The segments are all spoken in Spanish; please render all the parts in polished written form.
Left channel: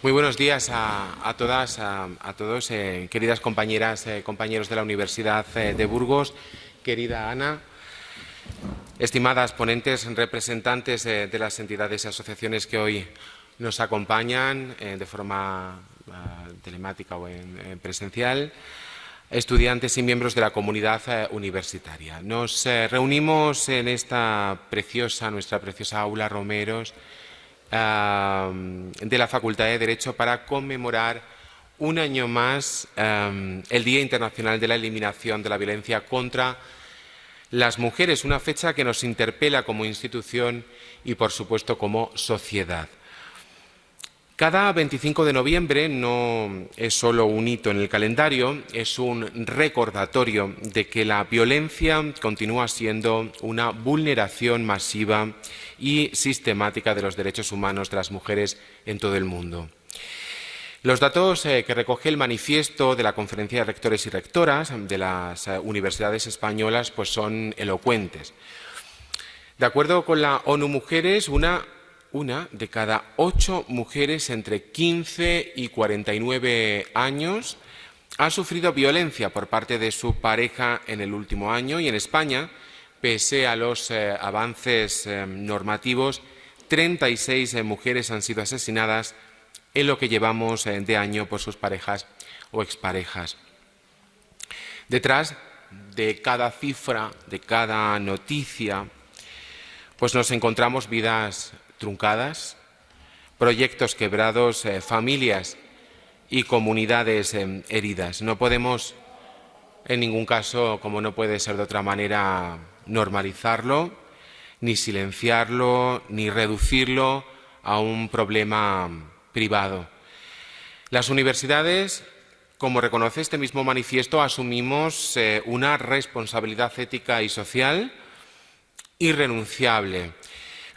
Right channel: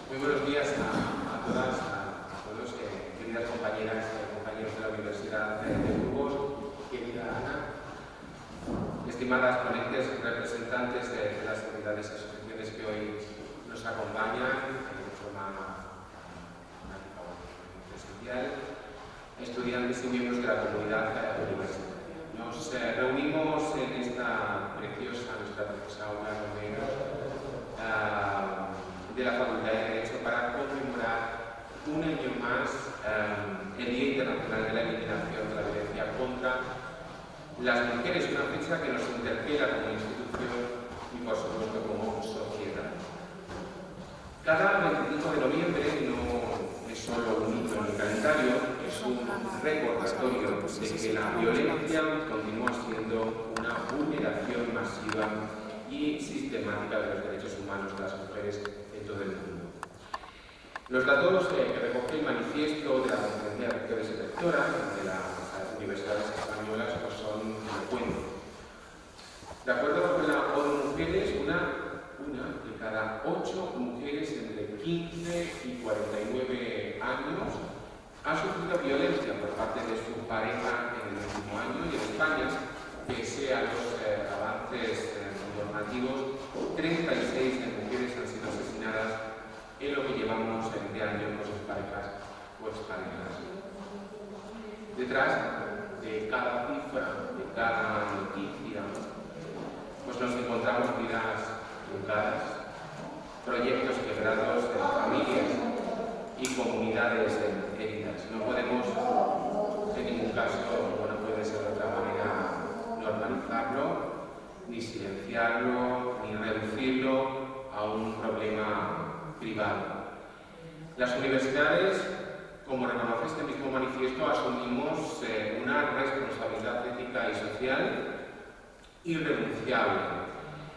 Muy buenos días a todas, a todos, queridas compañeras, compañeros de la Universidad de Burgos, querida Ana, estimadas ponentes, representantes de las entidades y asociaciones que hoy nos acompañan de forma telemática o en presencial, estudiantes y miembros de la comunidad universitaria. Nos reunimos en nuestra preciosa aula Romeros de la Facultad de Derecho para conmemorar un año más el Día Internacional de la Eliminación de la Violencia contra las Mujeres, una fecha que nos interpela como institución y, por supuesto, como sociedad. Cada 25 de noviembre no es solo un hito en el calendario, es un recordatorio de que la violencia continúa siendo una vulneración masiva y sistemática de los derechos humanos de las mujeres en todo el mundo. Los datos que recoge el manifiesto de la Conferencia de Rectores y Rectoras de las universidades españolas pues son elocuentes. De acuerdo con la ONU Mujeres, una de cada 8 mujeres entre 15 y 49 años ha sufrido violencia por parte de su pareja en el último año, y en España, pese a los avances normativos, 36 mujeres han sido asesinadas en lo que llevamos de año por sus parejas o exparejas. Detrás de cada cifra, de cada noticia, pues nos encontramos vidas truncadas, proyectos quebrados, familias y comunidades heridas. No podemos, en ningún caso, como no puede ser de otra manera, normalizarlo, ni silenciarlo, ni reducirlo a un problema privado. Las universidades, como reconoce este mismo manifiesto, asumimos una responsabilidad ética y social irrenunciable.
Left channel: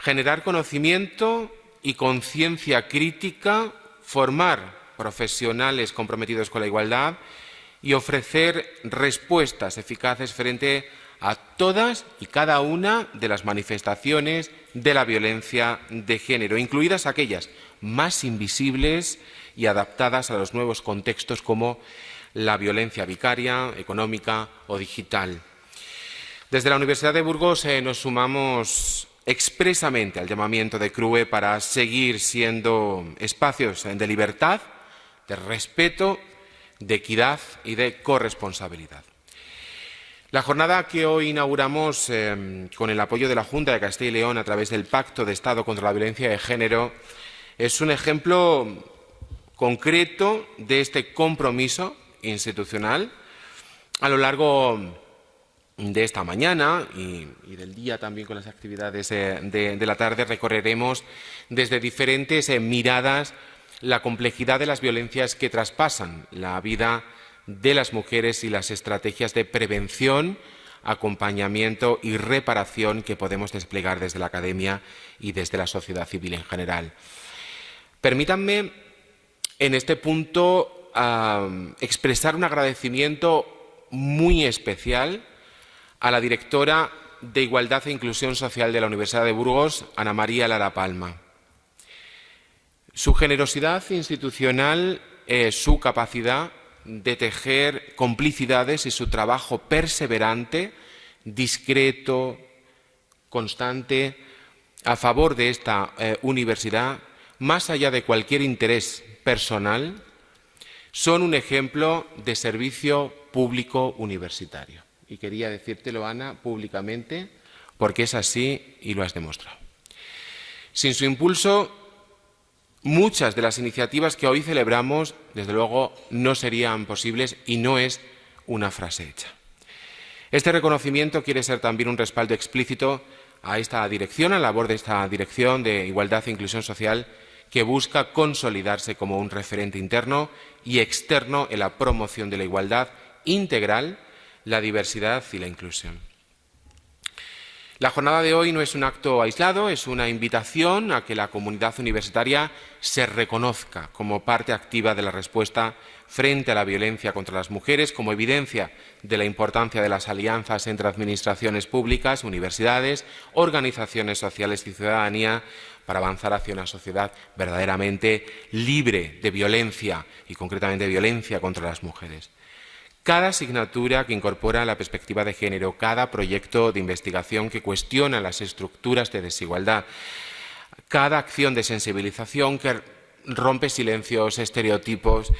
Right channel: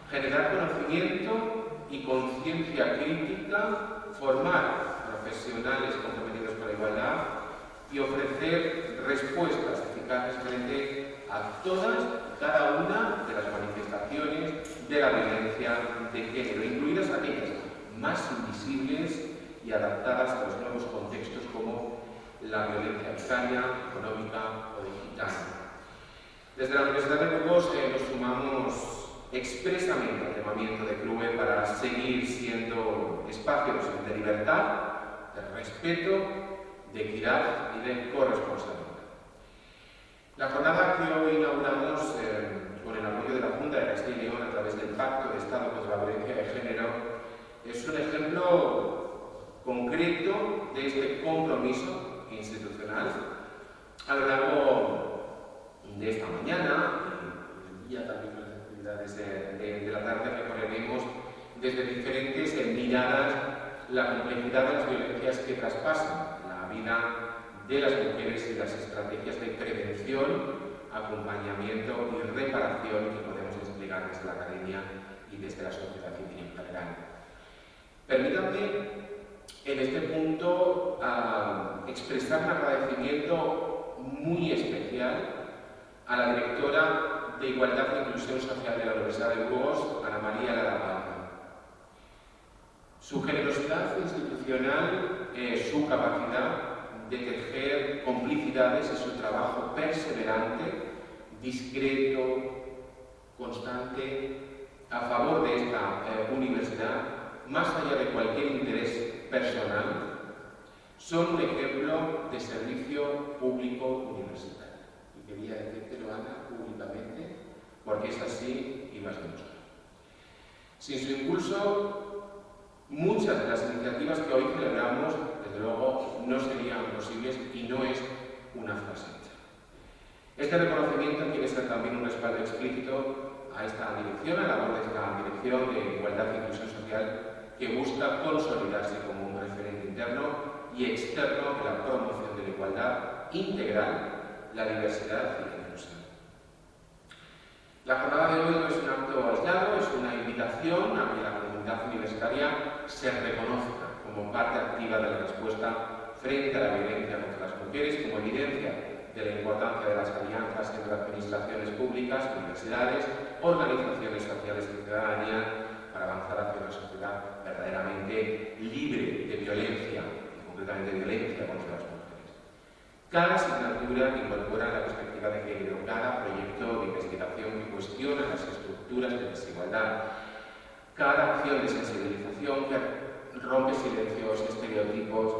Generar conocimiento y conciencia crítica, formar profesionales comprometidos con la igualdad y ofrecer respuestas eficaces frente a todas y cada una de las manifestaciones de la violencia de género, incluidas aquellas más invisibles y adaptadas a los nuevos contextos como la violencia vicaria, económica o digital. Desde la Universidad de Burgos nos sumamos expresamente al llamamiento de CRUE para seguir siendo espacios de libertad, de respeto, de equidad y de corresponsabilidad. La jornada que hoy inauguramos con el apoyo de la Junta de Castilla y León a través del Pacto de Estado contra la Violencia de Género es un ejemplo concreto de este compromiso institucional. A lo largo de esta mañana y del día también con las actividades de la tarde recorreremos desde diferentes miradas la complejidad de las violencias que traspasan la vida de las mujeres y las estrategias de prevención, acompañamiento y reparación que podemos desplegar desde la academia y desde la sociedad civil en general. Permítanme en este punto expresar un agradecimiento muy especial a la directora de Igualdad e Inclusión Social de la Universidad de Burgos, Ana María Lara Palma. Su generosidad institucional, su capacidad de tejer complicidades y su trabajo perseverante, discreto, constante, a favor de esta universidad, más allá de cualquier interés personal, son un ejemplo de servicio público universitario. Y quería decírtelo, Ana, públicamente, porque es así y lo has demostrado. Sin su impulso, muchas de las iniciativas que hoy celebramos, desde luego, no serían posibles, y no es una frase hecha. Este reconocimiento quiere ser también un respaldo explícito a esta dirección, a la labor de esta Dirección de Igualdad e Inclusión Social, que busca consolidarse como un referente interno y externo en la promoción de la igualdad integral, la diversidad y la inclusión. La jornada de hoy no es un acto aislado, es una invitación a que la comunidad universitaria se reconozca como parte activa de la respuesta frente a la violencia contra las mujeres, como evidencia de la importancia de las alianzas entre administraciones públicas, universidades, organizaciones sociales y ciudadanía para avanzar hacia una sociedad verdaderamente libre de violencia y concretamente violencia contra las mujeres. Cada asignatura que incorpora la perspectiva de género, cada proyecto de investigación que cuestiona las estructuras de desigualdad, cada acción de sensibilización que rompe silencios, estereotipos,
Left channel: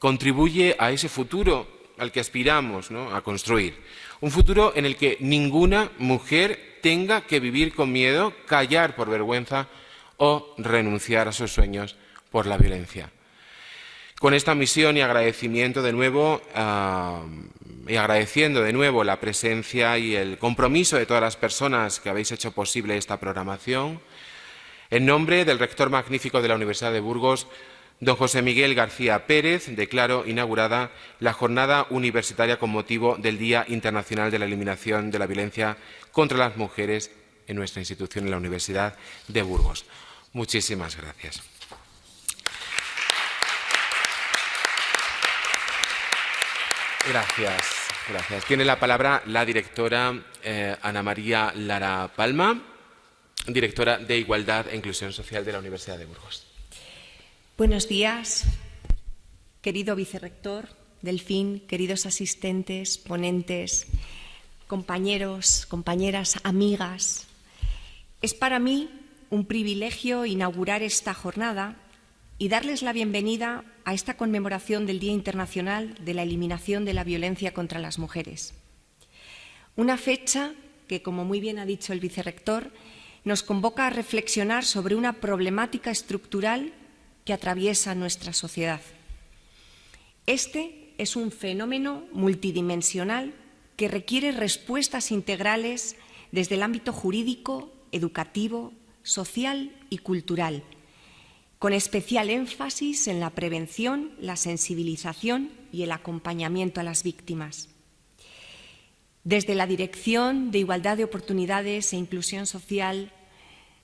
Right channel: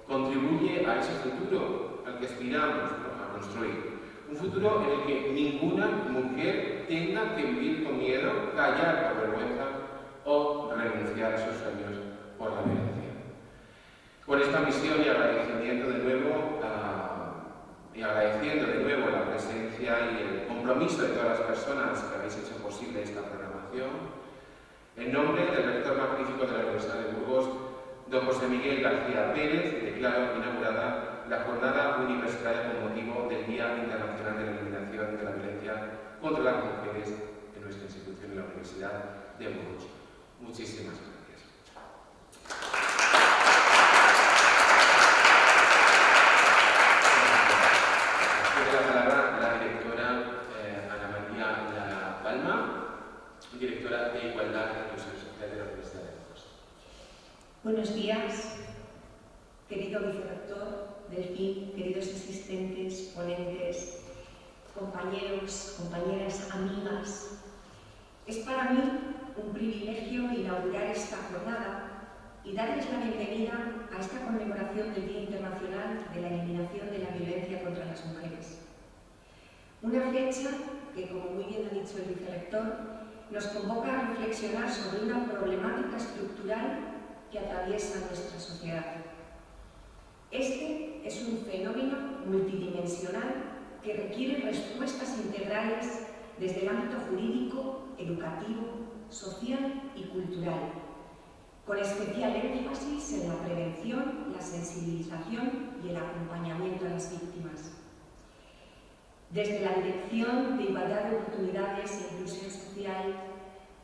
contribuye a ese futuro al que aspiramos, ¿no?, a construir. Un futuro en el que ninguna mujer tenga que vivir con miedo, callar por vergüenza o renunciar a sus sueños por la violencia. Con esta misión y agradecimiento de nuevo, agradeciendo de nuevo la presencia y el compromiso de todas las personas que habéis hecho posible esta programación, en nombre del rector magnífico de la Universidad de Burgos, don José Miguel García Pérez, declaro inaugurada la jornada universitaria con motivo del Día Internacional de la Eliminación de la Violencia contra las Mujeres en nuestra institución, en la Universidad de Burgos. Muchísimas gracias. Gracias. Tiene la palabra la directora Ana María Lara Palma, directora de Igualdad e Inclusión Social de la Universidad de Burgos. Buenos días, querido vicerrector Delfín, queridos asistentes, ponentes, compañeros, compañeras, amigas. Es para mí un privilegio inaugurar esta jornada y darles la bienvenida a esta conmemoración del Día Internacional de la Eliminación de la Violencia contra las Mujeres. Una fecha que, como muy bien ha dicho el vicerrector, nos convoca a reflexionar sobre una problemática estructural que atraviesa nuestra sociedad. Este es un fenómeno multidimensional que requiere respuestas integrales desde el ámbito jurídico, educativo, social y cultural, con especial énfasis en la prevención, la sensibilización y el acompañamiento a las víctimas. Desde la Dirección de Igualdad de Oportunidades e Inclusión Social,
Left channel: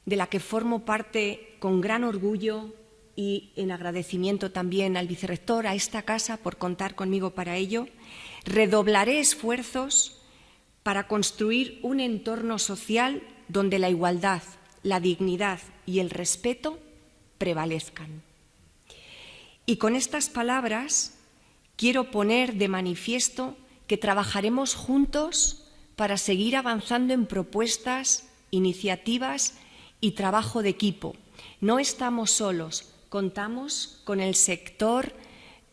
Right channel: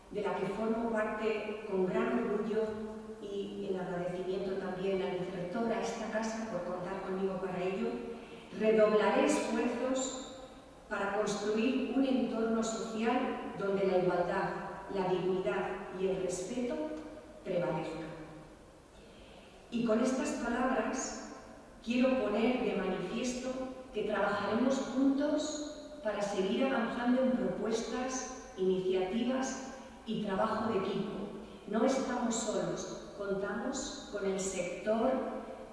de la que formo parte con gran orgullo y en agradecimiento también al vicerrector, a esta casa por contar conmigo para ello, redoblaré esfuerzos para construir un entorno social donde la igualdad, la dignidad y el respeto prevalezcan. Y con estas palabras quiero poner de manifiesto que trabajaremos juntos para seguir avanzando en propuestas, iniciativas y trabajo de equipo. No estamos solos, contamos con el sector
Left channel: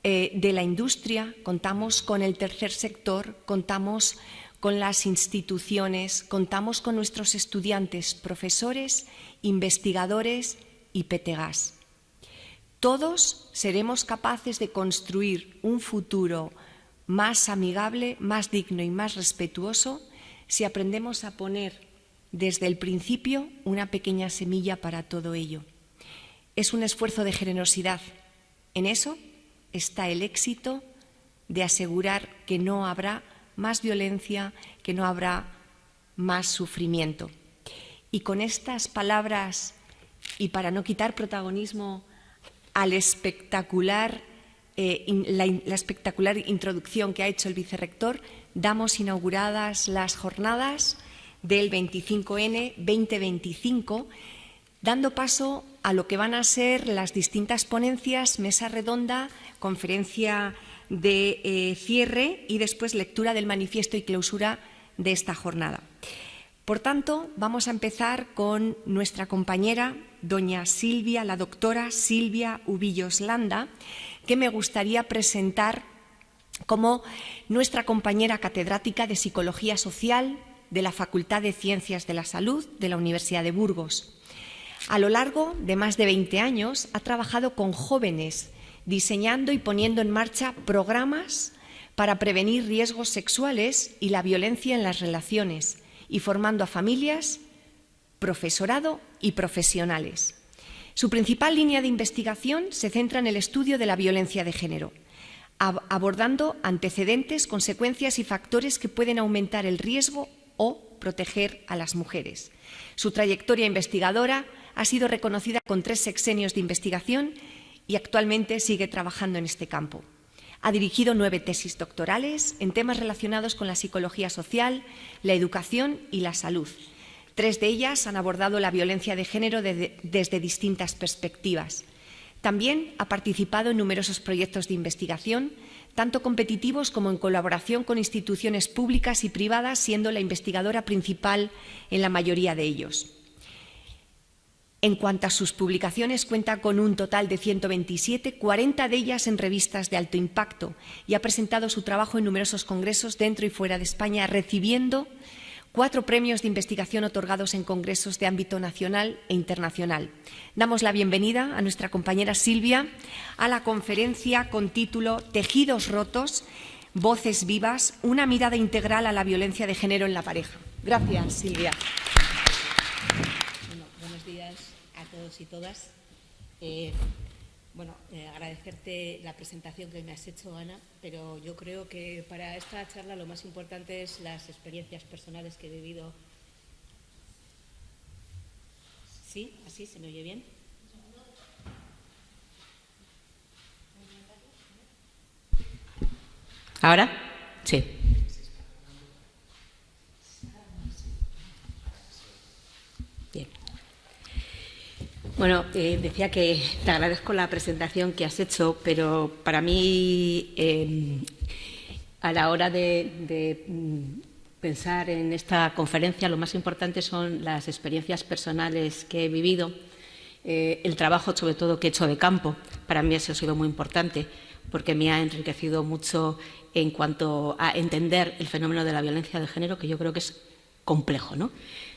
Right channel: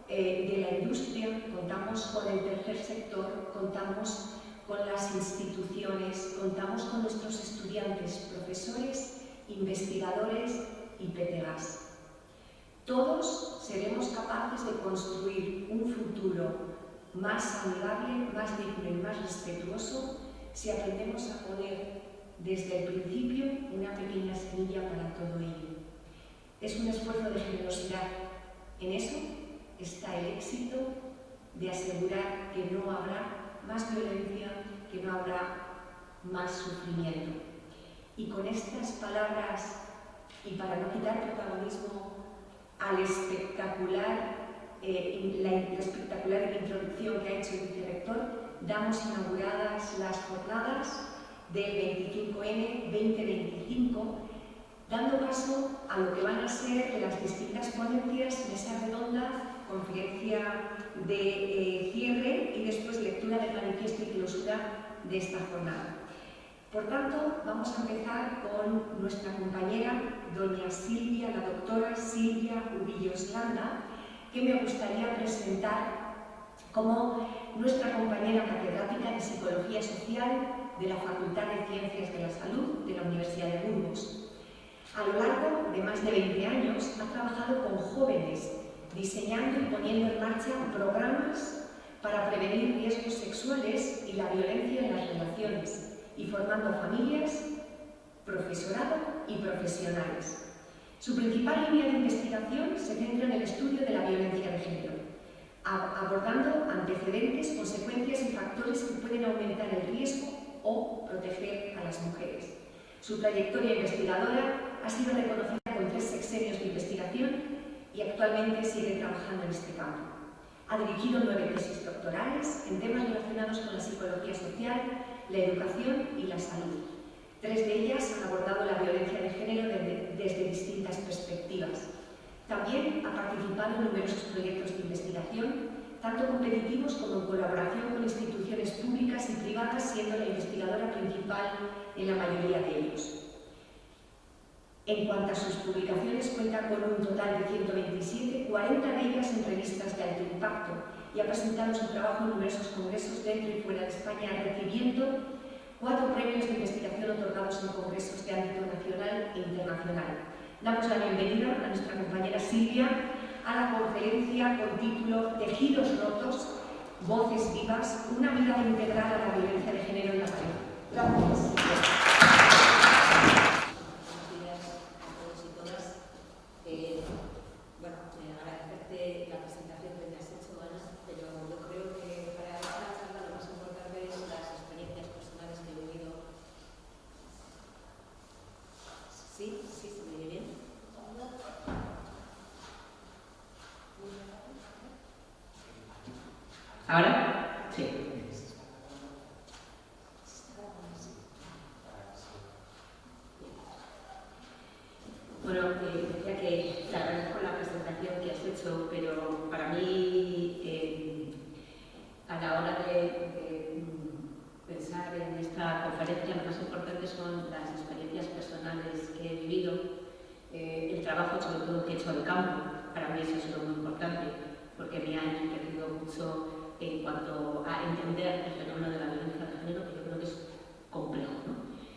de la industria, contamos con el tercer sector, contamos con las instituciones, contamos con nuestros estudiantes, profesores, investigadores y petegas. Todos seremos capaces de construir un futuro más amigable, más digno y más respetuoso si aprendemos a poner desde el principio una pequeña semilla para todo ello. Es un esfuerzo de generosidad. En eso está el éxito de asegurar que no habrá más violencia, que no habrá más sufrimiento. Y con estas palabras, y para no quitar protagonismo a la espectacular introducción que ha hecho el vicerrector, damos inauguradas las jornadas del 25N 2025, dando paso a lo que van a ser las distintas ponencias, mesa redonda, conferencia de cierre y después lectura del manifiesto y clausura de esta jornada. Por tanto, vamos a empezar con nuestra compañera, doña Silvia, la doctora Silvia Ubillos Landa, que me gustaría presentar como nuestra compañera catedrática de Psicología Social de la Facultad de Ciencias de la Salud de la Universidad de Burgos. A lo largo de más de 20 años ha trabajado con jóvenes, diseñando y poniendo en marcha programas para prevenir riesgos sexuales y la violencia en las relaciones, y formando a familias, profesorado y profesionales. Su principal línea de investigación se centra en el estudio de la violencia de género, abordando antecedentes, consecuencias y factores que pueden aumentar el riesgo o proteger a las mujeres. Su trayectoria investigadora ha sido reconocida con 3 sexenios de investigación y actualmente sigue trabajando en este campo. Ha dirigido 9 tesis doctorales en temas relacionados con la psicología social, la educación y la salud. 3 de ellas han abordado la violencia de género desde distintas perspectivas. También ha participado en numerosos proyectos de investigación, tanto competitivos como en colaboración con instituciones públicas y privadas, siendo la investigadora principal en la mayoría de ellos. En cuanto a sus publicaciones, cuenta con un total de 127, 40 de ellas en revistas de alto impacto, y ha presentado su trabajo en numerosos congresos dentro y fuera de España, recibiendo 4 premios de investigación otorgados en congresos de ámbito nacional e internacional. Damos la bienvenida a nuestra compañera Silvia a la conferencia con título Tejidos rotos, voces vivas, una mirada integral a la violencia de género en la pareja. Gracias, Silvia. Agradecerte la presentación que me has hecho, Ana, pero yo creo que para esta charla lo más importante es las experiencias personales que he vivido. ¿Sí? ¿Así se me oye bien? ¿Ahora? Sí. Bueno, decía que te agradezco la presentación que has hecho, pero para mí, a la hora de pensar en esta conferencia, lo más importante son las experiencias personales que he vivido, el trabajo sobre todo que he hecho de campo. Para mí eso ha sido muy importante porque me ha enriquecido mucho en cuanto a entender el fenómeno de la violencia de género, que yo creo que es complejo, ¿no?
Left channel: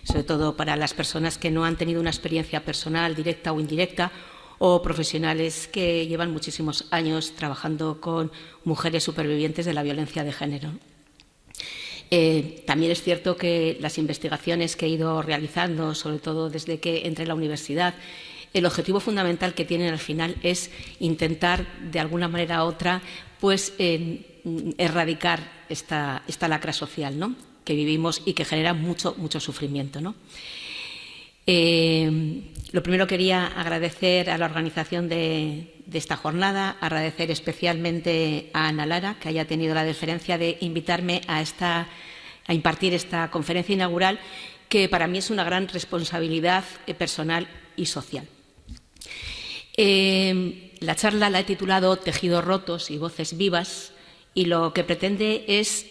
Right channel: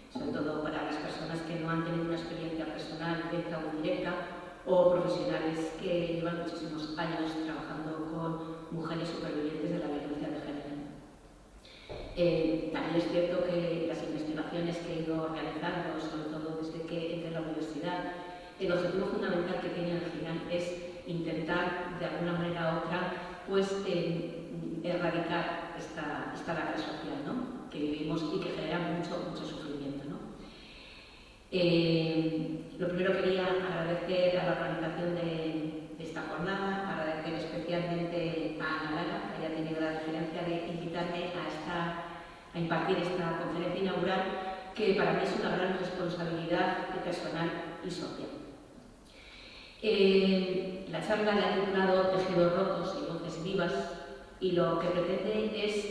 Sobre todo para las personas que no han tenido una experiencia personal, directa o indirecta, o profesionales que llevan muchísimos años trabajando con mujeres supervivientes de la violencia de género. También es cierto que las investigaciones que he ido realizando, sobre todo desde que entré en la universidad, el objetivo fundamental que tienen al final es intentar, de alguna manera u otra, pues erradicar esta lacra social, ¿no?, que vivimos y que genera mucho sufrimiento, ¿no? Lo primero quería agradecer a la organización de esta jornada, agradecer especialmente a Ana Lara, que haya tenido la deferencia de invitarme a impartir esta conferencia inaugural, que para mí es una gran responsabilidad personal y social. La charla la he titulado Tejidos rotos y voces vivas, y lo que pretende es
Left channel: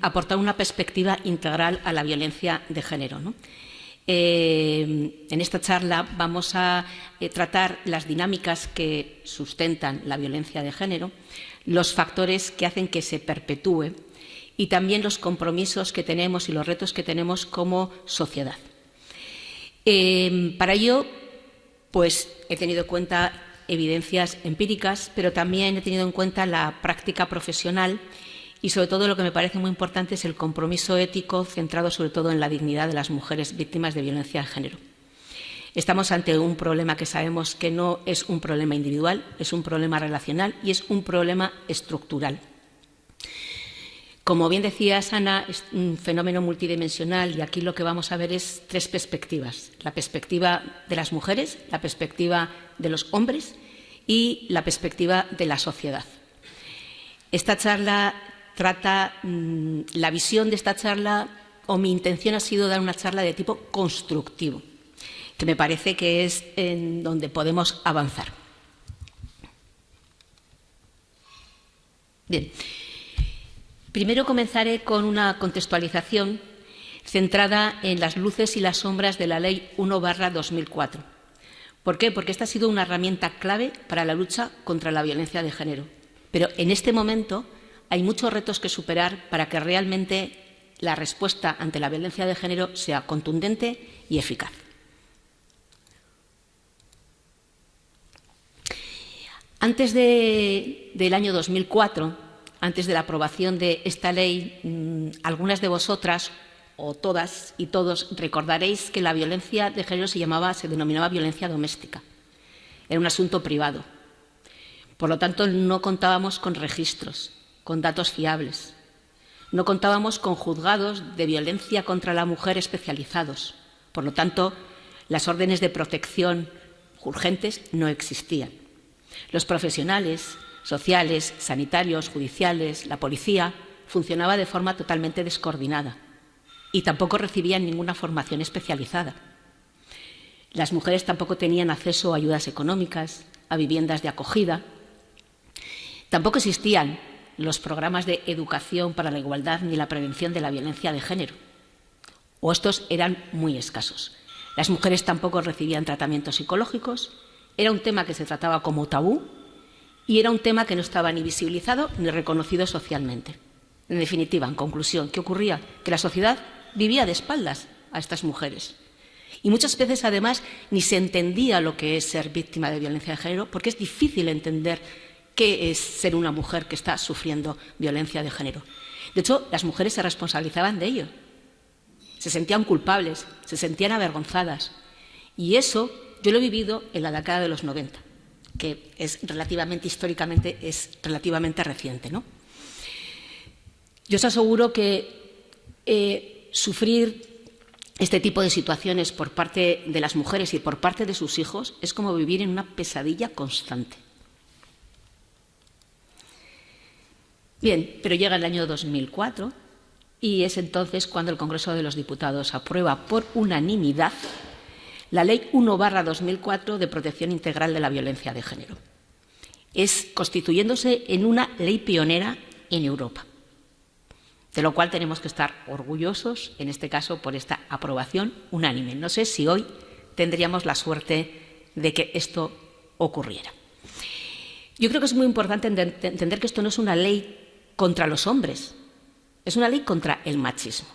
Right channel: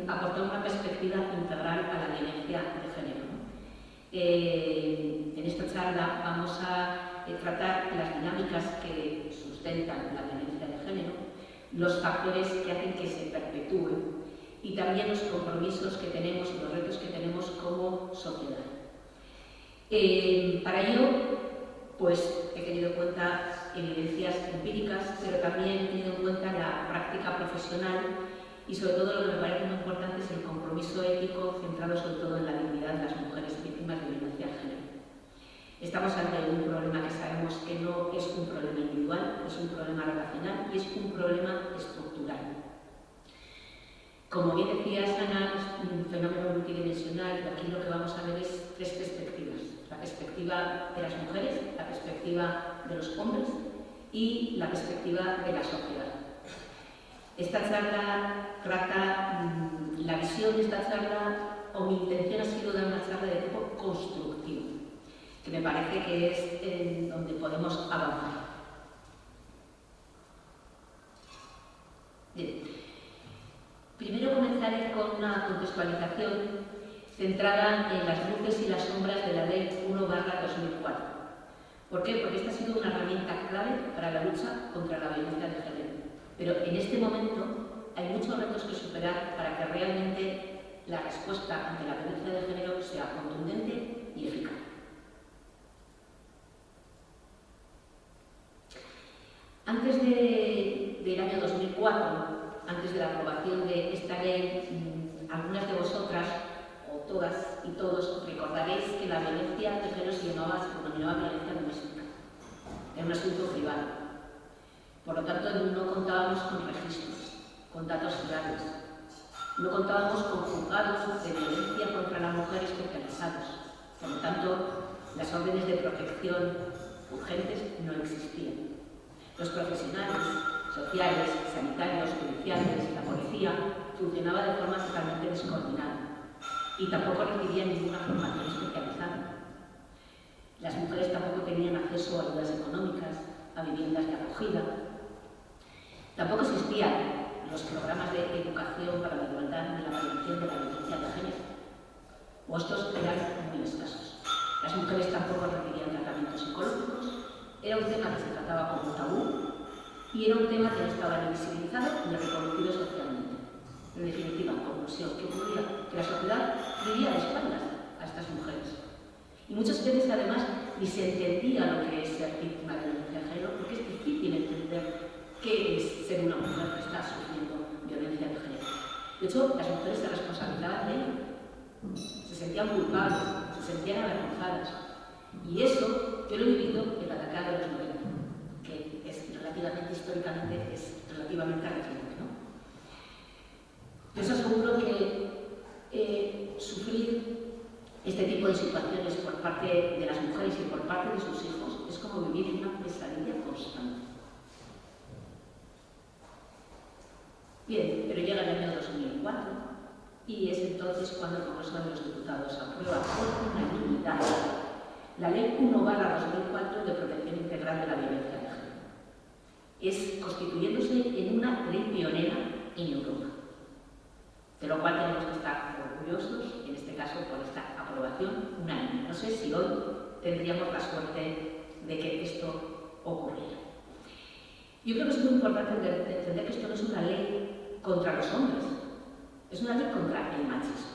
aportar una perspectiva integral a la violencia de género, ¿no? En esta charla vamos a tratar las dinámicas que sustentan la violencia de género, los factores que hacen que se perpetúe y también los compromisos que tenemos y los retos que tenemos como sociedad. Para ello, pues he tenido en cuenta evidencias empíricas, pero también he tenido en cuenta la práctica profesional y, sobre todo, lo que me parece muy importante es el compromiso ético centrado sobre todo en la dignidad de las mujeres víctimas de violencia de género. Estamos ante un problema que sabemos que no es un problema individual, es un problema relacional y es un problema estructural. Como bien decías, Ana, es un fenómeno multidimensional y aquí lo que vamos a ver es 3 perspectivas. La perspectiva de las mujeres, la perspectiva de los hombres y la perspectiva de la sociedad. Esta charla trata, la visión de esta charla, o mi intención ha sido dar una charla de tipo constructivo, que me parece que es en donde podemos avanzar. Bien. Primero comenzaré con una contextualización centrada en las luces y las sombras de la Ley 1/2004. ¿Por qué? Porque esta ha sido una herramienta clave para la lucha contra la violencia de género. Pero en este momento hay muchos retos que superar para que realmente la respuesta ante la violencia de género sea contundente y eficaz. Antes del año 2004, antes de la aprobación de esta ley, algunas de vosotras, o todas y todos, recordaréis que la violencia de género se denominaba violencia doméstica. Era un asunto privado. Por lo tanto, no contábamos con registros, con datos fiables. No contábamos con juzgados de violencia contra la mujer especializados. Por lo tanto, las órdenes de protección urgentes no existían. Los profesionales sociales, sanitarios, judiciales, la policía, funcionaba de forma totalmente descoordinada y tampoco recibían ninguna formación especializada. Las mujeres tampoco tenían acceso a ayudas económicas, a viviendas de acogida. Tampoco existían los programas de educación para la igualdad ni la prevención de la violencia de género, o estos eran muy escasos. Las mujeres tampoco recibían tratamientos psicológicos, era un tema que se trataba como tabú y era un tema que no estaba ni visibilizado ni reconocido socialmente. En definitiva, en conclusión, ¿qué ocurría? Que la sociedad vivía de espaldas a estas mujeres. Y muchas veces, además, ni se entendía lo que es ser víctima de violencia de género, porque es difícil entender qué es ser una mujer que está sufriendo violencia de género. De hecho, las mujeres se responsabilizaban de ello. Se sentían culpables, se sentían avergonzadas. Y eso yo lo he vivido en la década de los 90, que es históricamente es relativamente reciente, ¿no? Yo os aseguro que sufrir este tipo de situaciones por parte de las mujeres y por parte de sus hijos es como vivir en una pesadilla constante. Bien, pero llega el año 2004 y es entonces cuando el Congreso de los Diputados aprueba por unanimidad la Ley 1/2004 de protección integral de la violencia de género. Es constituyéndose en una ley pionera en Europa, de lo cual tenemos que estar orgullosos, en este caso, por esta aprobación unánime. No sé si hoy tendríamos la suerte de que esto ocurriera. Yo creo que es muy importante entender que esto no es una ley contra los hombres, es una ley contra el machismo.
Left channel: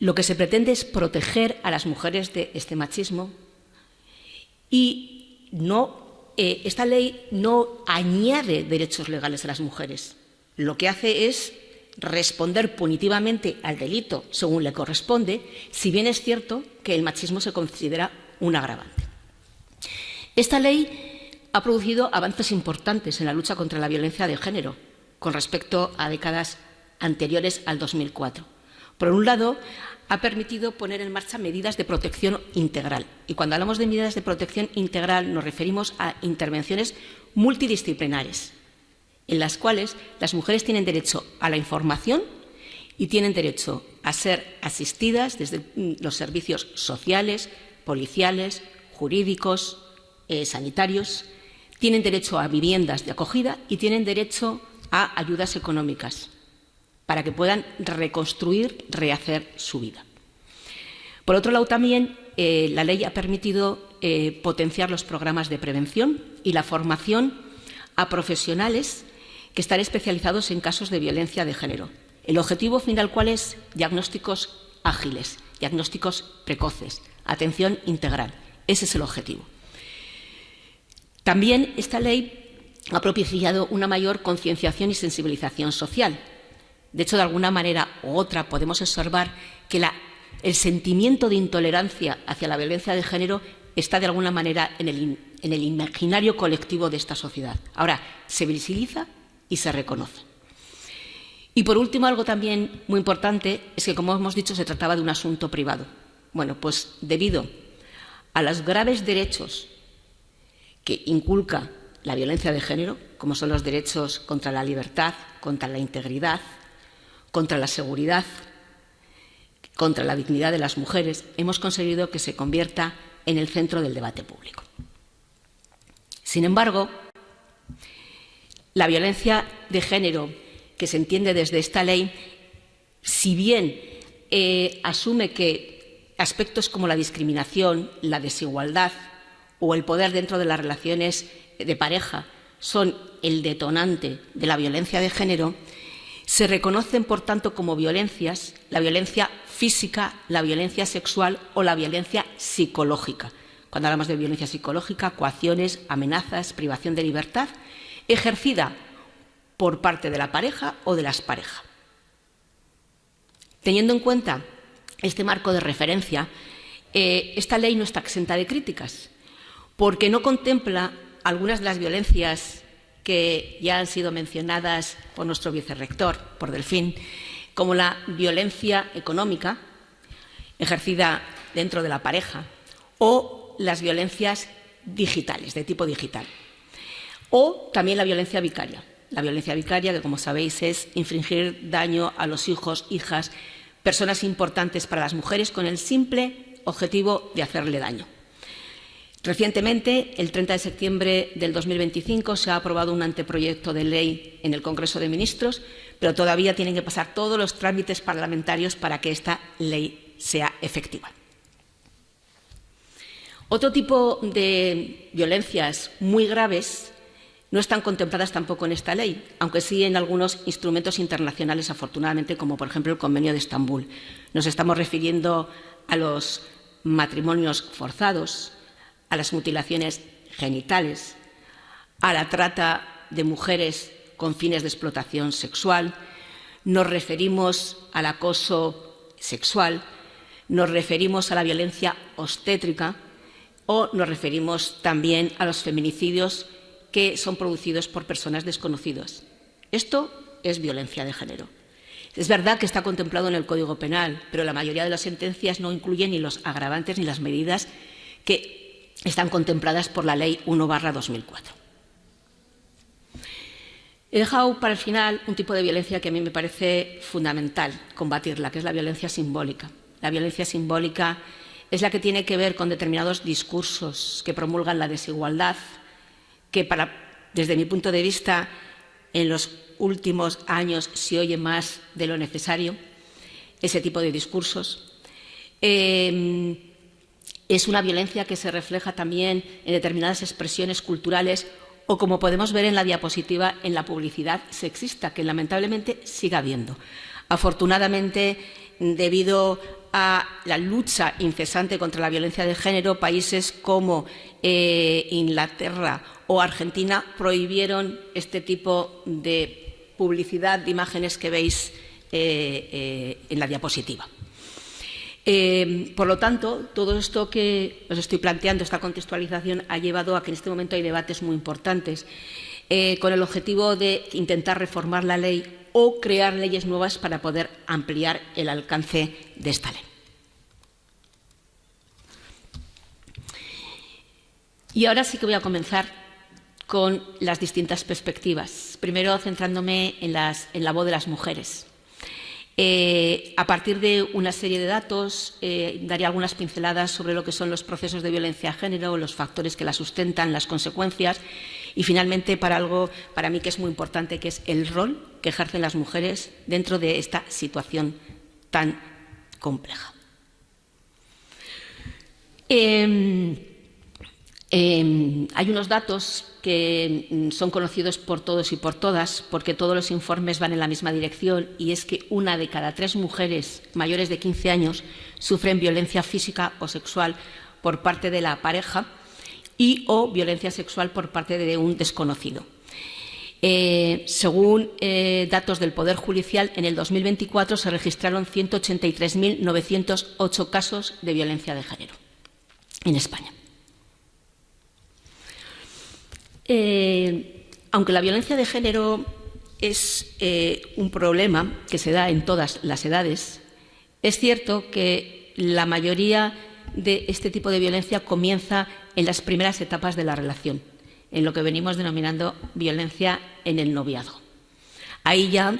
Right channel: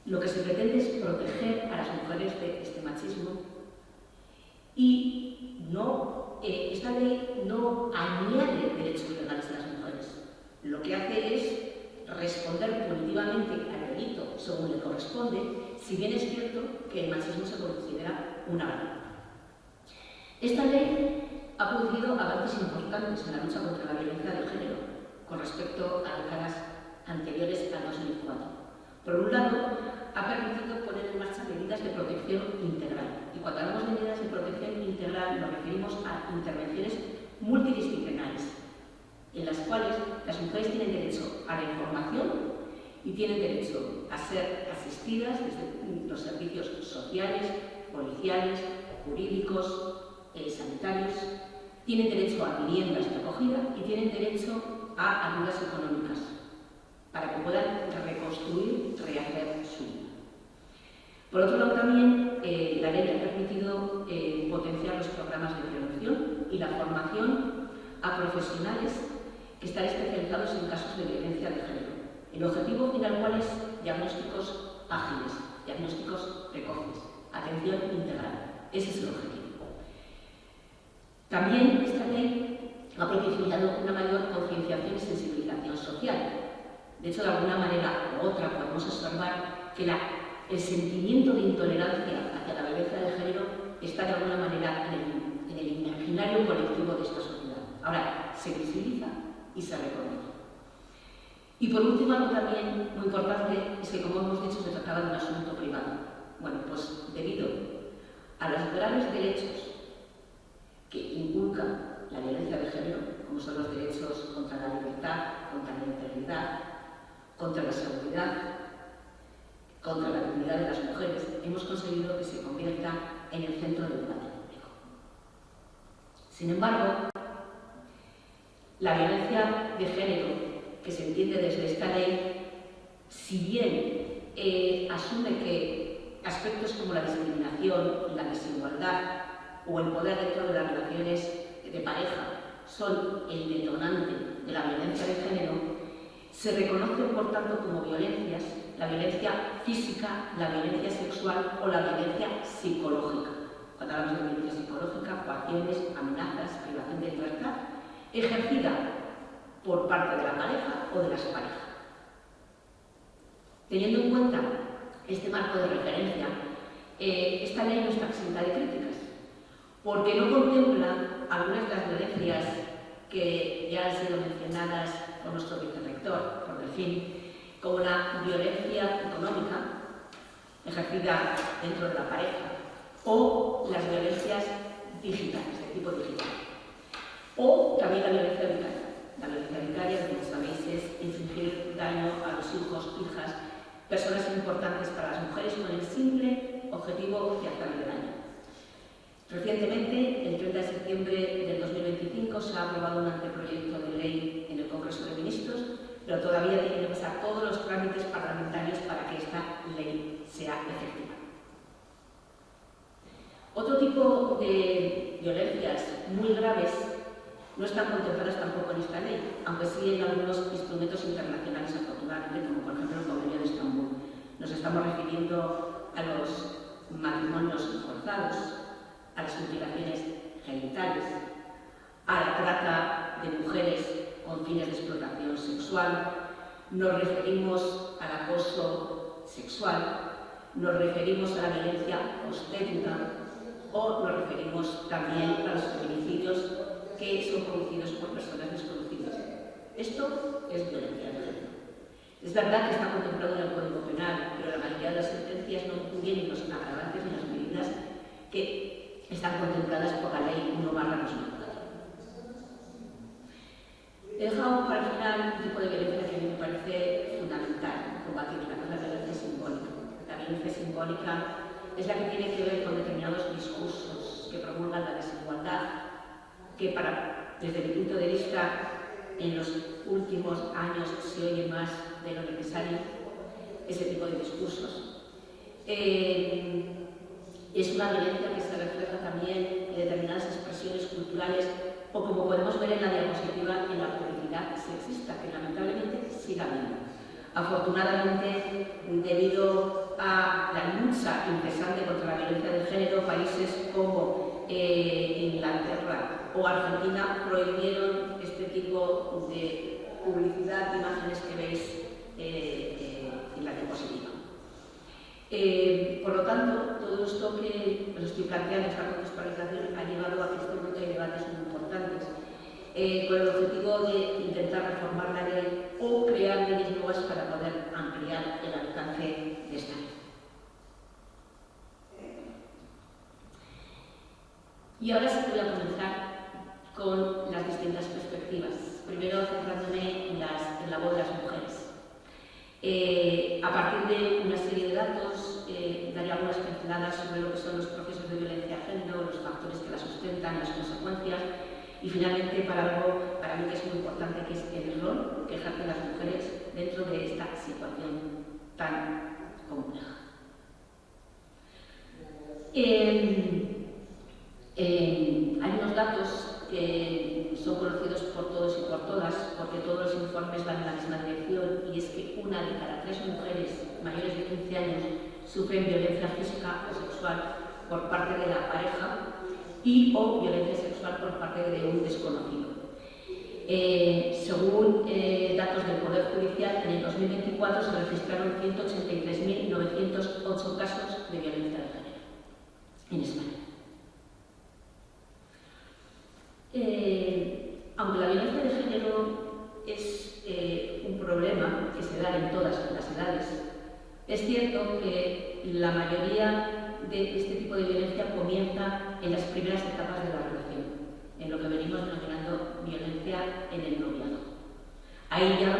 Lo que se pretende es proteger a las mujeres de este machismo y esta ley no añade derechos legales a las mujeres. Lo que hace es responder punitivamente al delito según le corresponde, si bien es cierto que el machismo se considera un agravante. Esta ley ha producido avances importantes en la lucha contra la violencia de género con respecto a décadas anteriores al 2004. Por un lado, ha permitido poner en marcha medidas de protección integral. Y cuando hablamos de medidas de protección integral nos referimos a intervenciones multidisciplinares, en las cuales las mujeres tienen derecho a la información y tienen derecho a ser asistidas desde los servicios sociales, policiales, jurídicos, sanitarios, tienen derecho a viviendas de acogida y tienen derecho a ayudas económicas para que puedan reconstruir, rehacer su vida. Por otro lado, también la ley ha permitido potenciar los programas de prevención y la formación a profesionales que están especializados en casos de violencia de género. El objetivo final, ¿cuál es? Diagnósticos ágiles, diagnósticos precoces, atención integral. Ese es el objetivo. También esta ley ha propiciado una mayor concienciación y sensibilización social. De hecho, de alguna manera u otra podemos observar que el sentimiento de intolerancia hacia la violencia de género está de alguna manera en el imaginario colectivo de esta sociedad. Ahora se visibiliza y se reconoce. Y por último, algo también muy importante es que, como hemos dicho, se trataba de un asunto privado. Bueno, pues debido a los graves derechos que inculca la violencia de género, como son los derechos contra la libertad, contra la integridad, contra la seguridad, contra la dignidad de las mujeres, hemos conseguido que se convierta en el centro del debate público. Sin embargo, la violencia de género que se entiende desde esta ley, si bien asume que aspectos como la discriminación, la desigualdad o el poder dentro de las relaciones de pareja son el detonante de la violencia de género, se reconocen, por tanto, como violencias la violencia física, la violencia sexual o la violencia psicológica. Cuando hablamos de violencia psicológica, coacciones, amenazas, privación de libertad, ejercida por parte de la pareja o de las parejas. Teniendo en cuenta este marco de referencia, esta ley no está exenta de críticas, porque no contempla algunas de las violencias que ya han sido mencionadas por nuestro vicerrector, por Delfín, como la violencia económica ejercida dentro de la pareja o las violencias digitales, de tipo digital. O también la violencia vicaria. La violencia vicaria, que como sabéis es infligir daño a los hijos, hijas, personas importantes para las mujeres con el simple objetivo de hacerle daño. Recientemente, el 30 de septiembre del 2025, se ha aprobado un anteproyecto de ley en el Congreso de Ministros, pero todavía tienen que pasar todos los trámites parlamentarios para que esta ley sea efectiva. Otro tipo de violencias muy graves no están contempladas tampoco en esta ley, aunque sí en algunos instrumentos internacionales, afortunadamente, como por ejemplo el Convenio de Estambul. Nos estamos refiriendo a los matrimonios forzados, a las mutilaciones genitales, a la trata de mujeres con fines de explotación sexual, nos referimos al acoso sexual, nos referimos a la violencia obstétrica o nos referimos también a los feminicidios que son producidos por personas desconocidas. Esto es violencia de género. Es verdad que está contemplado en el Código Penal, pero la mayoría de las sentencias no incluyen ni los agravantes ni las medidas que están contempladas por la Ley 1/2004. He dejado para el final un tipo de violencia que a mí me parece fundamental combatirla, que es la violencia simbólica. La violencia simbólica es la que tiene que ver con determinados discursos que promulgan la desigualdad, que desde mi punto de vista en los últimos años se oye más de lo necesario, ese tipo de discursos. Es una violencia que se refleja también en determinadas expresiones culturales o, como podemos ver en la diapositiva, en la publicidad sexista, que lamentablemente sigue habiendo. Afortunadamente, debido a la lucha incesante contra la violencia de género, países como Inglaterra o Argentina prohibieron este tipo de publicidad de imágenes que veis en la diapositiva. Por lo tanto, todo esto que os estoy planteando, esta contextualización, ha llevado a que en este momento hay debates muy importantes con el objetivo de intentar reformar la ley o crear leyes nuevas para poder ampliar el alcance de esta ley. Y ahora sí que voy a comenzar con las distintas perspectivas. Primero, centrándome en la voz de las mujeres. A partir de una serie de datos, daré algunas pinceladas sobre lo que son los procesos de violencia de género, los factores que la sustentan, las consecuencias y, finalmente, para algo para mí que es muy importante, que es el rol que ejercen las mujeres dentro de esta situación tan compleja. Hay unos datos que son conocidos por todos y por todas, porque todos los informes van en la misma dirección, y es que 1 de cada 3 mujeres mayores de 15 años sufren violencia física o sexual por parte de la pareja y o violencia sexual por parte de un desconocido. Según datos del Poder Judicial, en el 2024 se registraron 183.908 casos de violencia de género en España. Aunque la violencia de género es un problema que se da en todas las edades, es cierto que la mayoría de este tipo de violencia comienza en las primeras etapas de la relación, en lo que venimos denominando violencia en el noviazgo. Ahí ya,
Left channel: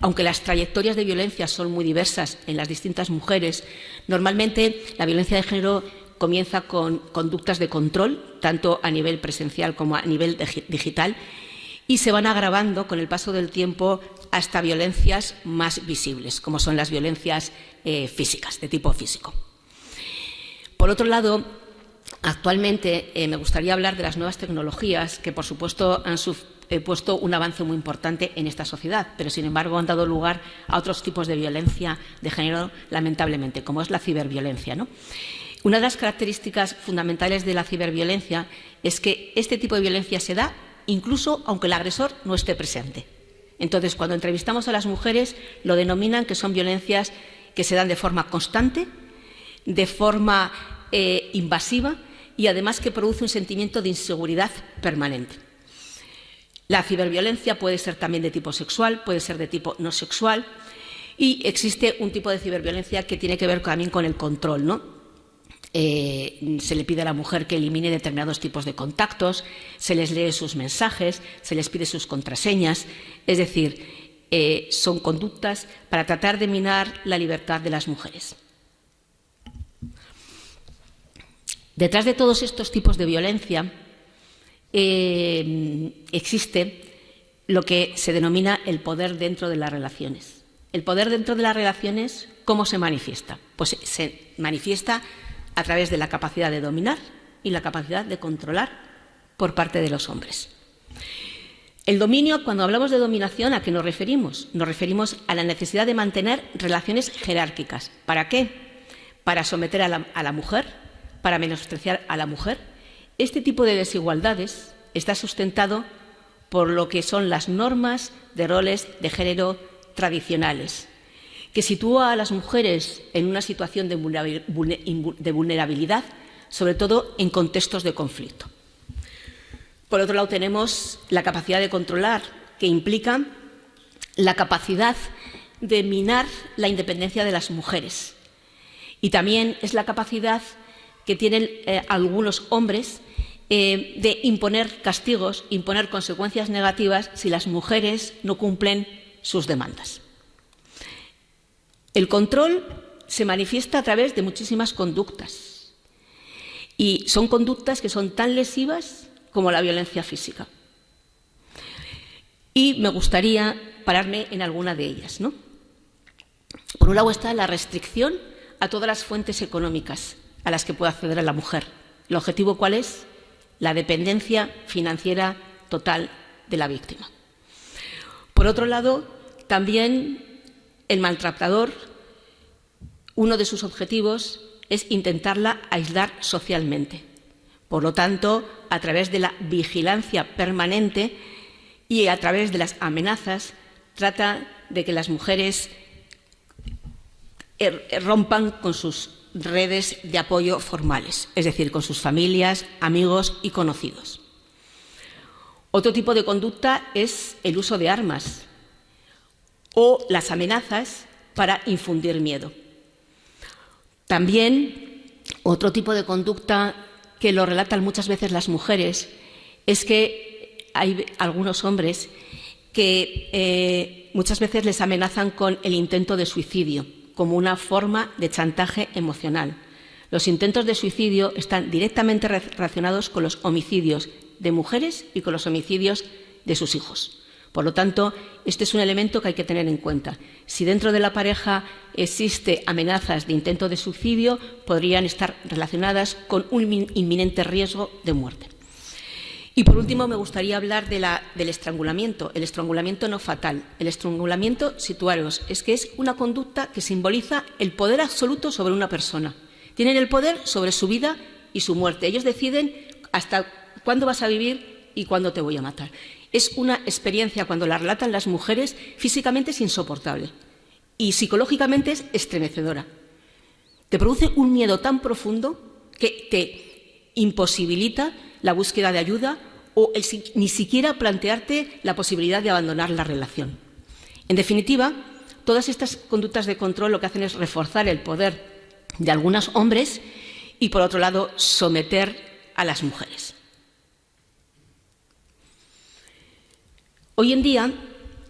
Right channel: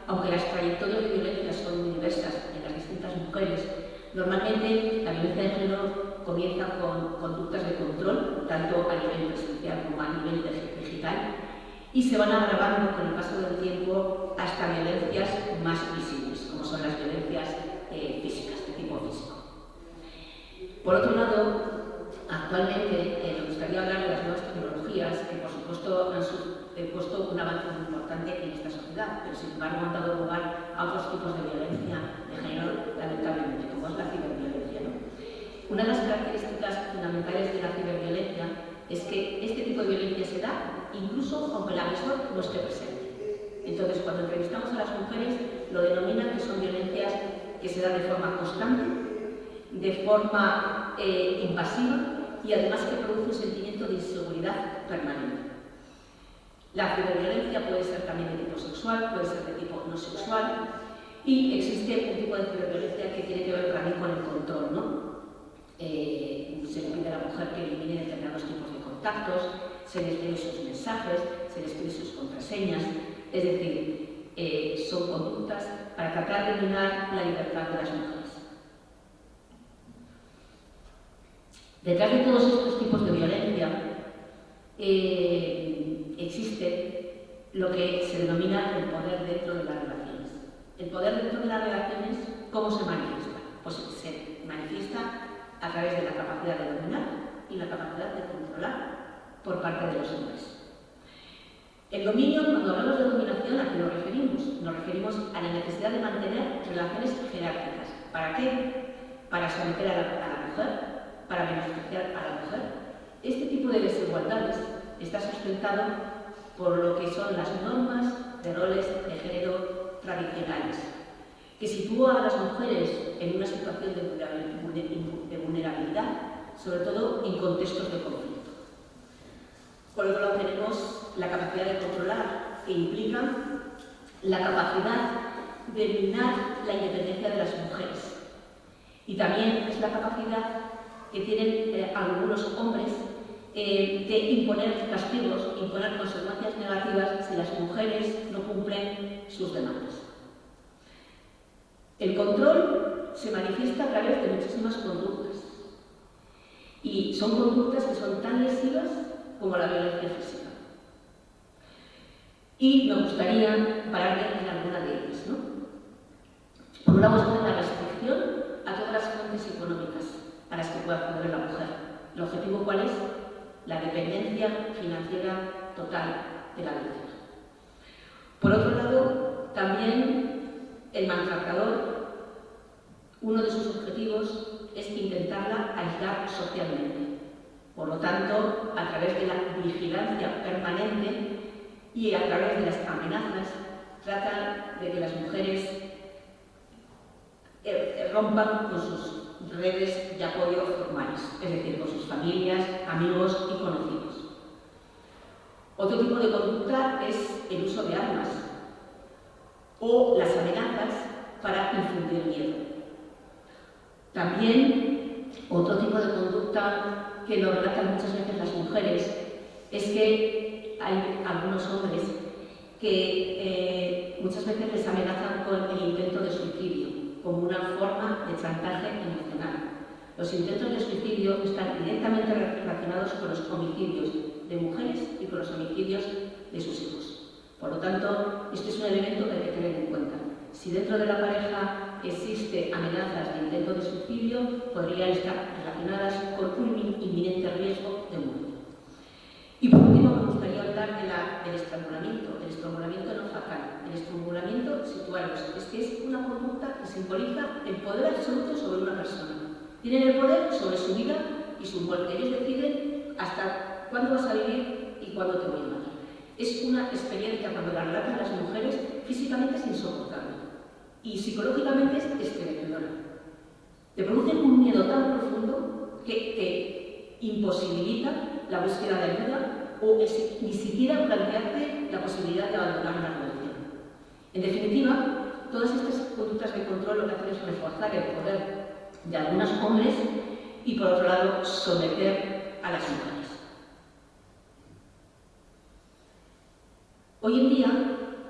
aunque las trayectorias de violencia son muy diversas en las distintas mujeres, normalmente la violencia de género comienza con conductas de control, tanto a nivel presencial como a nivel digital, y se van agravando con el paso del tiempo hasta violencias más visibles, como son las violencias físicas, de tipo físico. Por otro lado, actualmente me gustaría hablar de las nuevas tecnologías que, por supuesto, han puesto un avance muy importante en esta sociedad, pero, sin embargo, han dado lugar a otros tipos de violencia de género, lamentablemente, como es la ciberviolencia, ¿no? Una de las características fundamentales de la ciberviolencia es que este tipo de violencia se da incluso aunque el agresor no esté presente. Entonces, cuando entrevistamos a las mujeres, lo denominan que son violencias que se dan de forma constante, de forma invasiva y, además, que produce un sentimiento de inseguridad permanente. La ciberviolencia puede ser también de tipo sexual, puede ser de tipo no sexual, y existe un tipo de ciberviolencia que tiene que ver también con el control, ¿no? se le pide a la mujer que elimine determinados tipos de contactos, se les lee sus mensajes, se les pide sus contraseñas. Es decir, son conductas para tratar de minar la libertad de las mujeres. Detrás de todos estos tipos de violencia existe lo que se denomina el poder dentro de las relaciones. El poder dentro de las relaciones, ¿cómo se manifiesta? Pues se manifiesta a través de la capacidad de dominar y la capacidad de controlar por parte de los hombres. El dominio, cuando hablamos de dominación, ¿a qué nos referimos? Nos referimos a la necesidad de mantener relaciones jerárquicas. ¿Para qué? Para someter a la mujer, para menospreciar a la mujer. Este tipo de desigualdades está sustentado por lo que son las normas de roles de género tradicionales, que sitúa a las mujeres en una situación de vulnerabilidad, sobre todo en contextos de conflicto. Por otro lado, tenemos la capacidad de controlar, que implica la capacidad de minar la independencia de las mujeres. Y también es la capacidad que tienen algunos hombres de imponer castigos, imponer consecuencias negativas si las mujeres no cumplen sus demandas. El control se manifiesta a través de muchísimas conductas y son conductas que son tan lesivas como la violencia física. Y me gustaría pararme en alguna de ellas, ¿no? Por un lado está la restricción a todas las fuentes económicas a las que puede acceder la mujer. ¿El objetivo cuál es? La dependencia financiera total de la víctima. Por otro lado, también el maltratador, uno de sus objetivos es intentarla aislar socialmente. Por lo tanto, a través de la vigilancia permanente y a través de las amenazas, trata de que las mujeres rompan con sus redes de apoyo formales, es decir, con sus familias, amigos y conocidos. Otro tipo de conducta es el uso de armas o las amenazas para infundir miedo. También otro tipo de conducta que lo relatan muchas veces las mujeres es que hay algunos hombres que muchas veces les amenazan con el intento de suicidio como una forma de chantaje emocional. Los intentos de suicidio están directamente relacionados con los homicidios de mujeres y con los homicidios de sus hijos. Por lo tanto, este es un elemento que hay que tener en cuenta. Si dentro de la pareja existe amenazas de intento de suicidio, podrían estar relacionadas con un inminente riesgo de muerte. Y por último, me gustaría hablar del estrangulamiento, el estrangulamiento no fatal. El estrangulamiento, situaros, es que es una conducta que simboliza el poder absoluto sobre una persona. Tienen el poder sobre su vida y su muerte. Ellos deciden hasta cuándo vas a vivir y cuándo te voy a matar. Es una experiencia, cuando la relatan las mujeres, físicamente es insoportable y psicológicamente es estremecedora. Te produce un miedo tan profundo que te imposibilita la búsqueda de ayuda o ni siquiera plantearte la posibilidad de abandonar la relación. En definitiva, todas estas conductas de control lo que hacen es reforzar el poder de algunos hombres y, por otro lado, someter a las mujeres. Hoy en día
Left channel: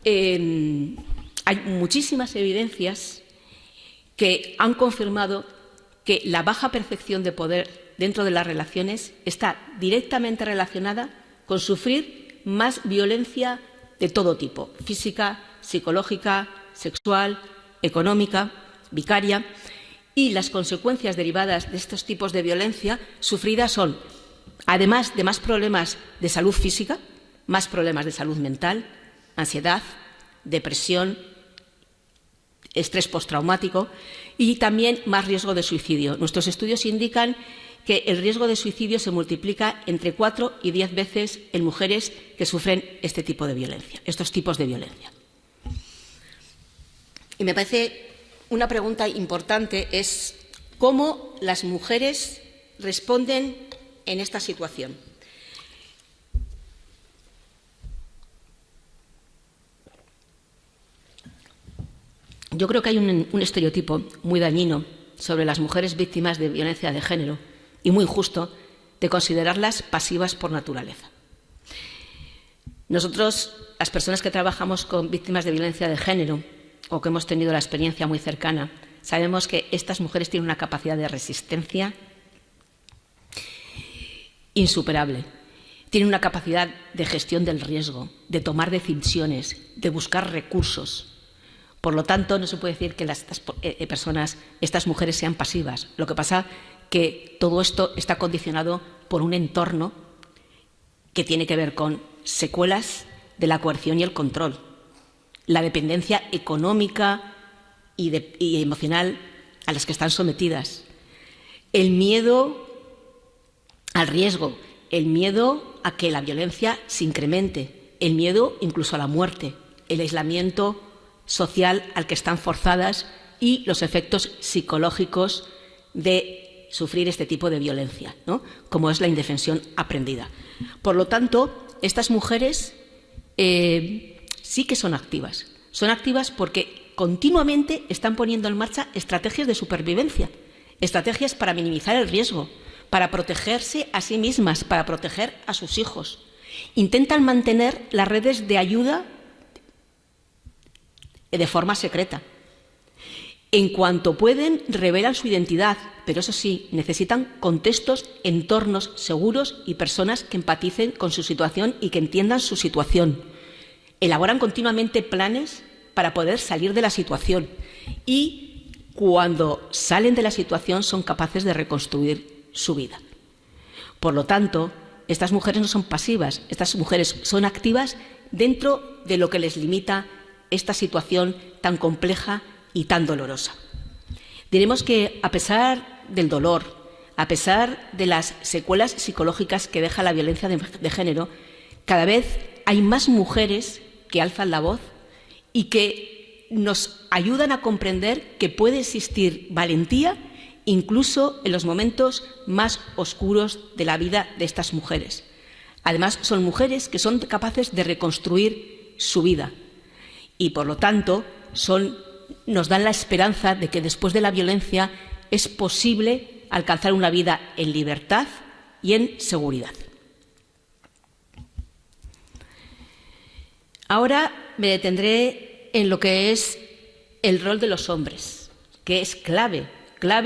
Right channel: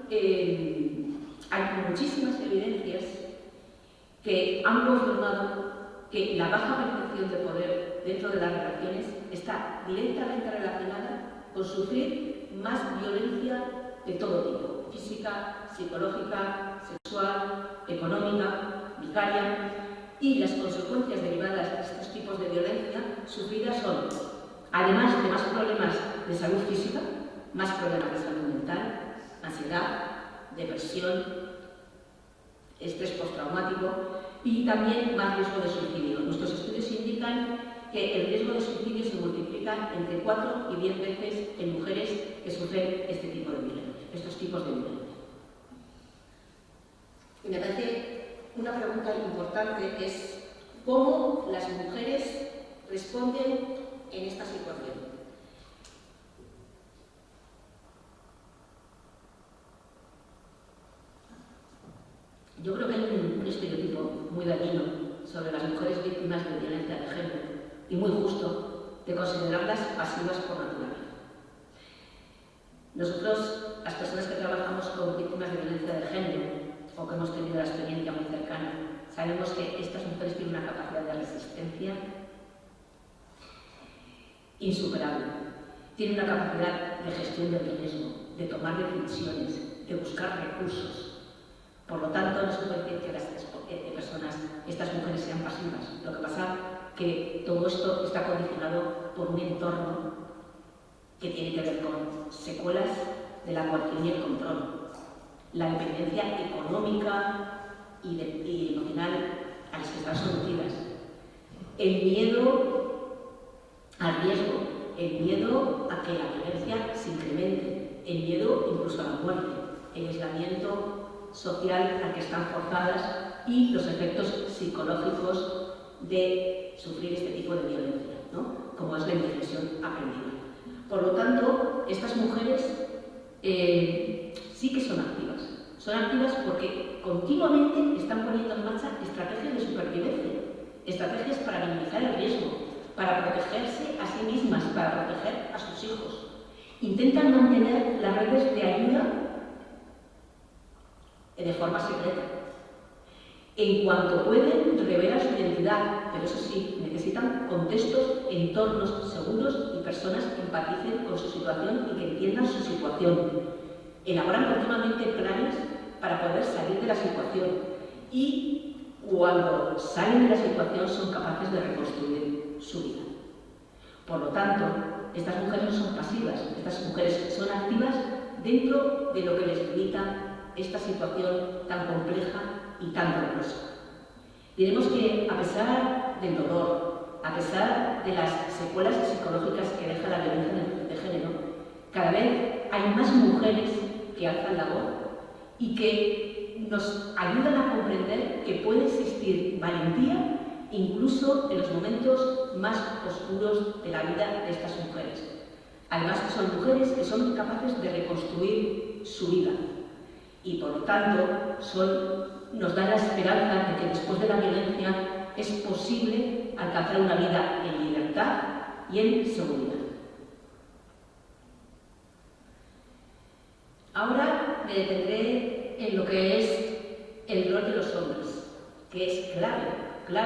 hay muchísimas evidencias que han confirmado que la baja percepción de poder dentro de las relaciones está directamente relacionada con sufrir más violencia de todo tipo, física, psicológica, sexual, económica, vicaria, y las consecuencias derivadas de estos tipos de violencia sufridas son, además de más problemas de salud física, más problemas de salud mental, ansiedad, depresión, estrés postraumático y también más riesgo de suicidio. Nuestros estudios indican que el riesgo de suicidio se multiplica entre 4 y 10 veces en mujeres que sufren este tipo de violencia, estos tipos de violencia. Y me parece una pregunta importante es cómo las mujeres responden en esta situación. Yo creo que hay un estereotipo muy dañino sobre las mujeres víctimas de violencia de género y muy injusto de considerarlas pasivas por naturaleza. Nosotros, las personas que trabajamos con víctimas de violencia de género o que hemos tenido la experiencia muy cercana, sabemos que estas mujeres tienen una capacidad de resistencia insuperable. Tienen una capacidad de gestión del riesgo, de tomar decisiones, de buscar recursos. Por lo tanto, no se puede decir que estas mujeres sean pasivas. Lo que pasa que todo esto está condicionado por un entorno que tiene que ver con secuelas de la coerción y el control, la dependencia económica y emocional a las que están sometidas, el miedo al riesgo, el miedo a que la violencia se incremente, el miedo incluso a la muerte, el aislamiento social al que están forzadas y los efectos psicológicos de sufrir este tipo de violencia, ¿no? Como es la indefensión aprendida. Por lo tanto, estas mujeres sí que son activas. Son activas porque continuamente están poniendo en marcha estrategias de supervivencia, estrategias para minimizar el riesgo, para protegerse a sí mismas, para proteger a sus hijos. Intentan mantener las redes de ayuda de forma secreta. En cuanto pueden, revelan su identidad, pero eso sí, necesitan contextos, entornos seguros y personas que empaticen con su situación y que entiendan su situación. Elaboran continuamente planes para poder salir de la situación y cuando salen de la situación son capaces de reconstruir su vida. Por lo tanto, estas mujeres no son pasivas, estas mujeres son activas dentro de lo que les limita esta situación tan compleja y tan dolorosa. Diremos que a pesar del dolor, a pesar de las secuelas psicológicas que deja la violencia de género, cada vez hay más mujeres que alzan la voz y que nos ayudan a comprender que puede existir valentía incluso en los momentos más oscuros de la vida de estas mujeres. Además, son mujeres que son capaces de reconstruir su vida y, por lo tanto, nos dan la esperanza de que después de la violencia es posible alcanzar una vida en libertad y en seguridad. Ahora me detendré en lo que es el rol de los hombres, que es clave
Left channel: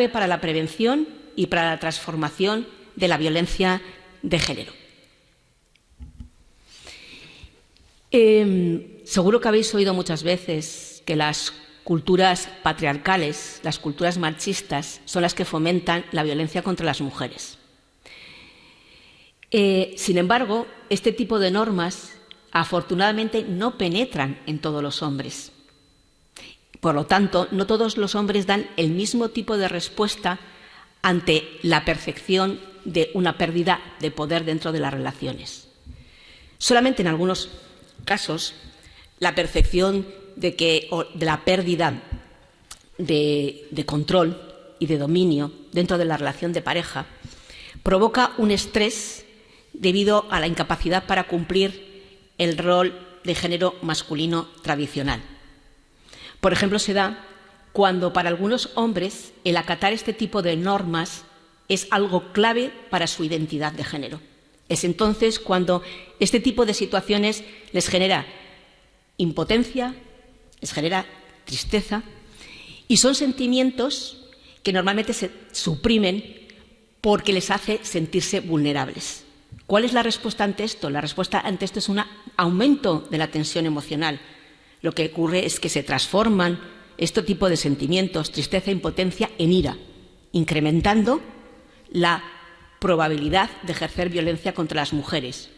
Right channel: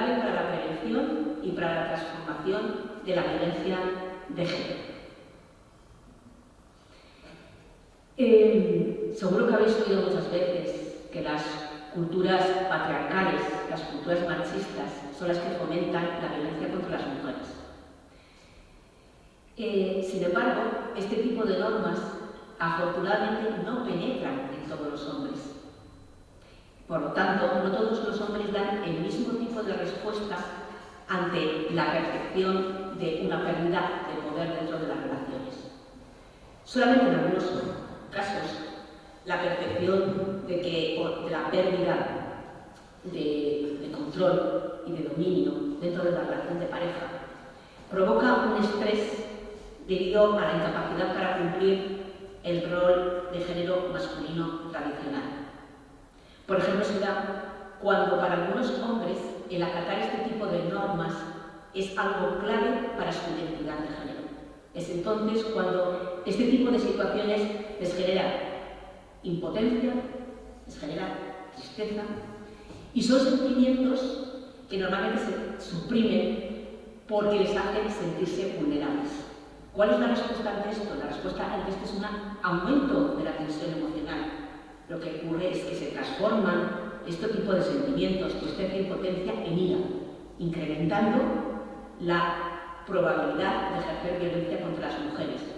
para la prevención y para la transformación de la violencia de género. Seguro que habéis oído muchas veces que las culturas patriarcales, las culturas machistas, son las que fomentan la violencia contra las mujeres. Sin embargo, este tipo de normas afortunadamente no penetran en todos los hombres. Por lo tanto, no todos los hombres dan el mismo tipo de respuesta ante la percepción de una pérdida de poder dentro de las relaciones. Solamente en algunos casos, la percepción de la pérdida de control y de dominio dentro de la relación de pareja provoca un estrés debido a la incapacidad para cumplir el rol de género masculino tradicional. Por ejemplo, se da cuando para algunos hombres el acatar este tipo de normas es algo clave para su identidad de género. Es entonces cuando este tipo de situaciones les genera impotencia, les genera tristeza y son sentimientos que normalmente se suprimen porque les hace sentirse vulnerables. ¿Cuál es la respuesta ante esto? La respuesta ante esto es un aumento de la tensión emocional. Lo que ocurre es que se transforman este tipo de sentimientos, tristeza e impotencia, en ira, incrementando la probabilidad de ejercer violencia contra las mujeres,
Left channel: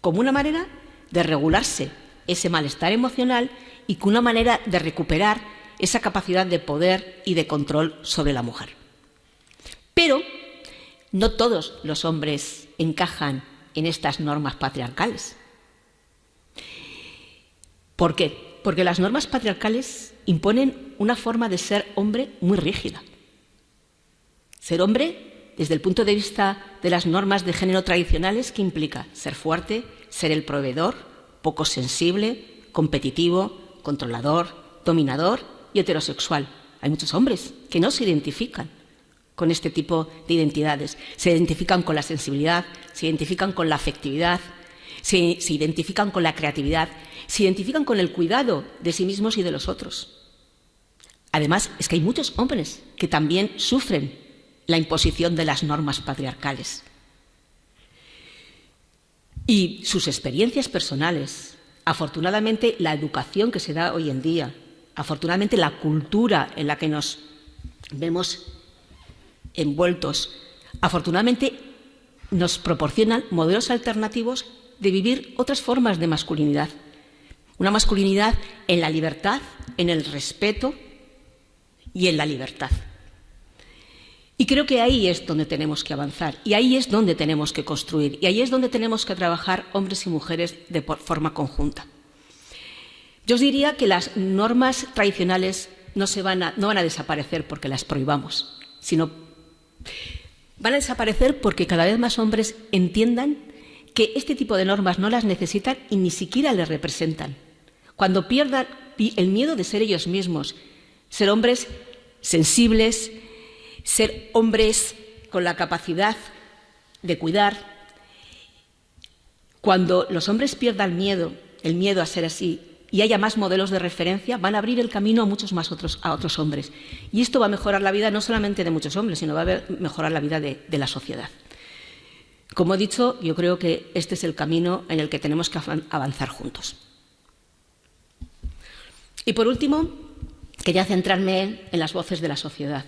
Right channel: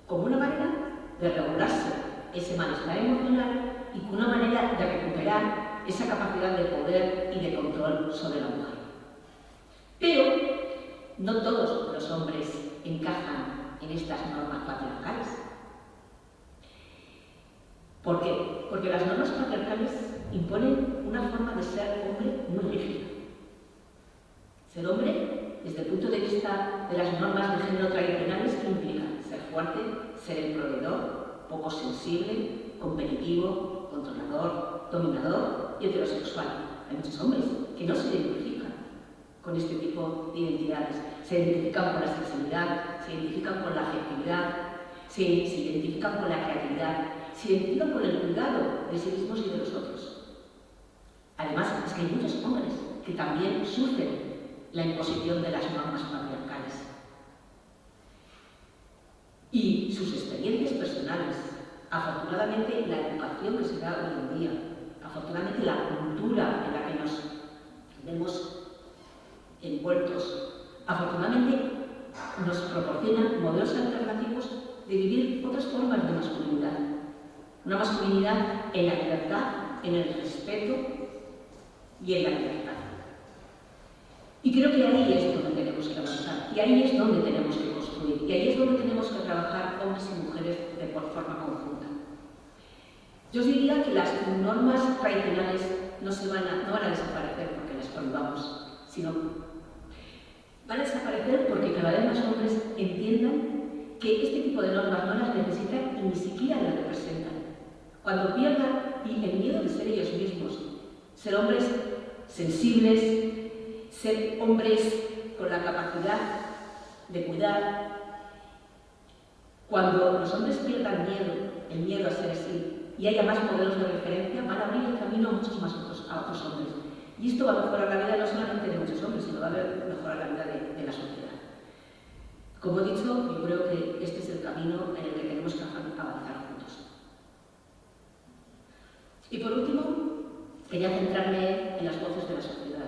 como una manera de regularse ese malestar emocional y como una manera de recuperar esa capacidad de poder y de control sobre la mujer. Pero no todos los hombres encajan en estas normas patriarcales. ¿Por qué? Porque las normas patriarcales imponen una forma de ser hombre muy rígida. Ser hombre, desde el punto de vista de las normas de género tradicionales, ¿qué implica? Ser fuerte, ser el proveedor, poco sensible, competitivo, controlador, dominador y heterosexual. Hay muchos hombres que no se identifican con este tipo de identidades. Se identifican con la sensibilidad, se identifican con la afectividad, se identifican con la creatividad, se identifican con el cuidado de sí mismos y de los otros. Además, es que hay muchos hombres que también sufren la imposición de las normas patriarcales. Y sus experiencias personales, afortunadamente la educación que se da hoy en día, afortunadamente la cultura en la que nos vemos envueltos, afortunadamente nos proporcionan modelos alternativos de vivir otras formas de masculinidad. Una masculinidad en la libertad, en el respeto y en la libertad. Y creo que ahí es donde tenemos que avanzar, y ahí es donde tenemos que construir, y ahí es donde tenemos que trabajar hombres y mujeres de forma conjunta. Yo os diría que las normas tradicionales no van a desaparecer porque las prohibamos, sino van a desaparecer porque cada vez más hombres entiendan que este tipo de normas no las necesitan y ni siquiera les representan. Cuando pierdan el miedo de ser ellos mismos, ser hombres sensibles, ser hombres con la capacidad de cuidar, cuando los hombres pierdan el miedo a ser así, y haya más modelos de referencia, van a abrir el camino a muchos más otros hombres. Y esto va a mejorar la vida no solamente de muchos hombres, sino va a mejorar la vida de la sociedad. Como he dicho, yo creo que este es el camino en el que tenemos que avanzar juntos. Y por último, quería centrarme en las voces de la sociedad.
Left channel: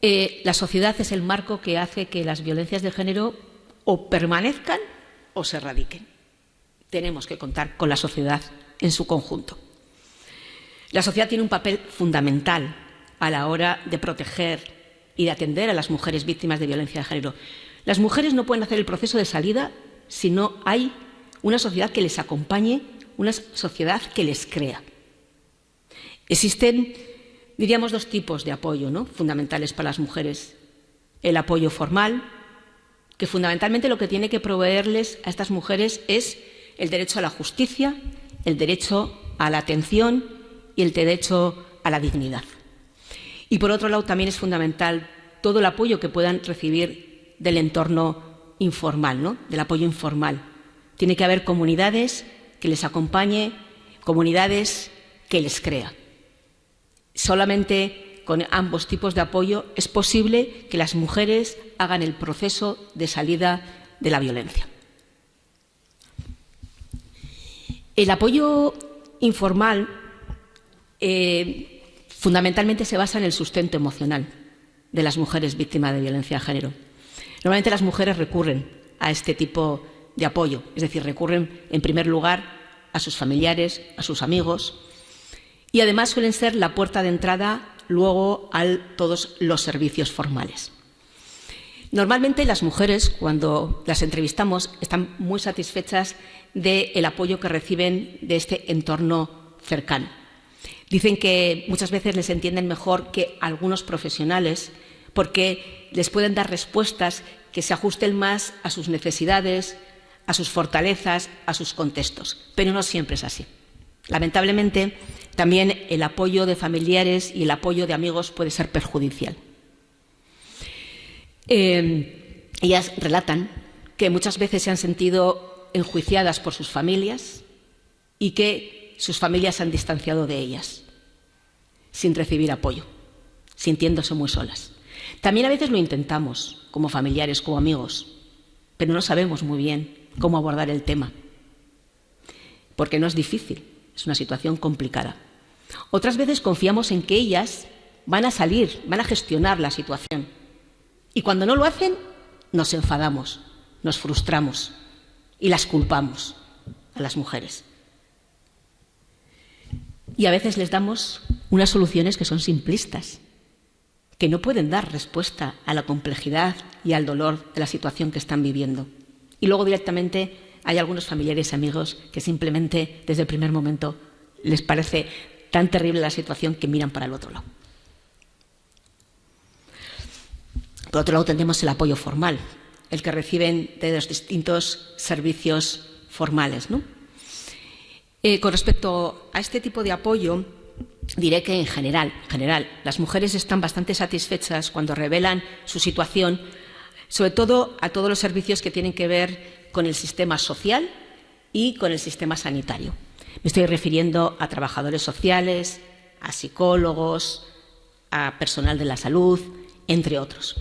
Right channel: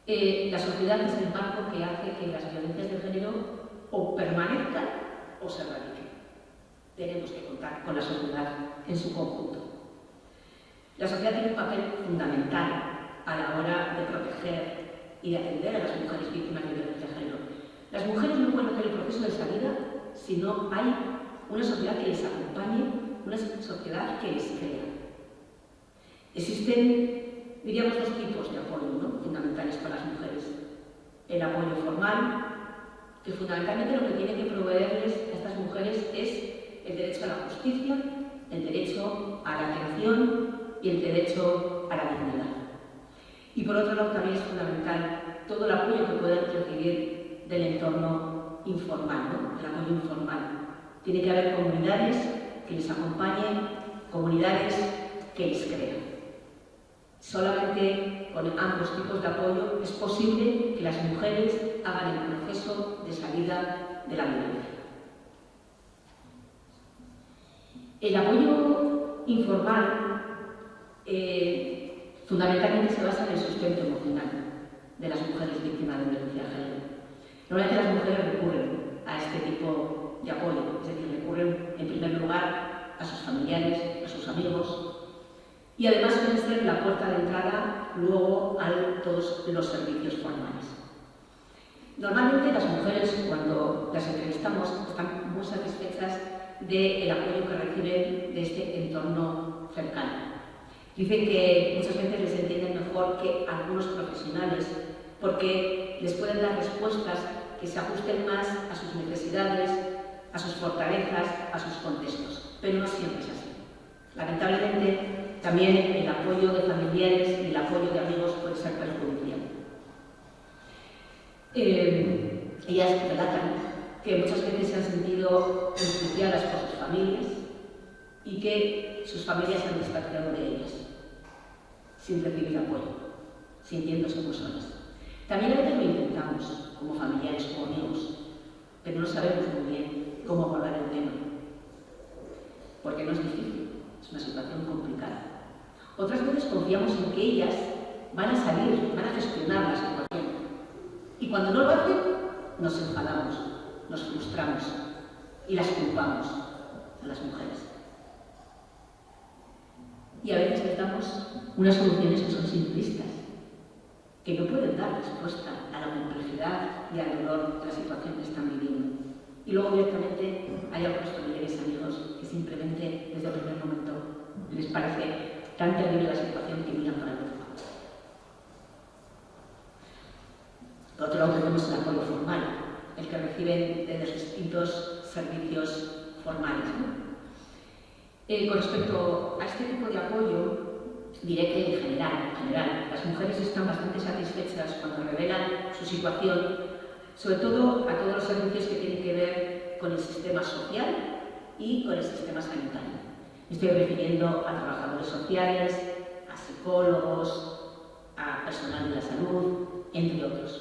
La sociedad es el marco que hace que las violencias de género o permanezcan o se erradiquen. Tenemos que contar con la sociedad en su conjunto. La sociedad tiene un papel fundamental a la hora de proteger y de atender a las mujeres víctimas de violencia de género. Las mujeres no pueden hacer el proceso de salida si no hay una sociedad que les acompañe, una sociedad que les crea. Existen, diríamos, dos tipos de apoyo, ¿no?, fundamentales para las mujeres. El apoyo formal, que fundamentalmente lo que tiene que proveerles a estas mujeres es el derecho a la justicia, el derecho a la atención y el derecho a la dignidad. Y por otro lado también es fundamental todo el apoyo que puedan recibir del entorno informal, ¿no?, del apoyo informal. Tiene que haber comunidades que les acompañen, comunidades que les crean. Solamente con ambos tipos de apoyo es posible que las mujeres hagan el proceso de salida de la violencia. El apoyo informal fundamentalmente se basa en el sustento emocional de las mujeres víctimas de violencia de género. Normalmente las mujeres recurren a este tipo de apoyo, es decir, recurren en primer lugar a sus familiares, a sus amigos, y además suelen ser la puerta de entrada luego a todos los servicios formales. Normalmente las mujeres, cuando las entrevistamos, están muy satisfechas del apoyo que reciben de este entorno cercano. Dicen que muchas veces les entienden mejor que algunos profesionales porque les pueden dar respuestas que se ajusten más a sus necesidades, a sus fortalezas, a sus contextos. Pero no siempre es así. Lamentablemente, también el apoyo de familiares y el apoyo de amigos puede ser perjudicial. Ellas relatan que muchas veces se han sentido enjuiciadas por sus familias y que sus familias se han distanciado de ellas, sin recibir apoyo, sintiéndose muy solas. También a veces lo intentamos, como familiares, como amigos, pero no sabemos muy bien cómo abordar el tema, porque no es difícil, es una situación complicada. Otras veces confiamos en que ellas van a salir, van a gestionar la situación, y cuando no lo hacen, nos enfadamos, nos frustramos y las culpamos a las mujeres. Y a veces les damos unas soluciones que son simplistas, que no pueden dar respuesta a la complejidad y al dolor de la situación que están viviendo. Y luego directamente hay algunos familiares y amigos que simplemente desde el primer momento les parece tan terrible la situación que miran para el otro lado. Por otro lado tenemos el apoyo formal, el que reciben de los distintos servicios formales, ¿no? Con respecto a este tipo de apoyo, diré que en general, las mujeres están bastante satisfechas cuando revelan su situación, sobre todo a todos los servicios que tienen que ver con el sistema social y con el sistema sanitario. Me estoy refiriendo a trabajadores sociales, a psicólogos, a personal de la salud, entre otros.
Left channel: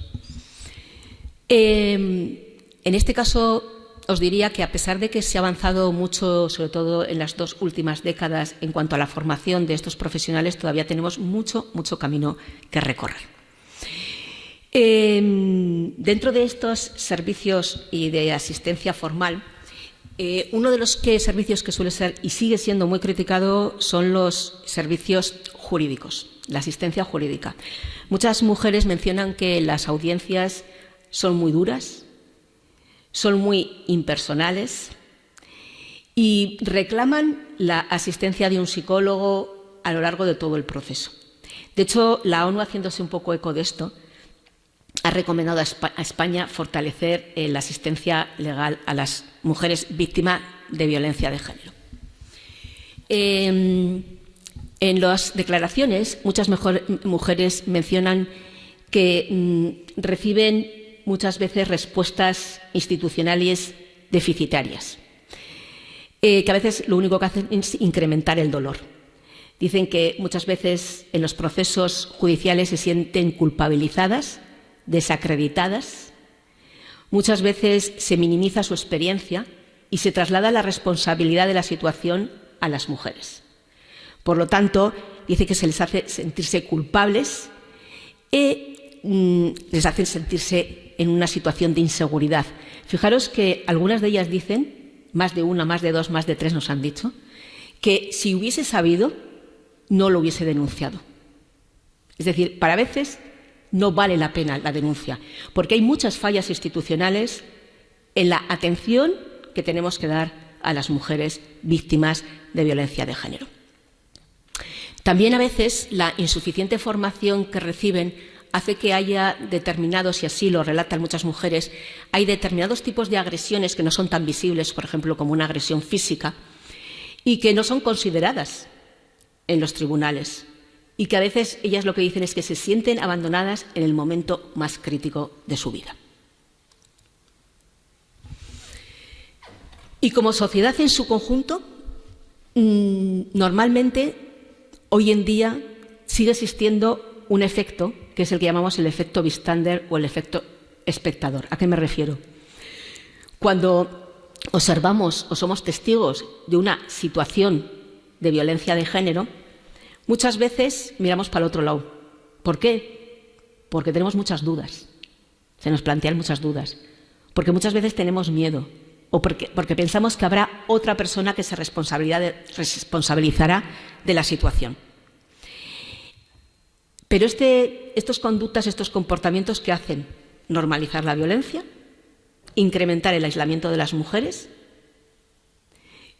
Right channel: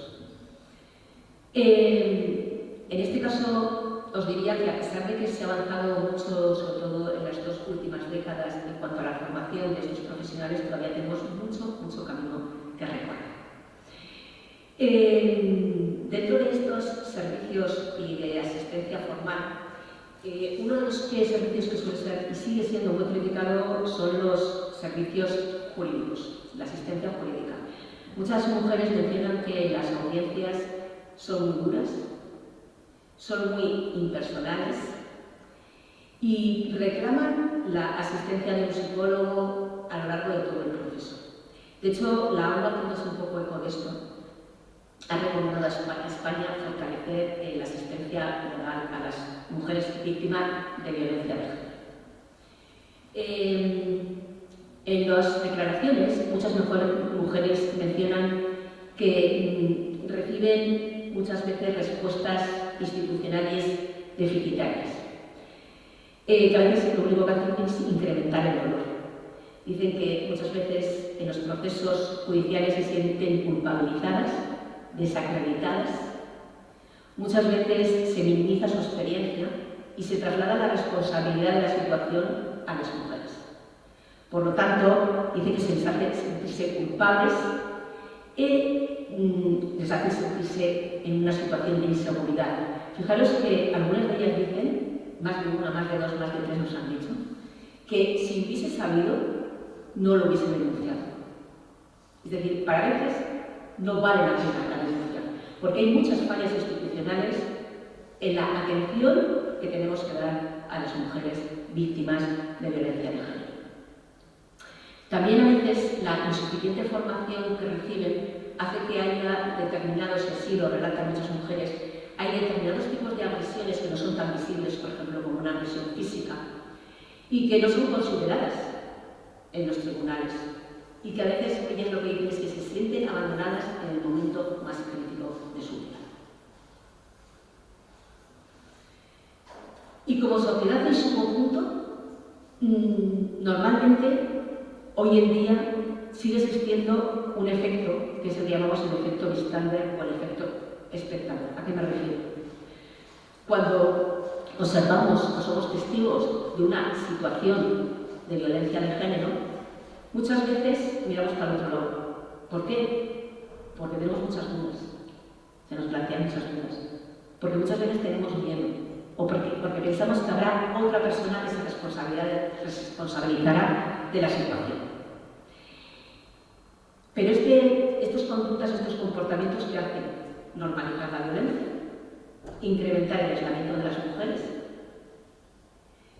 En este caso, os diría que a pesar de que se ha avanzado mucho, sobre todo en las 2 últimas décadas, en cuanto a la formación de estos profesionales, todavía tenemos mucho camino que recorrer. Dentro de estos servicios y de asistencia formal, uno de los servicios que suele ser y sigue siendo muy criticado son los servicios jurídicos, la asistencia jurídica. Muchas mujeres mencionan que las audiencias son muy duras, son muy impersonales y reclaman la asistencia de un psicólogo a lo largo de todo el proceso. De hecho, la ONU, haciéndose un poco eco de esto, ha recomendado a España fortalecer la asistencia legal a las mujeres víctimas de violencia de género. En las declaraciones, muchas mujeres mencionan que reciben muchas veces respuestas institucionales deficitarias, que a veces lo único que hacen es incrementar el dolor. Dicen que muchas veces en los procesos judiciales se sienten culpabilizadas, desacreditadas, muchas veces se minimiza su experiencia y se traslada la responsabilidad de la situación a las mujeres. Por lo tanto, dice que se les hace sentirse culpables y les hace sentirse en una situación de inseguridad. Fijaros que algunas de ellas dicen, más de una, más de dos, más de tres nos han dicho, que si hubiese sabido, no lo hubiese denunciado. Es decir, para veces no vale la pena la denuncia, porque hay muchas fallas institucionales en la atención que tenemos que dar a las mujeres víctimas de violencia de género. También a veces la insuficiente formación que reciben hace que haya determinados, y así lo relatan muchas mujeres, hay determinados tipos de agresiones que no son tan visibles, por ejemplo, como una agresión física, y que no son consideradas en los tribunales. Y que a veces ellas lo que dicen es que se sienten abandonadas en el momento más crítico de su vida. Y como sociedad en su conjunto, normalmente, hoy en día, sigue existiendo un efecto, que es el que llamamos el efecto bystander o el efecto espectador. ¿A qué me refiero? Cuando observamos o somos testigos de una situación de violencia de género, muchas veces miramos para el otro lado. ¿Por qué? Porque tenemos muchas dudas. Se nos plantean muchas dudas. Porque muchas veces tenemos miedo. O porque pensamos que habrá otra persona que se responsabilizará de la situación. Pero estas conductas, estos comportamientos, ¿qué hacen? Normalizar la violencia, incrementar el aislamiento de las mujeres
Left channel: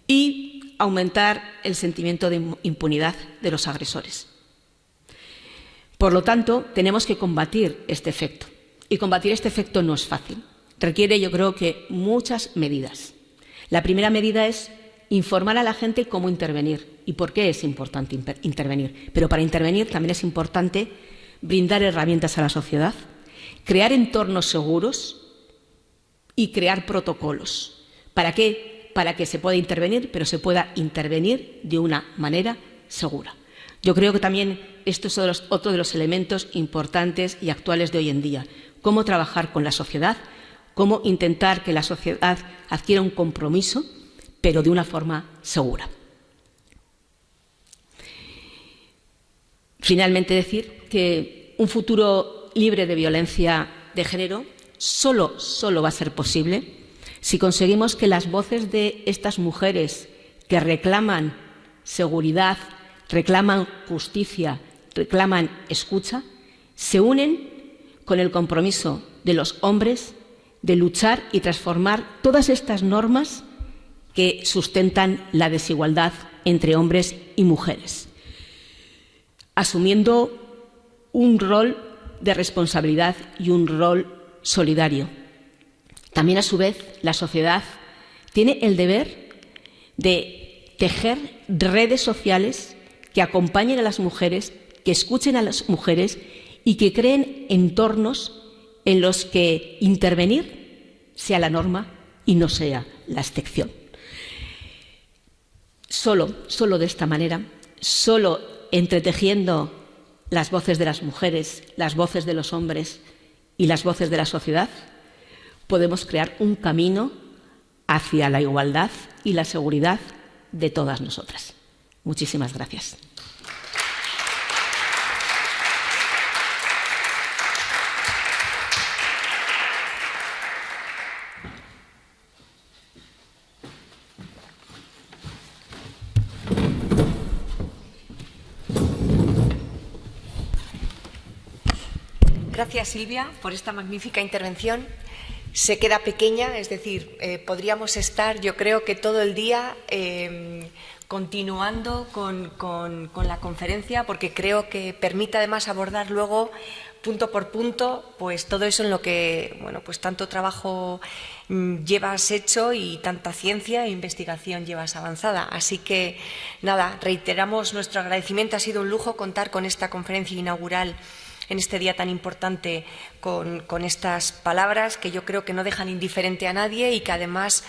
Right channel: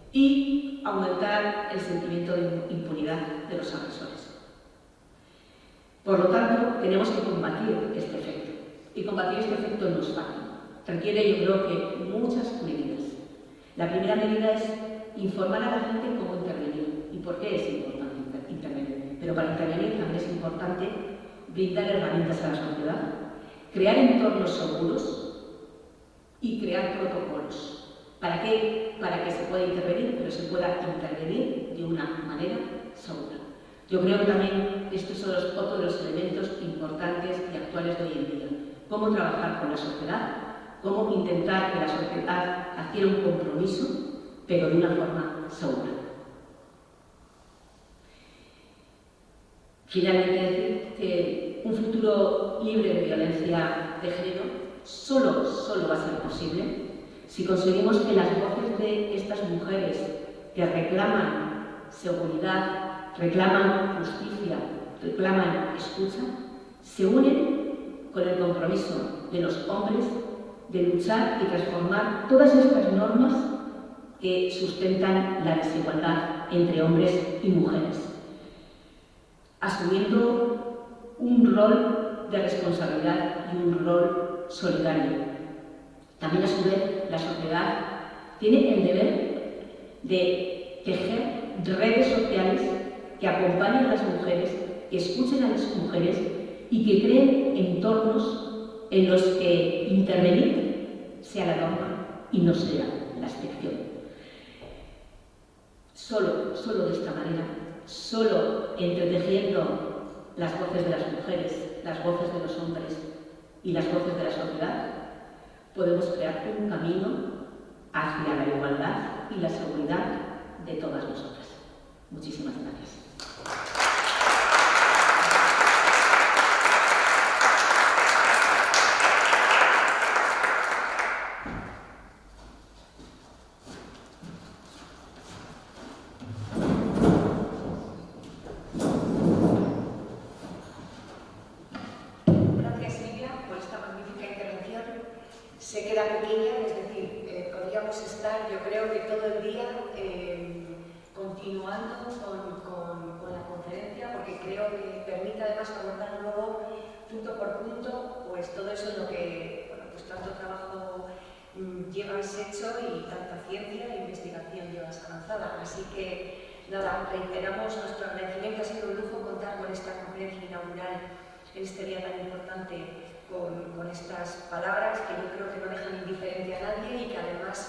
y aumentar el sentimiento de impunidad de los agresores. Por lo tanto, tenemos que combatir este efecto. Y combatir este efecto no es fácil. Requiere, yo creo que, muchas medidas. La primera medida es informar a la gente cómo intervenir y por qué es importante intervenir. Pero para intervenir también es importante brindar herramientas a la sociedad, crear entornos seguros y crear protocolos. ¿Para qué? Para que se pueda intervenir, pero se pueda intervenir de una manera segura. Yo creo que también esto es otro de los elementos importantes y actuales de hoy en día. Cómo trabajar con la sociedad, cómo intentar que la sociedad adquiera un compromiso, pero de una forma segura. Finalmente, decir que un futuro libre de violencia de género solo va a ser posible si conseguimos que las voces de estas mujeres que reclaman seguridad, reclaman justicia, reclaman escucha, se unen con el compromiso de los hombres de luchar y transformar todas estas normas que sustentan la desigualdad entre hombres y mujeres, asumiendo un rol de responsabilidad y un rol solidario. También, a su vez, la sociedad tiene el deber de tejer redes sociales que acompañen a las mujeres, que escuchen a las mujeres y que creen entornos en los que intervenir sea la norma y no sea la excepción. Solo de esta manera, solo entretejiendo las voces de las mujeres, las voces de los hombres y las voces de la sociedad, podemos crear un camino hacia la igualdad y la seguridad de todas nosotras. Muchísimas gracias. Gracias, Silvia, por esta magnífica intervención. Se queda pequeña, es decir, podríamos estar, yo creo que todo el día continuando con la conferencia, porque creo que permite además abordar luego, punto por punto, pues todo eso en lo que, bueno, pues tanto trabajo llevas hecho y tanta ciencia e investigación llevas avanzada. Así que, nada, reiteramos nuestro agradecimiento. Ha sido un lujo contar con esta conferencia inaugural en este día tan importante con estas palabras que yo creo que no dejan indiferente a nadie y que además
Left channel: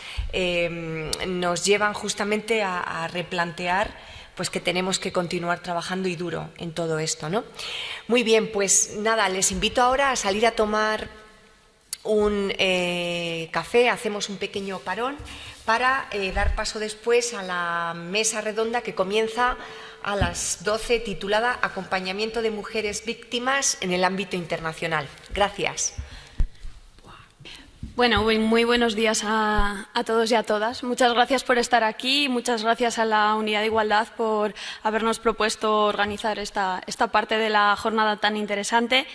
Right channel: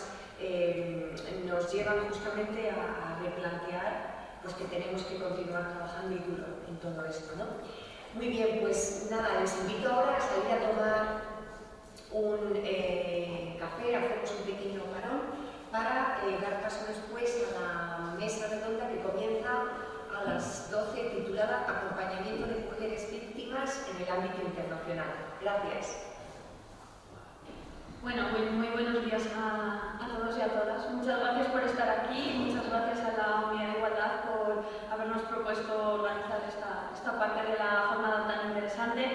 nos llevan justamente a replantear pues que tenemos que continuar trabajando y duro en todo esto, ¿no? Muy bien, pues nada, les invito ahora a salir a tomar un café, hacemos un pequeño parón para dar paso después a la mesa redonda que comienza a las 12, titulada Acompañamiento de mujeres víctimas en el ámbito internacional. Gracias. Bueno, muy buenos días a todos y a todas. Muchas gracias por estar aquí, muchas gracias a la Unidad de Igualdad por habernos propuesto organizar esta parte de la jornada tan interesante.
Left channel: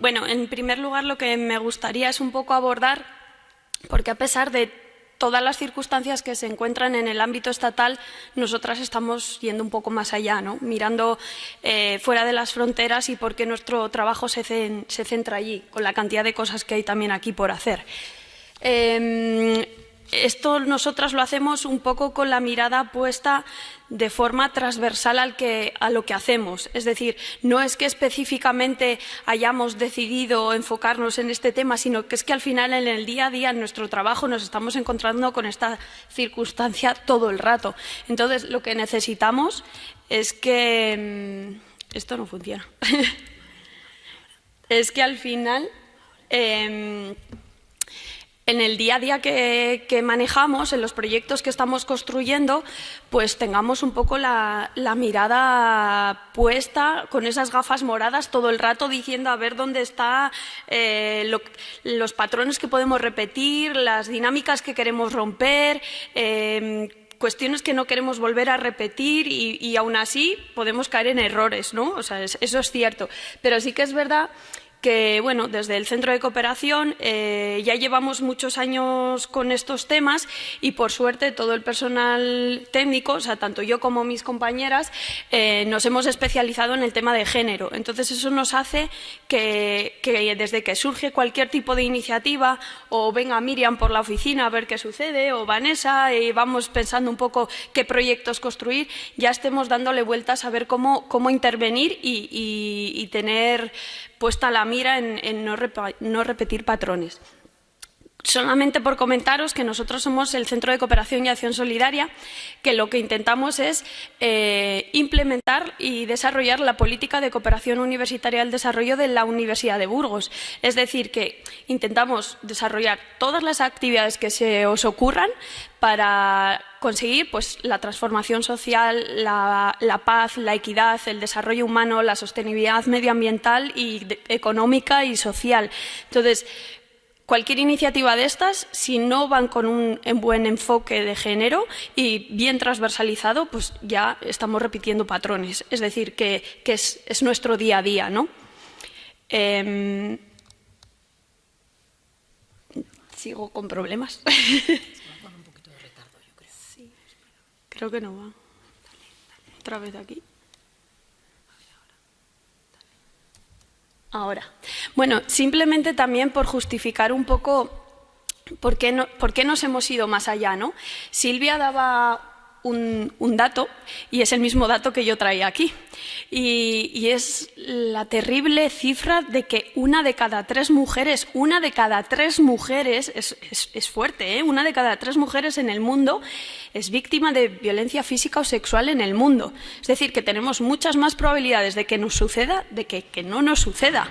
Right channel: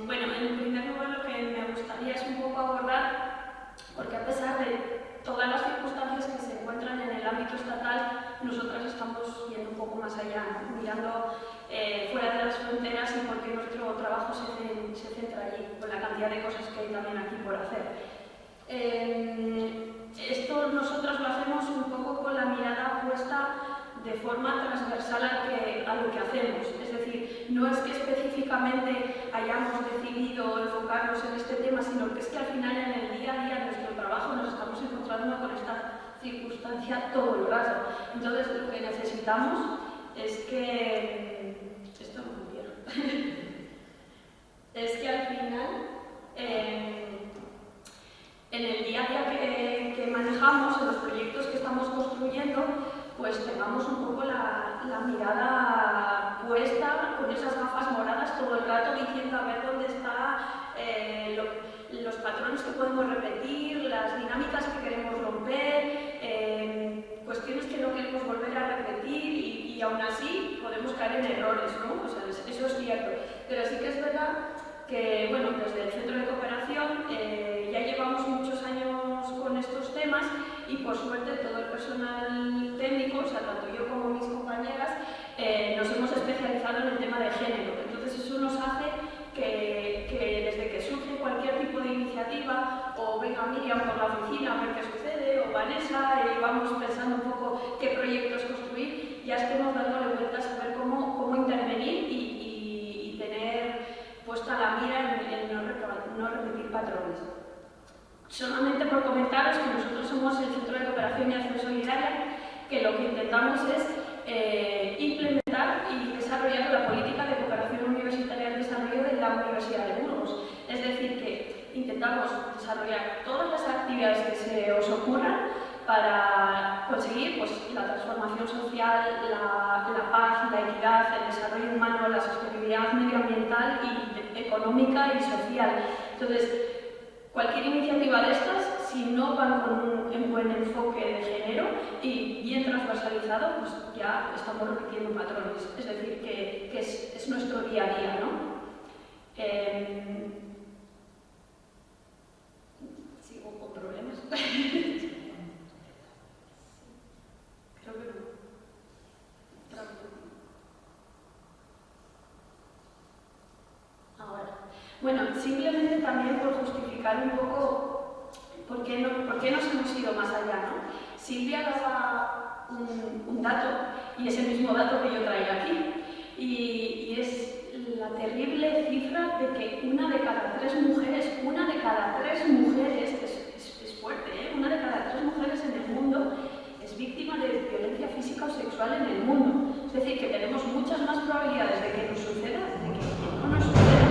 Bueno, en primer lugar lo que me gustaría es un poco abordar, porque a pesar de todas las circunstancias que se encuentran en el ámbito estatal, nosotras estamos yendo un poco más allá, ¿no? Mirando fuera de las fronteras y por qué nuestro trabajo se centra allí, con la cantidad de cosas que hay también aquí por hacer. Esto nosotras lo hacemos un poco con la mirada puesta de forma transversal a lo que hacemos. Es decir, no es que específicamente hayamos decidido enfocarnos en este tema, sino que es que al final en el día a día en nuestro trabajo nos estamos encontrando con esta circunstancia todo el rato. Entonces, lo que necesitamos es que... esto no funciona. Es que al final... en el día a día que manejamos, en los proyectos que estamos construyendo, pues tengamos un poco la mirada puesta con esas gafas moradas todo el rato diciendo a ver dónde están los patrones que podemos repetir, las dinámicas que queremos romper, cuestiones que no queremos volver a repetir y aún así podemos caer en errores, ¿no? O sea, eso es cierto, pero sí que es verdad que, bueno, desde el Centro de Cooperación ya llevamos muchos años con estos temas y, por suerte, todo el personal técnico, o sea, tanto yo como mis compañeras, nos hemos especializado en el tema de género. Entonces, eso nos hace que desde que surge cualquier tipo de iniciativa, o venga Miriam por la oficina a ver qué sucede, o Vanessa, vamos pensando un poco qué proyectos construir, ya estemos dándole vueltas a ver cómo intervenir y tener puesta la mira en no repetir patrones. Solamente por comentaros que nosotros somos el Centro de Cooperación y Acción Solidaria, que lo que intentamos es implementar y desarrollar la política de cooperación universitaria al desarrollo de la Universidad de Burgos. Es decir, que intentamos desarrollar todas las actividades que se os ocurran para conseguir pues, la transformación social, la paz, la equidad, el desarrollo humano, la sostenibilidad medioambiental y económica y social. Entonces, cualquier iniciativa de estas, si no van con un buen enfoque de género y bien transversalizado, pues ya estamos repitiendo patrones. Es decir, que es nuestro día a día, ¿no? Sigo con problemas. Creo que no va. Otra vez aquí. Ahora, bueno, simplemente también por justificar un poco por qué nos hemos ido más allá, ¿no? Silvia daba un dato, y es el mismo dato que yo traía aquí, y es la terrible cifra de que una de cada tres mujeres, es fuerte, ¿eh? Una de cada tres mujeres en el mundo es víctima de violencia física o sexual en el mundo. Es decir, que tenemos muchas más probabilidades de que nos suceda, de que no nos suceda.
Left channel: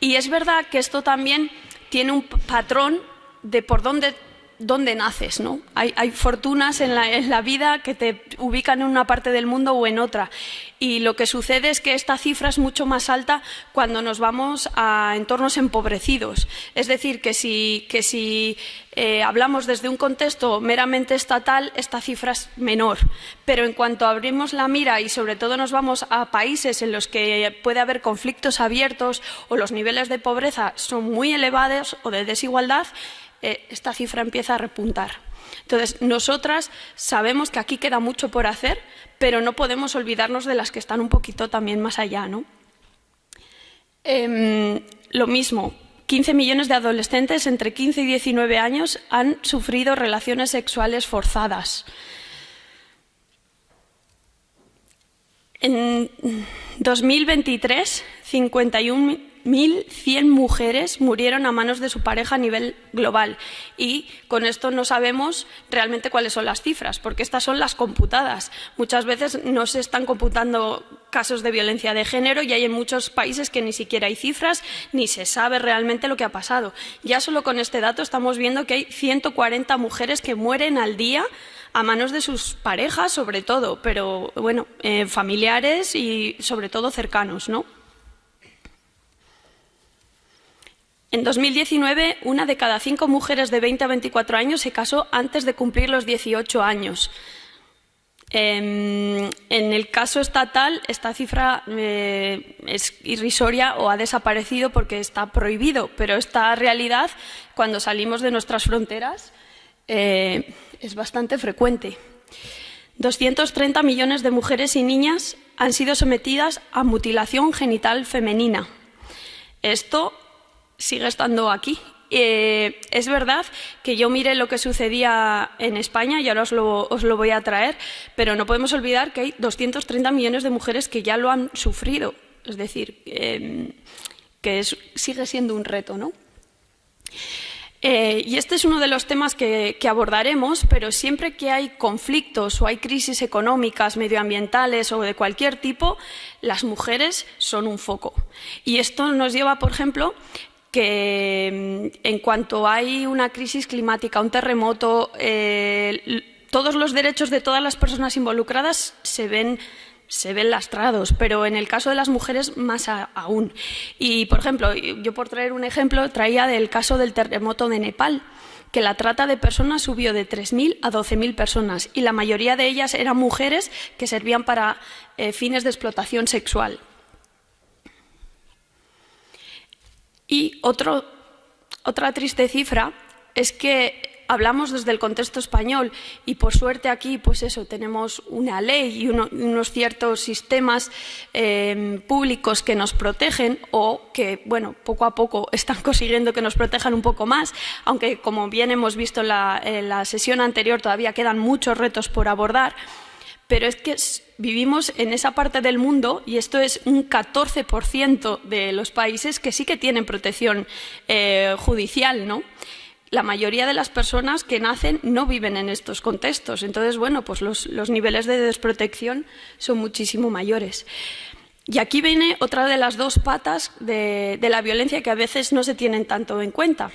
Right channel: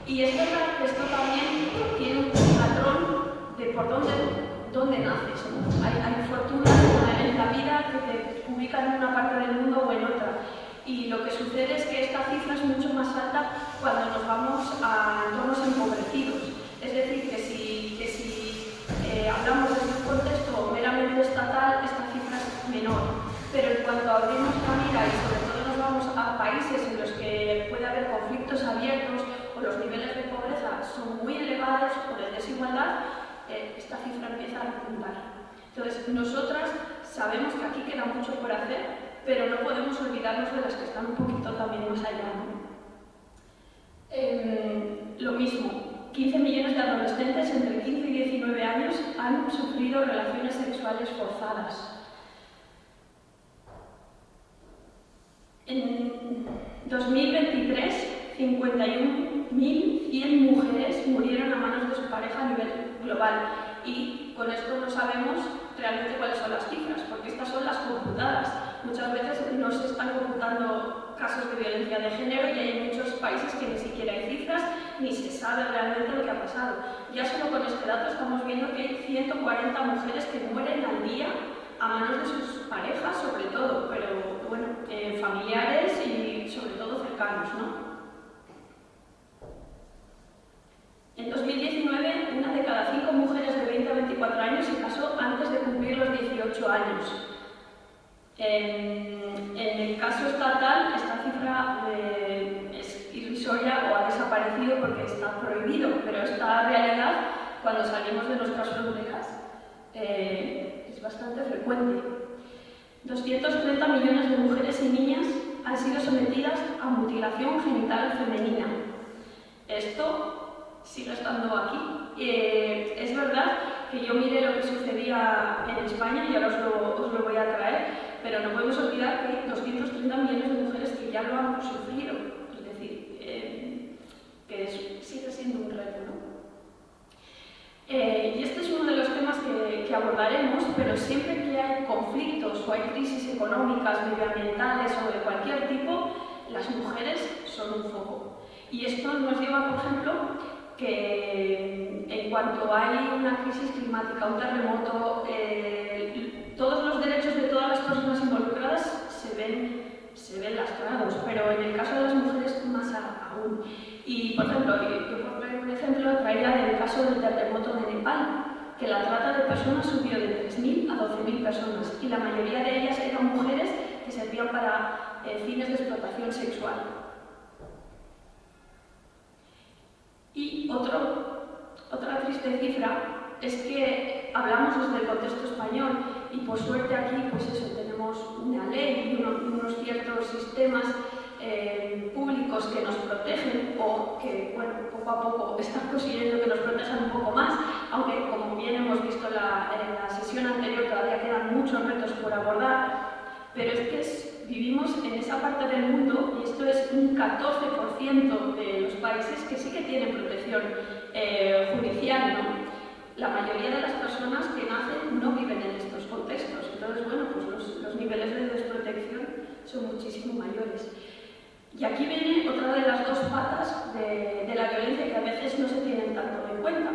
Y es verdad que esto también tiene un patrón de por dónde naces, ¿no? Hay fortunas en la vida que te ubican en una parte del mundo o en otra. Y lo que sucede es que esta cifra es mucho más alta cuando nos vamos a entornos empobrecidos. Es decir, que si hablamos desde un contexto meramente estatal, esta cifra es menor. Pero en cuanto abrimos la mira y sobre todo nos vamos a países en los que puede haber conflictos abiertos o los niveles de pobreza son muy elevados o de desigualdad, esta cifra empieza a repuntar. Entonces, nosotras sabemos que aquí queda mucho por hacer, pero no podemos olvidarnos de las que están un poquito también más allá, ¿no? Lo mismo, 15 millones de adolescentes entre 15 y 19 años han sufrido relaciones sexuales forzadas. En 2023, 51.100 mujeres murieron a manos de su pareja a nivel global. Y con esto no sabemos realmente cuáles son las cifras, porque estas son las computadas. Muchas veces no se están computando casos de violencia de género y hay en muchos países que ni siquiera hay cifras ni se sabe realmente lo que ha pasado. Ya solo con este dato estamos viendo que hay 140 mujeres que mueren al día a manos de sus parejas, sobre todo, pero bueno, familiares y sobre todo cercanos, ¿no? En 2019, una de cada 5 mujeres de 20 a 24 años se casó antes de cumplir los 18 años. En el caso estatal, esta cifra es irrisoria o ha desaparecido porque está prohibido, pero esta realidad, cuando salimos de nuestras fronteras, es bastante frecuente. 230 millones de mujeres y niñas han sido sometidas a mutilación genital femenina. Esto sigue estando aquí. Es verdad que yo miré lo que sucedía en España y ahora os lo voy a traer, pero no podemos olvidar que hay 230 millones de mujeres que ya lo han sufrido. Es decir, sigue siendo un reto, ¿no? Y este es uno de los temas que abordaremos, pero siempre que hay conflictos o hay crisis económicas, medioambientales o de cualquier tipo, las mujeres son un foco. Y esto nos lleva, por ejemplo, que en cuanto hay una crisis climática, un terremoto, todos los derechos de todas las personas involucradas se ven lastrados, pero en el caso de las mujeres más aún. Y, por ejemplo, yo por traer un ejemplo, traía del caso del terremoto de Nepal, que la trata de personas subió de 3.000 a 12.000 personas y la mayoría de ellas eran mujeres que servían para fines de explotación sexual. Y otra triste cifra es que hablamos desde el contexto español y por suerte aquí pues eso, tenemos una ley y unos ciertos sistemas públicos que nos protegen o que bueno, poco a poco están consiguiendo que nos protejan un poco más, aunque como bien hemos visto en la sesión anterior todavía quedan muchos retos por abordar. Pero es que vivimos en esa parte del mundo y esto es un 14% de los países que sí que tienen protección judicial, ¿no? La mayoría de las personas que nacen no viven en estos contextos. Entonces, bueno, pues los niveles de desprotección son muchísimo mayores. Y aquí viene otra de las dos patas de la violencia que a veces no se tienen tanto en cuenta.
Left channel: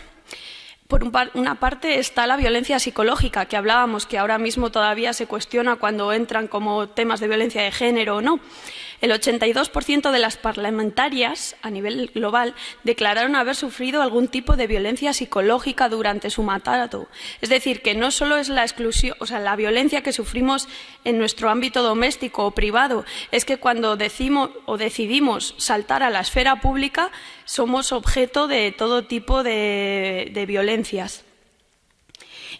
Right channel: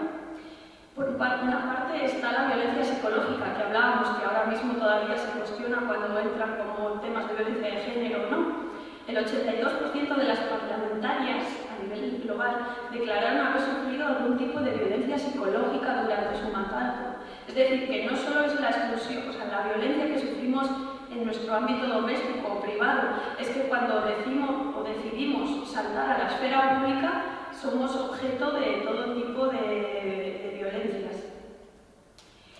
Por una parte está la violencia psicológica, que hablábamos, que ahora mismo todavía se cuestiona cuando entran como temas de violencia de género o no. El 82% de las parlamentarias a nivel global declararon haber sufrido algún tipo de violencia psicológica durante su mandato. Es decir, que no solo es la exclusión, o sea, la violencia que sufrimos en nuestro ámbito doméstico o privado, es que cuando decimos o decidimos saltar a la esfera pública, somos objeto de todo tipo de violencias.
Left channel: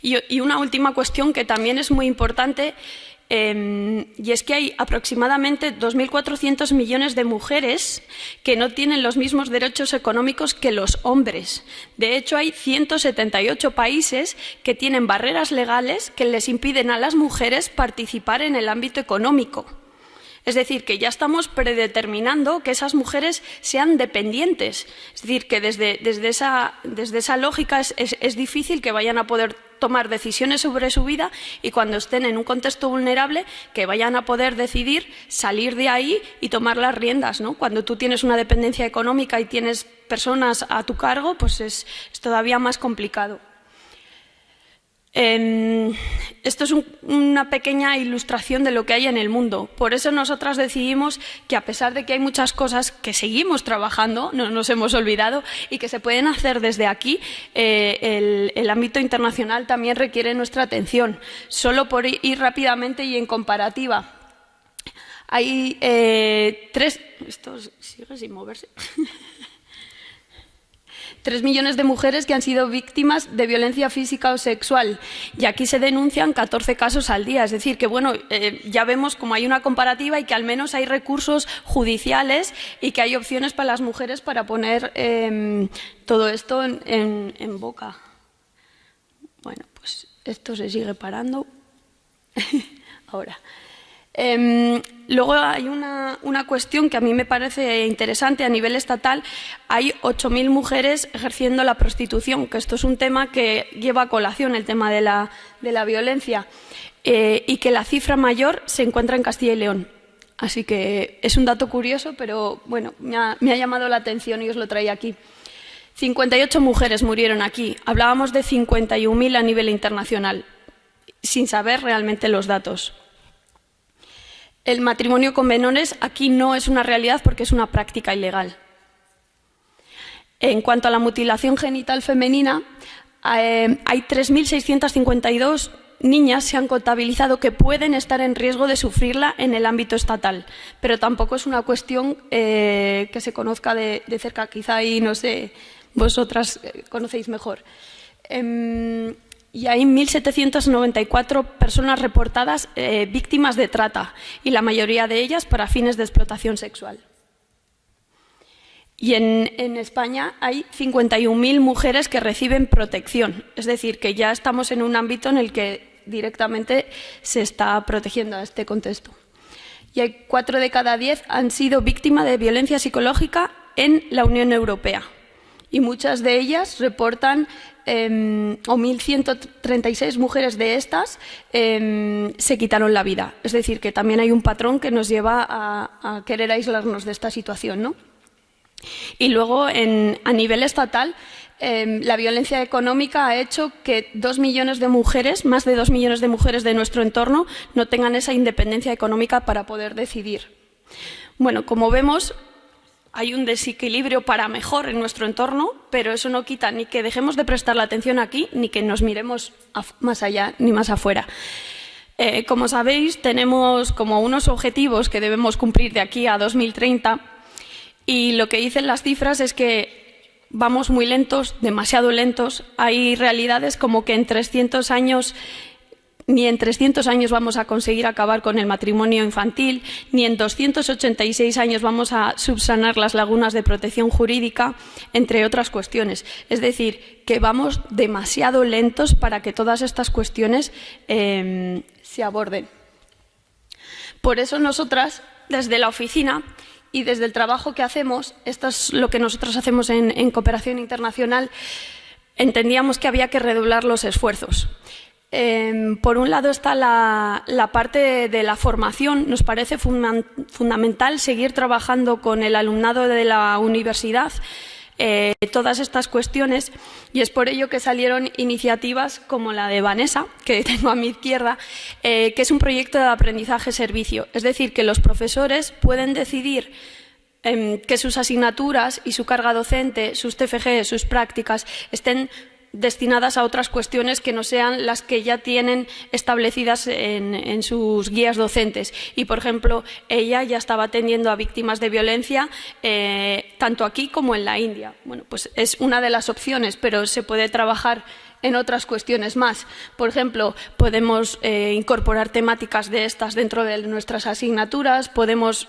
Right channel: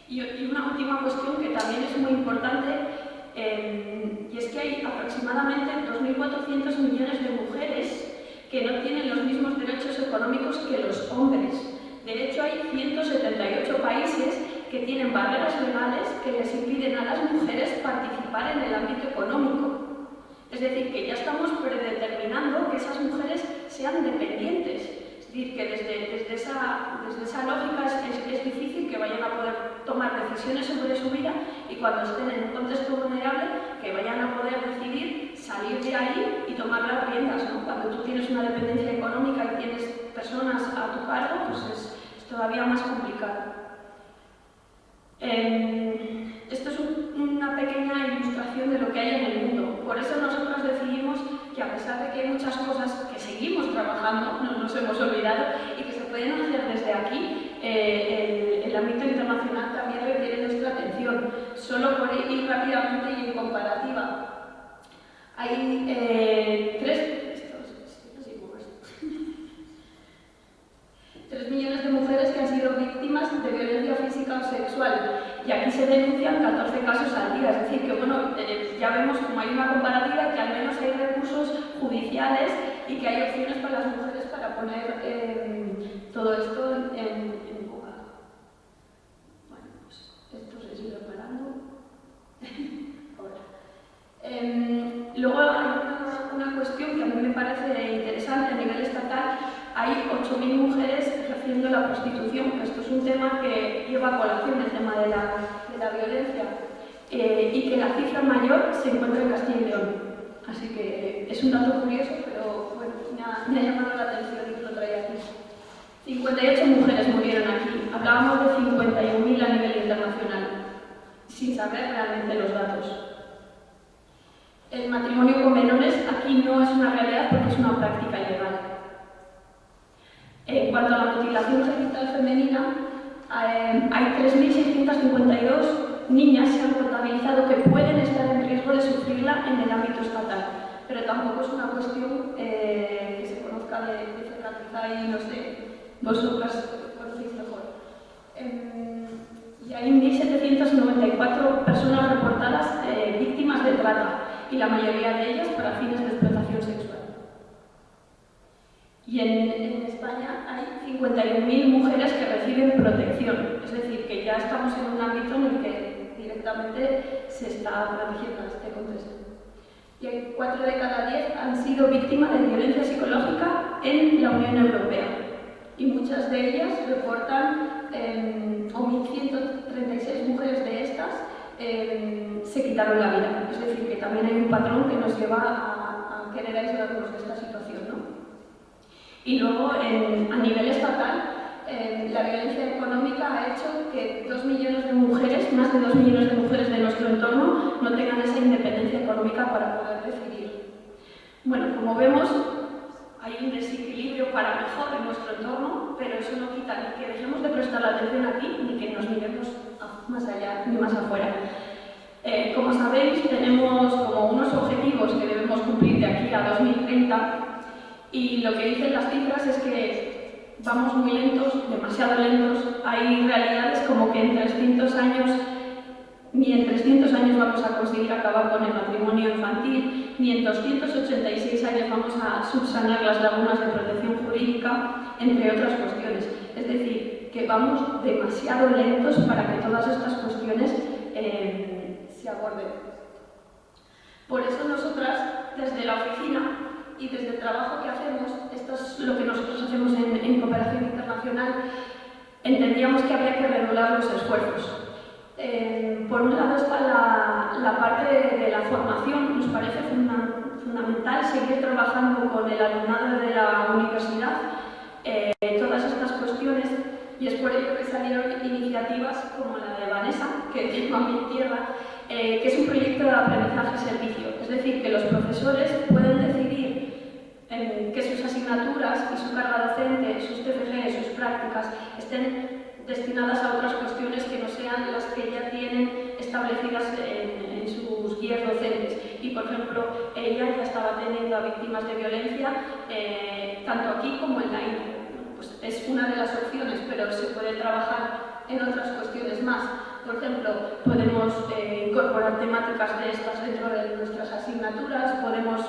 Y una última cuestión que también es muy importante y es que hay aproximadamente 2.400 millones de mujeres que no tienen los mismos derechos económicos que los hombres. De hecho, hay 178 países que tienen barreras legales que les impiden a las mujeres participar en el ámbito económico. Es decir, que ya estamos predeterminando que esas mujeres sean dependientes. Es decir, que desde esa lógica es difícil que vayan a poder tomar decisiones sobre su vida y cuando estén en un contexto vulnerable que vayan a poder decidir salir de ahí y tomar las riendas, ¿no? Cuando tú tienes una dependencia económica y tienes personas a tu cargo, pues es todavía más complicado. Esto es una pequeña ilustración de lo que hay en el mundo. Por eso nosotras decidimos que, a pesar de que hay muchas cosas que seguimos trabajando, no nos hemos olvidado, y que se pueden hacer desde aquí, el ámbito internacional también requiere nuestra atención. Solo por ir rápidamente y en comparativa, hay esto sigue sin moverse. 3 millones de mujeres que han sido víctimas de violencia física o sexual y aquí se denuncian 14 casos al día. Es decir, que bueno, ya vemos como hay una comparativa y que al menos hay recursos judiciales y que hay opciones para las mujeres para poner todo esto en boca. Bueno, pues esto se sigue parando. Ahora. Luego hay una cuestión que a mí me parece interesante a nivel estatal. Hay 8.000 mujeres ejerciendo la prostitución, que esto es un tema que lleva a colación el tema de la violencia y que la cifra mayor se encuentra en Castilla y León. Así que es un dato curioso, pero bueno, me ha llamado la atención y os lo traía aquí. 58 mujeres murieron aquí. Hablábamos de 51.000 a nivel internacional, sin saber realmente los datos. El matrimonio con menores aquí no es una realidad porque es una práctica ilegal. En cuanto a la mutilación genital femenina, hay 3.652 niñas se han contabilizado que pueden estar en riesgo de sufrirla en el ámbito estatal, pero tampoco es una cuestión que se conozca de cerca. Quizá ahí, no sé, vosotras conocéis mejor. Y hay 1.794 personas reportadas víctimas de trata, y la mayoría de ellas para fines de explotación sexual. Y en España hay 51.000 mujeres que reciben protección, es decir, que ya estamos en un ámbito en el que directamente se está protegiendo a este contexto. Y hay 4 de cada 10 han sido víctimas de violencia psicológica en la Unión Europea. Y muchas de ellas reportan, o 1.136 mujeres de estas se quitaron la vida. Es decir, que también hay un patrón que nos lleva a querer aislarnos de esta situación, ¿no? Y luego, a nivel estatal, la violencia económica ha hecho que 2 millones de mujeres, más de 2 millones de mujeres de nuestro entorno, no tengan esa independencia económica para poder decidir. Bueno, como vemos, hay un desequilibrio para mejor en nuestro entorno, pero eso no quita ni que dejemos de prestar la atención aquí, ni que nos miremos más allá ni más afuera. Como sabéis, tenemos como unos objetivos que debemos cumplir de aquí a 2030, y lo que dicen las cifras es que vamos muy lentos, demasiado lentos. Hay realidades como que ni en 300 años vamos a conseguir acabar con el matrimonio infantil, ni en 286 años vamos a subsanar las lagunas de protección jurídica, entre otras cuestiones. Es decir, que vamos demasiado lentos para que todas estas cuestiones se aborden. Por eso nosotras, desde la oficina y desde el trabajo que hacemos, esto es lo que nosotros hacemos en Cooperación Internacional, entendíamos que había que redoblar los esfuerzos. Por un lado está la parte de la formación. Nos parece fundamental seguir trabajando con el alumnado de la universidad todas estas cuestiones, y es por ello que salieron iniciativas como la de Vanessa, que tengo a mi izquierda, que es un proyecto de aprendizaje-servicio. Es decir, que los profesores pueden decidir que sus asignaturas y su carga docente, sus TFG, sus prácticas, estén destinadas a otras cuestiones que no sean las que ya tienen establecidas en sus guías docentes. Y, por ejemplo, ella ya estaba atendiendo a víctimas de violencia tanto aquí como en la India. Bueno, pues es una de las opciones, pero se puede trabajar en otras cuestiones más. Por ejemplo, podemos incorporar temáticas de estas dentro de nuestras asignaturas, podemos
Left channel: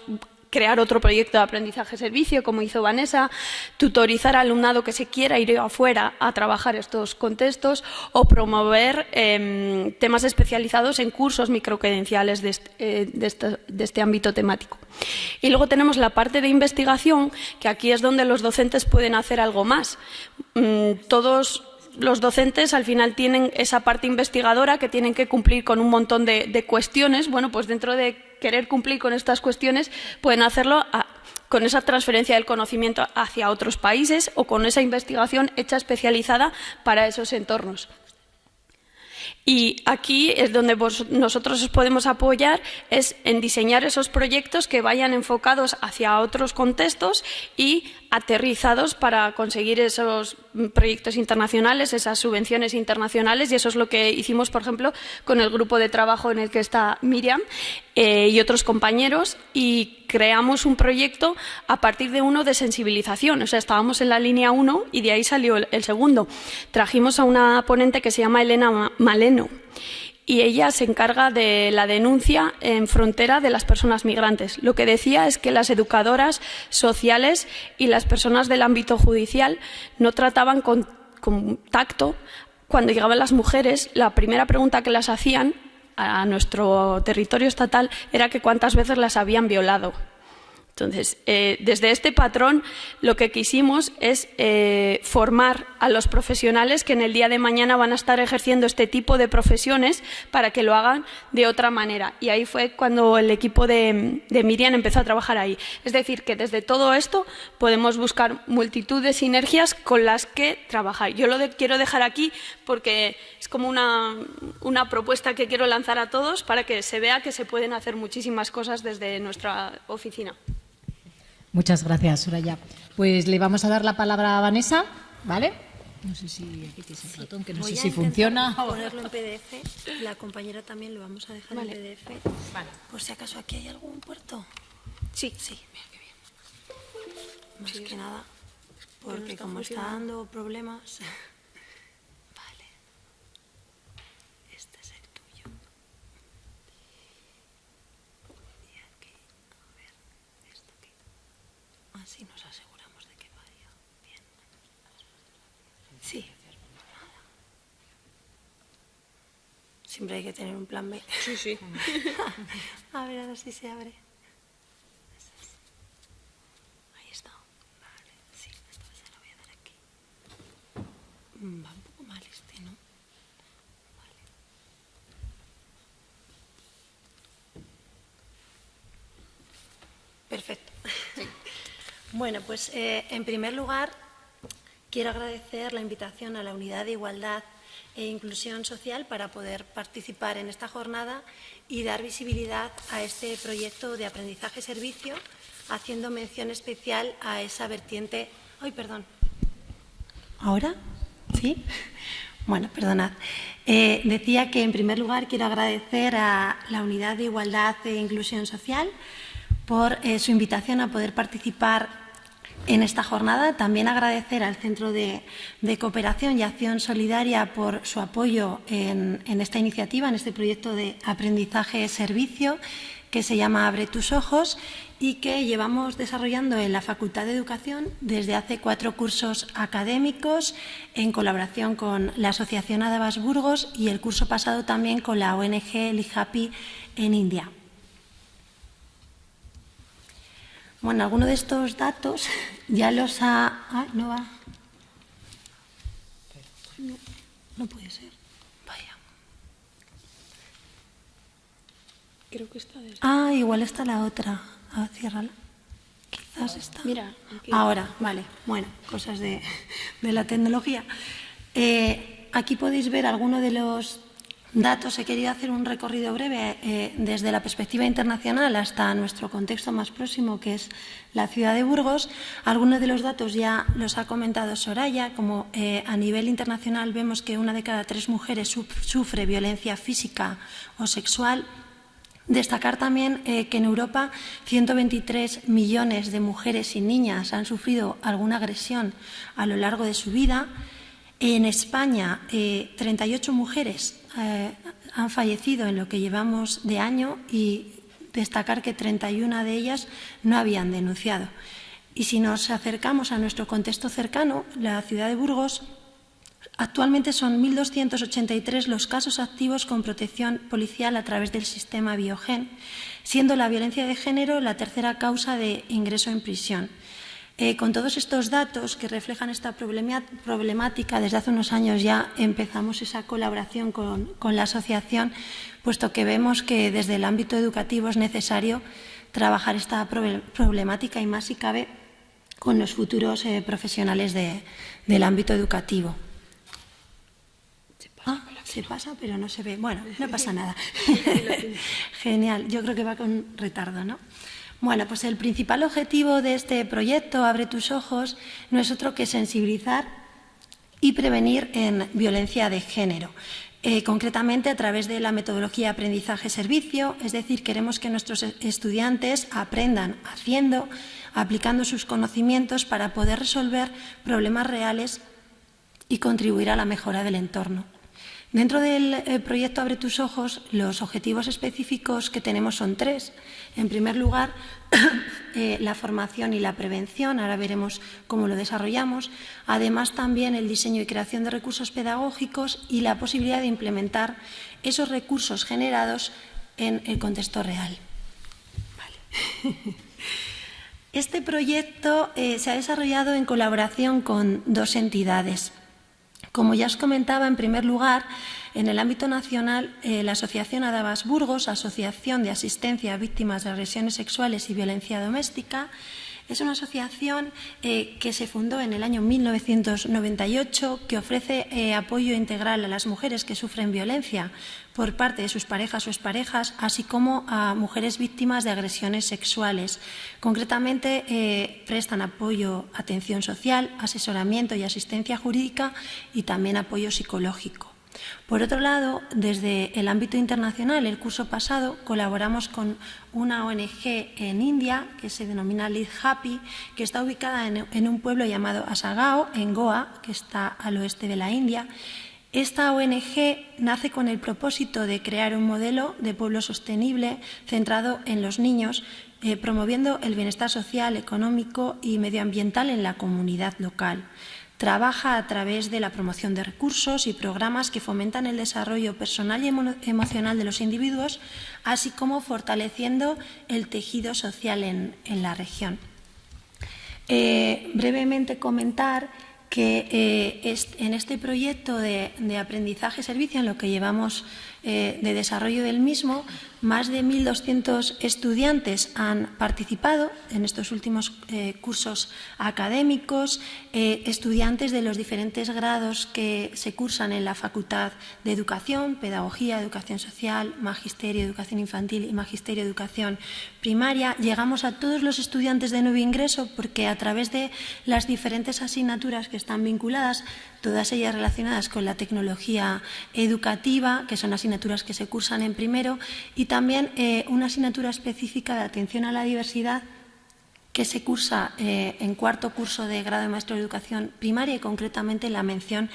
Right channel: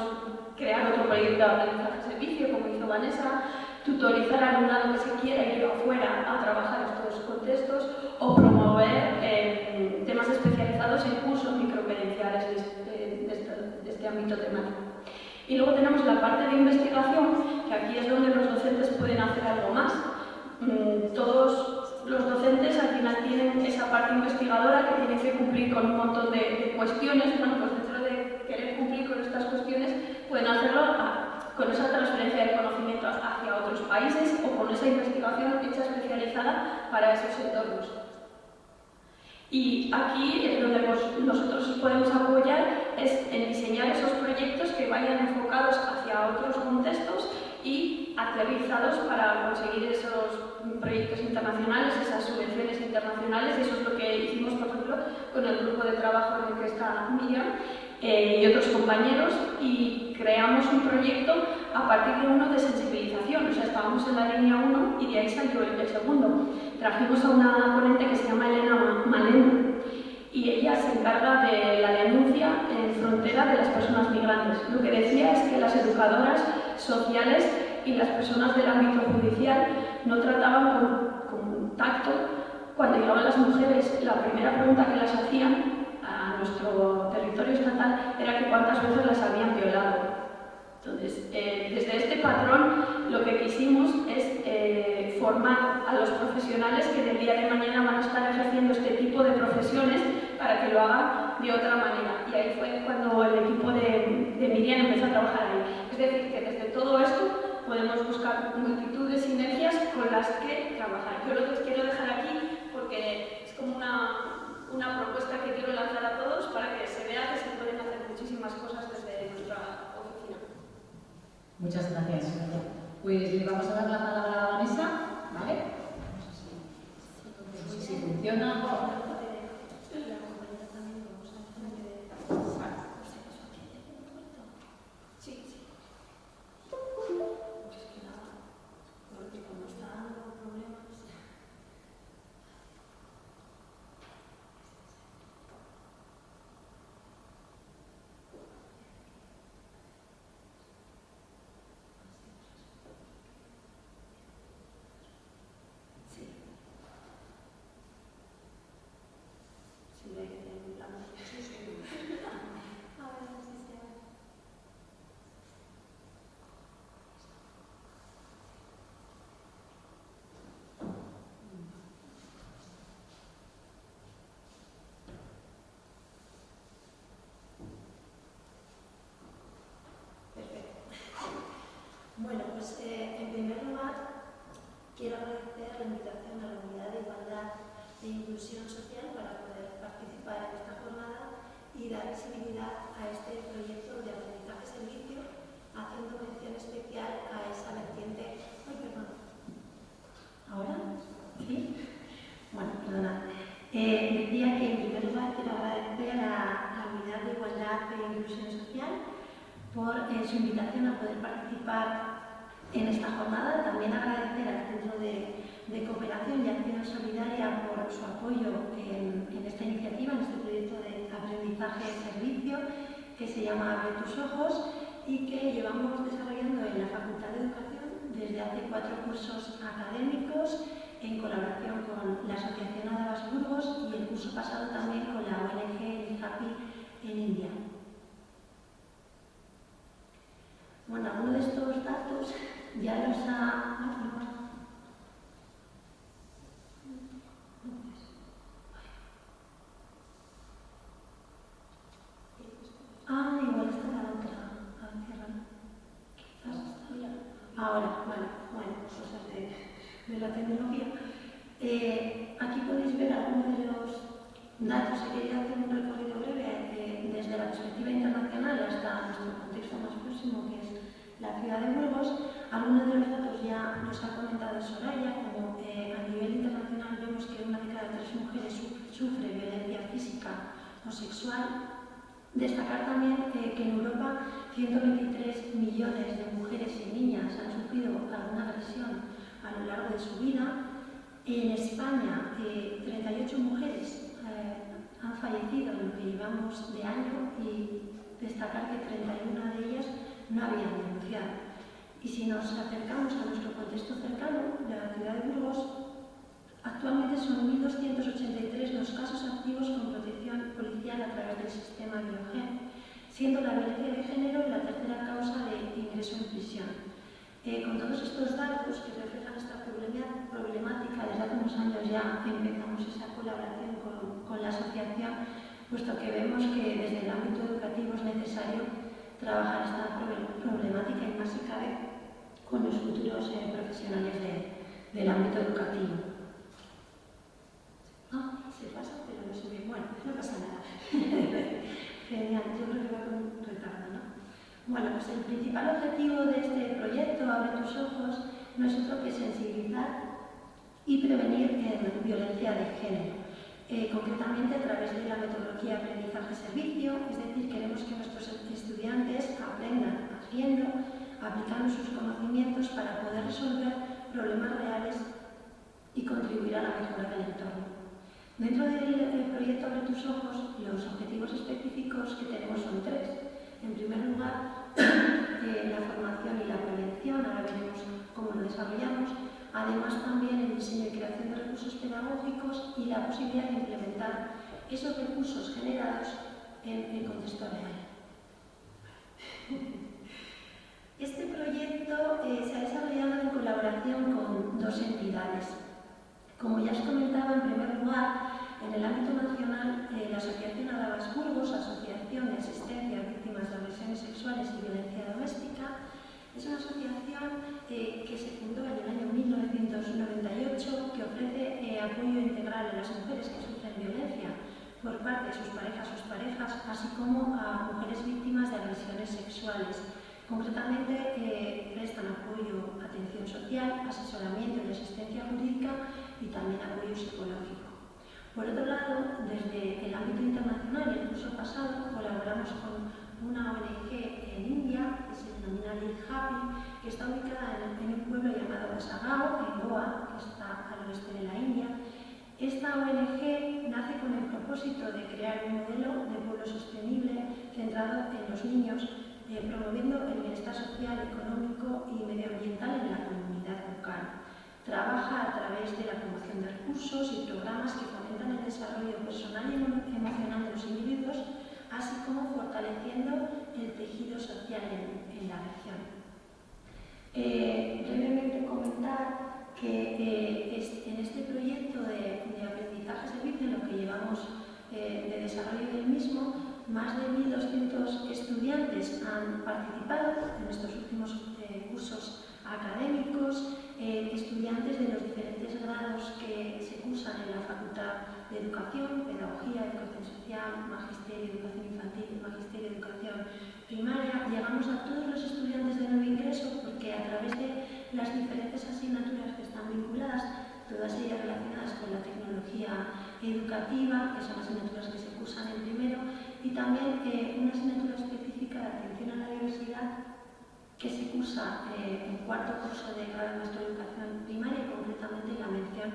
crear otro proyecto de aprendizaje-servicio, como hizo Vanessa, tutorizar al alumnado que se quiera ir afuera a trabajar estos contextos o promover temas especializados en cursos microcredenciales de este ámbito temático. Y luego tenemos la parte de investigación, que aquí es donde los docentes pueden hacer algo más. Todos los docentes al final tienen esa parte investigadora que tienen que cumplir con un montón de cuestiones. Bueno, pues dentro de querer cumplir con estas cuestiones pueden hacerlo con esa transferencia del conocimiento hacia otros países o con esa investigación hecha especializada para esos entornos. Y aquí es donde nosotros os podemos apoyar, es en diseñar esos proyectos que vayan enfocados hacia otros contextos y aterrizados para conseguir esos proyectos internacionales, esas subvenciones internacionales, y eso es lo que hicimos, por ejemplo, con el grupo de trabajo en el que está Miriam y otros compañeros, y creamos un proyecto a partir de uno de sensibilización. O sea, estábamos en la línea 1 y de ahí salió el segundo. Trajimos a una ponente que se llama Elena Maleno, y ella se encarga de la denuncia en frontera de las personas migrantes. Lo que decía es que las educadoras sociales y las personas del ámbito judicial no trataban con tacto. Cuando llegaban las mujeres, la primera pregunta que las hacían a nuestro territorio estatal era que cuántas veces las habían violado. Entonces, desde este patrón lo que quisimos es formar a los profesionales que en el día de mañana van a estar ejerciendo este tipo de profesiones para que lo hagan de otra manera. Y ahí fue cuando el equipo de Miriam empezó a trabajar ahí. Es decir, que desde todo esto podemos buscar multitud de sinergias con las que trabajar. Yo lo quiero dejar aquí porque es como una propuesta que quiero lanzar a todos para que se vea que se pueden hacer muchísimas cosas desde nuestra oficina. Muchas gracias, Soraya. Pues le vamos a dar la palabra a Vanessa, ¿vale? No sé si aquí tienes el ratón, que no sé si funciona. Ponerlo en PDF, la compañera también lo vamos a dejar en PDF. Vale. Por si acaso aquí hay algún puerto. Sí, mira qué bien. Más que nada, porque como está dando problemas. Vale. Este es el tuyo. Y aquí, a ver, esto aquí. Así nos aseguramos de que vaya bien. Sí. Siempre hay que tener un plan B. Sí. A ver si se abre. Ahí está. Sí, entonces se lo voy a dar aquí. Va un poco mal este, ¿no? Vale. Perfecto. Bueno, pues en primer lugar quiero agradecer la invitación a la Unidad de Igualdad e Inclusión Social para poder participar en esta jornada y dar visibilidad a este proyecto de aprendizaje-servicio, haciendo mención especial a esa vertiente... ¡Ay, perdón! ¿Ahora? ¿Sí? Bueno, perdonad. Decía que en primer lugar quiero agradecer a la Unidad de Igualdad e Inclusión Social por su invitación a poder participar en esta jornada. También agradecer al Centro de Cooperación y Acción Solidaria por su apoyo en esta iniciativa, en este proyecto de aprendizaje-servicio que se llama Abre tus ojos y que llevamos desarrollando en la Facultad de Educación desde hace 4 cursos académicos en colaboración con la Asociación Adabas Burgos y el curso pasado también con la ONG Lihapi en India. Bueno, algunos de estos datos ya los ha... Ah, no va. No puede ser. Vaya. Creo que está... Ah, igual está la otra. Ah, ciérrala. Quizás está... Mira. Ahora, vale. Bueno, cosas de la tecnología. Aquí podéis ver algunos de los datos. He querido hacer un recorrido breve desde la perspectiva internacional hasta nuestro contexto más próximo, que es la ciudad de Burgos. Algunos de los datos ya los ha comentado Soraya, como a nivel internacional vemos que 1 de cada 3 mujeres sufre violencia física o sexual. Destacar también que en Europa 123 millones de mujeres y niñas han sufrido alguna agresión a lo largo de su vida. En España, 38 mujeres han fallecido en lo que llevamos de año y destacar que 31 de ellas no habían denunciado. Y si nos acercamos a nuestro contexto cercano, la ciudad de Burgos, actualmente son 1.283 los casos activos con protección policial a través del sistema Biogen, siendo la violencia de género la tercera causa de ingreso en prisión. Con todos estos datos que reflejan esta problemática, desde hace unos años ya empezamos esa colaboración con la asociación, puesto que vemos que desde el ámbito educativo es necesario trabajar esta problemática y más si cabe con los futuros profesionales del ámbito educativo. Se pasa, pero no se ve. Bueno, no pasa nada. Genial, yo creo que va con retardo, ¿no? Bueno, pues el principal objetivo de este proyecto, Abre tus ojos, no es otro que sensibilizar y prevenir en violencia de género. Concretamente a través de la metodología aprendizaje-servicio, es decir, queremos que nuestros estudiantes aprendan haciendo, aplicando sus conocimientos para poder resolver problemas reales y contribuir a la mejora del entorno. Dentro del proyecto Abre tus ojos, los objetivos específicos que tenemos son 3. En primer lugar, la formación y la prevención, ahora veremos cómo lo desarrollamos. Además, también el diseño y creación de recursos pedagógicos y la posibilidad de implementar esos recursos generados en el contexto real. Vale. Este proyecto se ha desarrollado en colaboración con 2 entidades. Como ya os comentaba, en primer lugar, en el ámbito nacional, la Asociación Adabas Burgos, Asociación de Asistencia a Víctimas de Agresiones Sexuales y Violencia Doméstica, es una asociación que se fundó en el año 1998, que ofrece apoyo integral a las mujeres que sufren violencia por parte de sus parejas o exparejas, así como a mujeres víctimas de agresiones sexuales. Concretamente, prestan apoyo, atención social, asesoramiento y asistencia jurídica y también apoyo psicológico. Por otro lado, desde el ámbito internacional, el curso pasado colaboramos con una ONG en India que se denomina Lead Happy, que está ubicada en un pueblo llamado Asagao, en Goa, que está al oeste de la India. Esta ONG nace con el propósito de crear un modelo de pueblo sostenible centrado en los niños, promoviendo el bienestar social, económico y medioambiental en la comunidad local. Trabaja a través de la promoción de recursos y programas que fomentan el desarrollo personal y emocional de los individuos, así como fortaleciendo el tejido social en la región. Brevemente comentar que en este proyecto de aprendizaje-servicio, en lo que llevamos de desarrollo del mismo, más de 1.200 estudiantes han participado en estos últimos cursos académicos, estudiantes de los diferentes grados que se cursan en la Facultad de Educación, Pedagogía, Educación Social, Magisterio, Educación Infantil y Magisterio, Educación Primaria. Llegamos a todos los estudiantes de nuevo ingreso porque a través de las diferentes asignaturas que están vinculadas, todas ellas relacionadas con la tecnología educativa, que son asignaturas que se cursan en primero, y también una asignatura específica de atención a la diversidad que se cursa en cuarto curso de grado de maestro de educación primaria y concretamente la mención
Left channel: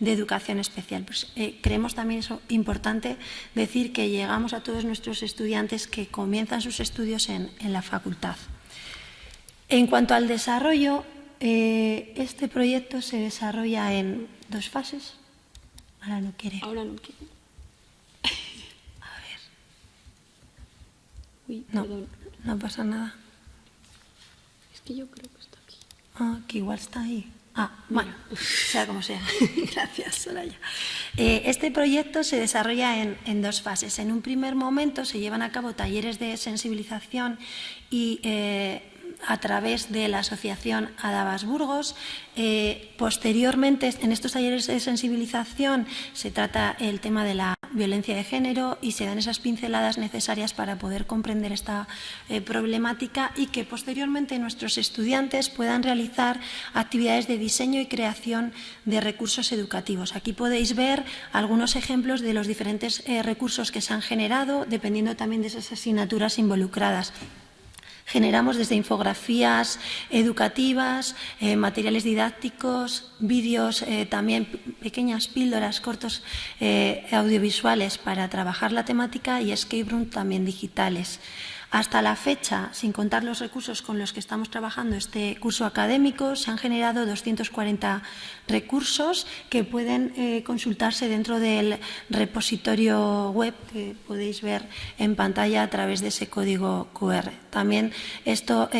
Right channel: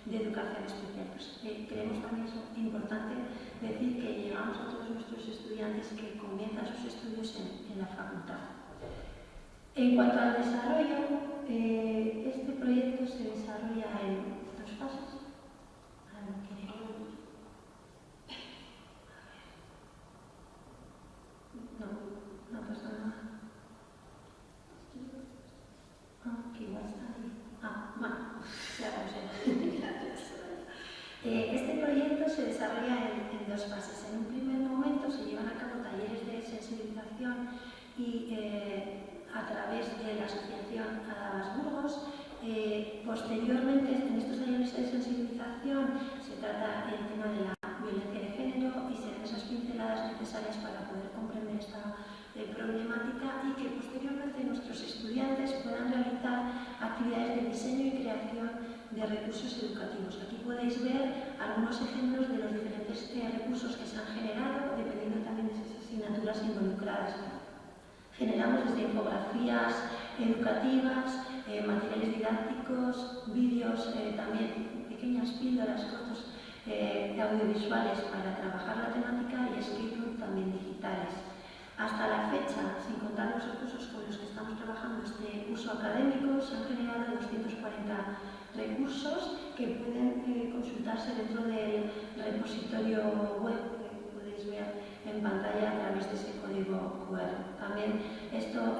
de educación especial. Pues, creemos también eso importante decir que llegamos a todos nuestros estudiantes que comienzan sus estudios en la facultad. En cuanto al desarrollo, este proyecto se desarrolla en 2 fases. Ahora no quiere. A ver. Uy, no pasa nada. Es que yo creo que está aquí. Que igual está ahí. Bueno, sea como sea. Gracias, Soraya. Este proyecto se desarrolla en 2 fases. En un primer momento se llevan a cabo talleres de sensibilización y a través de la asociación Adabas Burgos. Posteriormente, en estos talleres de sensibilización se trata el tema de la violencia de género y se dan esas pinceladas necesarias para poder comprender esta problemática y que posteriormente nuestros estudiantes puedan realizar actividades de diseño y creación de recursos educativos. Aquí podéis ver algunos ejemplos de los diferentes recursos que se han generado, dependiendo también de esas asignaturas involucradas. Generamos desde infografías educativas, materiales didácticos, vídeos, también pequeñas píldoras, cortos audiovisuales para trabajar la temática y escape room también digitales. Hasta la fecha, sin contar los recursos con los que estamos trabajando este curso académico, se han generado 240 recursos que pueden consultarse dentro del repositorio web que podéis ver en pantalla a través de ese código QR. También esto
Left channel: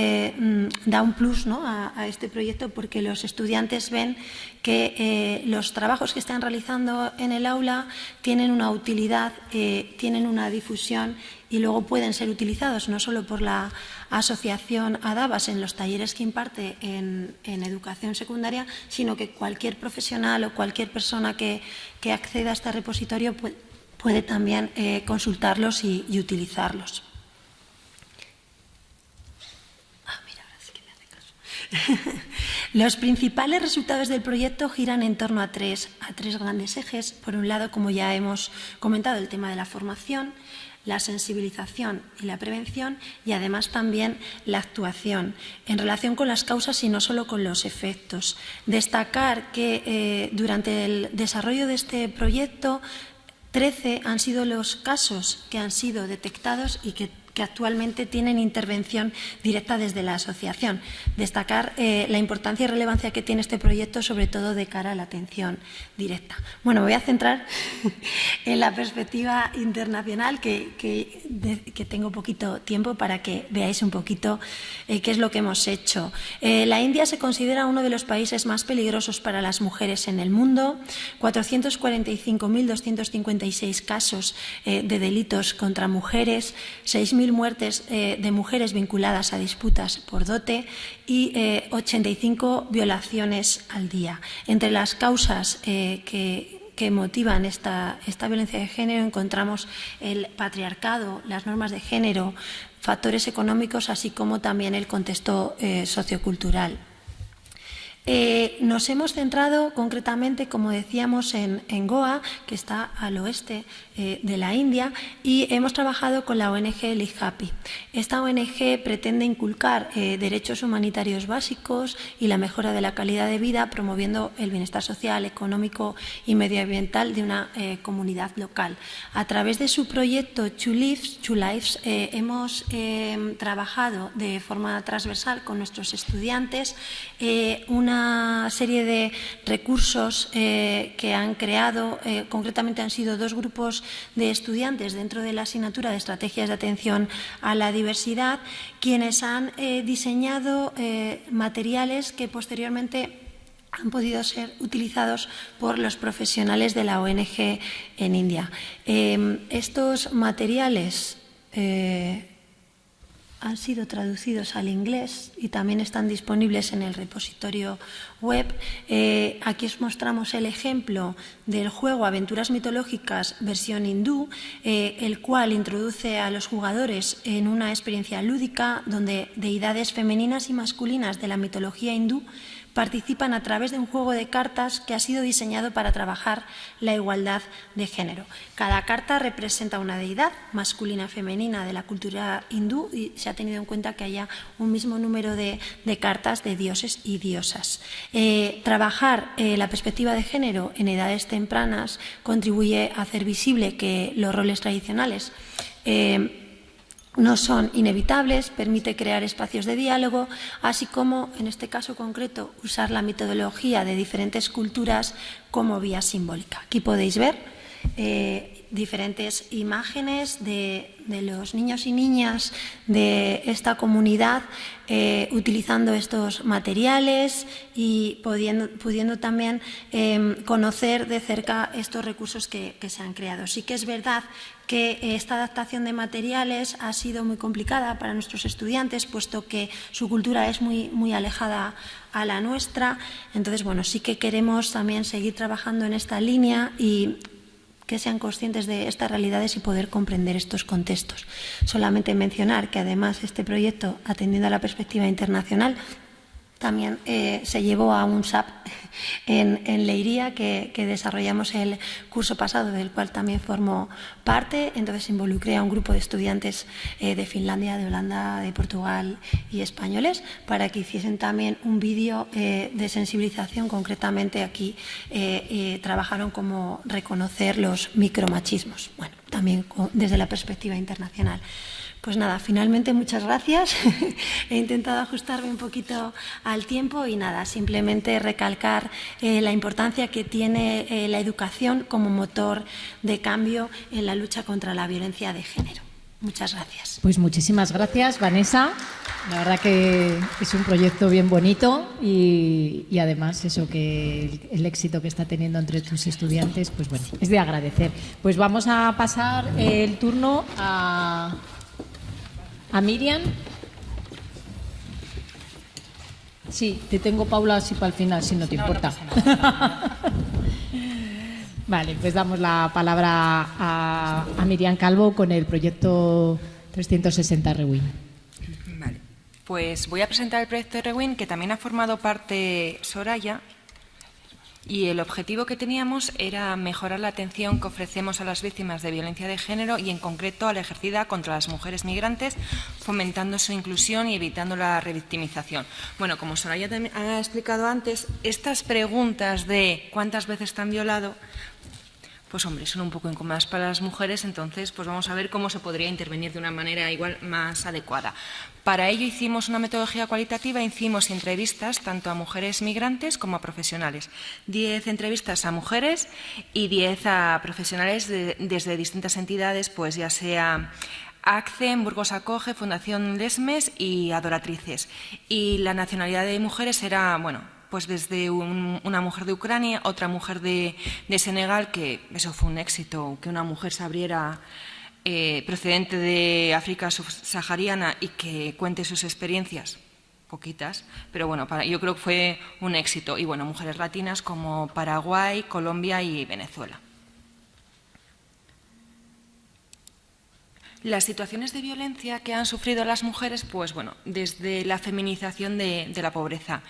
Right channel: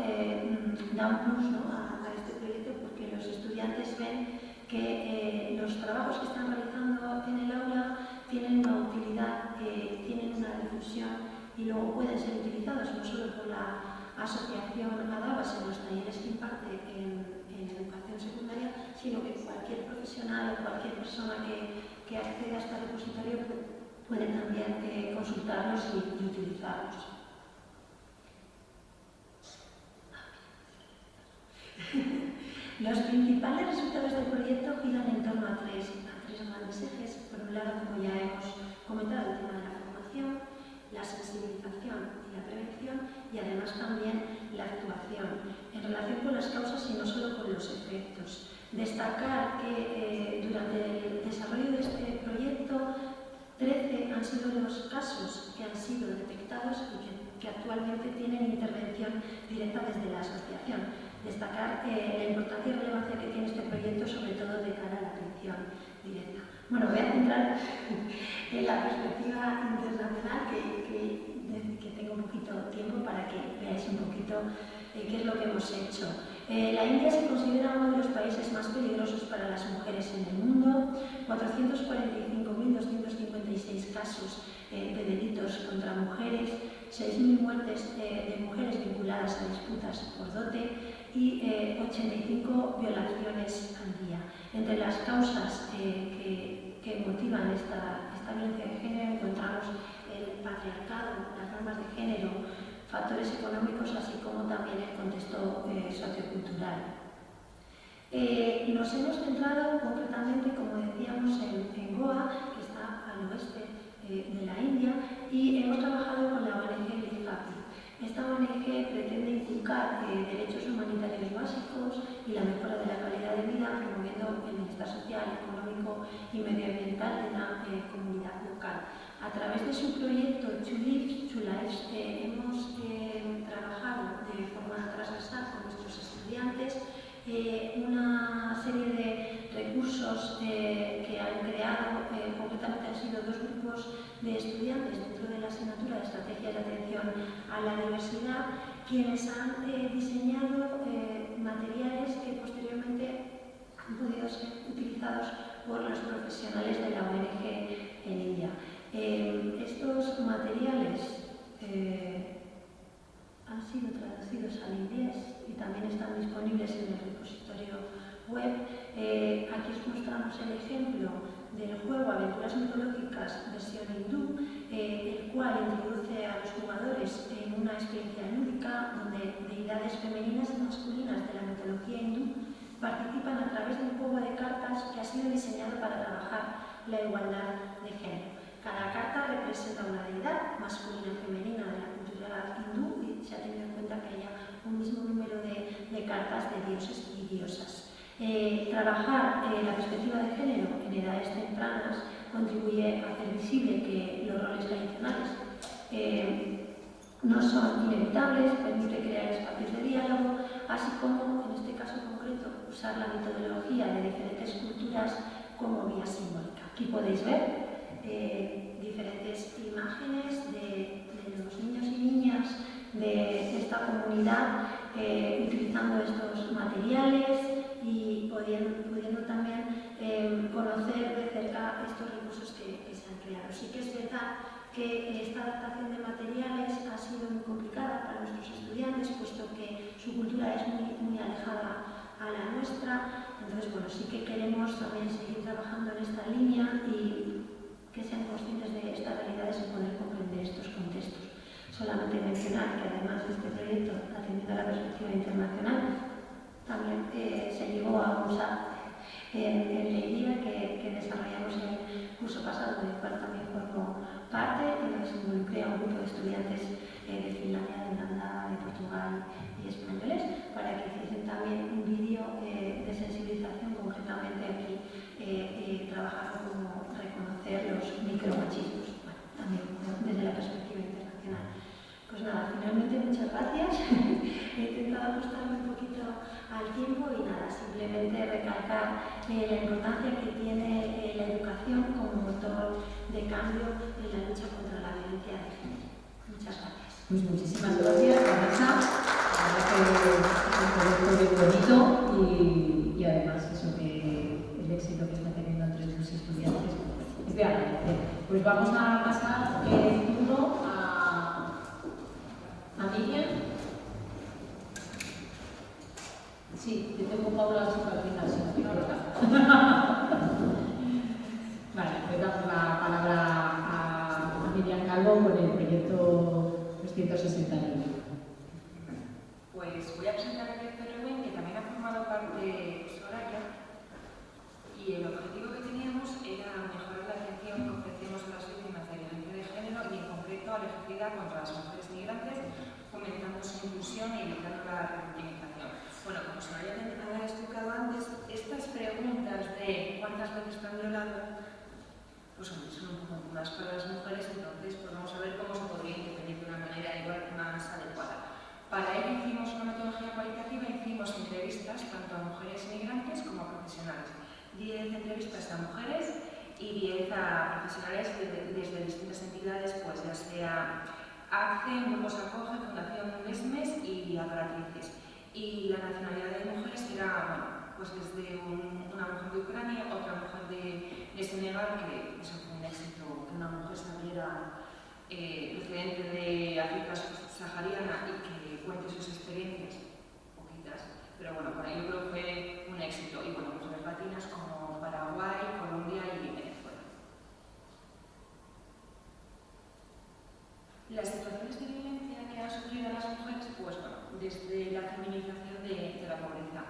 da un plus, ¿no?, a este proyecto, porque los estudiantes ven que los trabajos que están realizando en el aula tienen una utilidad, tienen una difusión y luego pueden ser utilizados no solo por la asociación ADABAS en los talleres que imparte en educación secundaria, sino que cualquier profesional o cualquier persona que acceda a este repositorio puede también consultarlos y utilizarlos. Los principales resultados del proyecto giran en torno a tres grandes ejes. Por un lado, como ya hemos comentado, el tema de la formación, la sensibilización y la prevención, y además también la actuación en relación con las causas y no solo con los efectos. Destacar que durante el desarrollo de este proyecto 13 han sido los casos que han sido detectados y que actualmente tienen intervención directa desde la asociación. Destacar la importancia y relevancia que tiene este proyecto, sobre todo de cara a la atención directa. Bueno, me voy a centrar en la perspectiva internacional, que tengo poquito tiempo para que veáis un poquito qué es lo que hemos hecho. La India se considera uno de los países más peligrosos para las mujeres en el mundo. 445.256 casos de delitos contra mujeres, 6.000 muertes de mujeres vinculadas a disputas por dote y 85 violaciones al día. Entre las causas que motivan esta violencia de género encontramos el patriarcado, las normas de género, factores económicos, así como también el contexto sociocultural. Nos hemos centrado concretamente, como decíamos, en Goa, que está al oeste de la India, y hemos trabajado con la ONG Live Happy. Esta ONG pretende inculcar derechos humanitarios básicos y la mejora de la calidad de vida, promoviendo el bienestar social, económico y medioambiental de una comunidad local. A través de su proyecto Two Lives, hemos trabajado de forma transversal con nuestros estudiantes una serie de recursos que han creado. Concretamente han sido 2 grupos de estudiantes dentro de la asignatura de Estrategias de Atención a la Diversidad, quienes han diseñado materiales que posteriormente han podido ser utilizados por los profesionales de la ONG en India. Estos materiales han sido traducidos al inglés y también están disponibles en el repositorio web. Aquí os mostramos el ejemplo del juego Aventuras Mitológicas versión hindú, el cual introduce a los jugadores en una experiencia lúdica donde deidades femeninas y masculinas de la mitología hindú participan a través de un juego de cartas que ha sido diseñado para trabajar la igualdad de género. Cada carta representa una deidad masculina o femenina de la cultura hindú y se ha tenido en cuenta que haya un mismo número de cartas de dioses y diosas. Trabajar la perspectiva de género en edades tempranas contribuye a hacer visible que los roles tradicionales no son inevitables, permite crear espacios de diálogo, así como, en este caso concreto, usar la metodología de diferentes culturas como vía simbólica. Aquí podéis ver diferentes imágenes de los niños y niñas de esta comunidad utilizando estos materiales y pudiendo también conocer de cerca estos recursos que se han creado. Sí que es verdad que esta adaptación de materiales ha sido muy complicada para nuestros estudiantes, puesto que su cultura es muy alejada a la nuestra. Entonces, bueno, sí que queremos también seguir trabajando en esta línea y que sean conscientes de estas realidades y poder comprender estos contextos. Solamente mencionar que además este proyecto, atendiendo a la perspectiva internacional, también se llevó a un SAP en Leiría que desarrollamos el curso pasado, del cual también formo parte. Entonces involucré a un grupo de estudiantes de Finlandia, de Holanda, de Portugal y españoles para que hiciesen también un vídeo de sensibilización. Concretamente aquí trabajaron como reconocer los micromachismos, bueno, también desde la perspectiva internacional. Pues nada, finalmente muchas gracias. He intentado ajustarme un poquito al tiempo y nada, simplemente recalcar la importancia que tiene la educación como motor de cambio en la lucha contra la violencia de género. Muchas gracias. Pues muchísimas gracias, Vanessa. La verdad que es un proyecto bien bonito y además eso, que el éxito que está teniendo entre tus estudiantes, pues bueno, es de agradecer. Pues vamos a pasar el turno a Miriam. Sí, te tengo, Paula, así para el final, si no te importa. Vale, pues damos la palabra a Miriam Calvo con el proyecto 360 Rewind. Vale, pues voy a presentar el proyecto de Rewind, que también ha formado parte Soraya. Y el objetivo que teníamos era mejorar la atención que ofrecemos a las víctimas de violencia de género y en concreto a la ejercida contra las mujeres migrantes, fomentando su inclusión y evitando la revictimización. Bueno, como Soraya ha explicado antes, estas preguntas de ¿cuántas veces te han violado? Pues hombre, son un poco incómodas para las mujeres, entonces pues vamos a ver cómo se podría intervenir de una manera igual más adecuada. Para ello hicimos una metodología cualitativa, hicimos entrevistas tanto a mujeres migrantes como a profesionales. 10 entrevistas a mujeres y 10 a profesionales desde distintas entidades, pues ya sea ACCEN, Burgos Acoge, Fundación Lesmes y Adoratrices. Y la nacionalidad de mujeres era, bueno, pues desde una mujer de Ucrania, otra mujer de Senegal, que eso fue un éxito, que una mujer se abriera procedente de África subsahariana y que cuente sus experiencias, poquitas, pero bueno, yo creo que fue un éxito. Y bueno, mujeres latinas como Paraguay, Colombia y Venezuela. Las situaciones de violencia que han sufrido las mujeres, pues bueno, desde la feminización de la pobreza.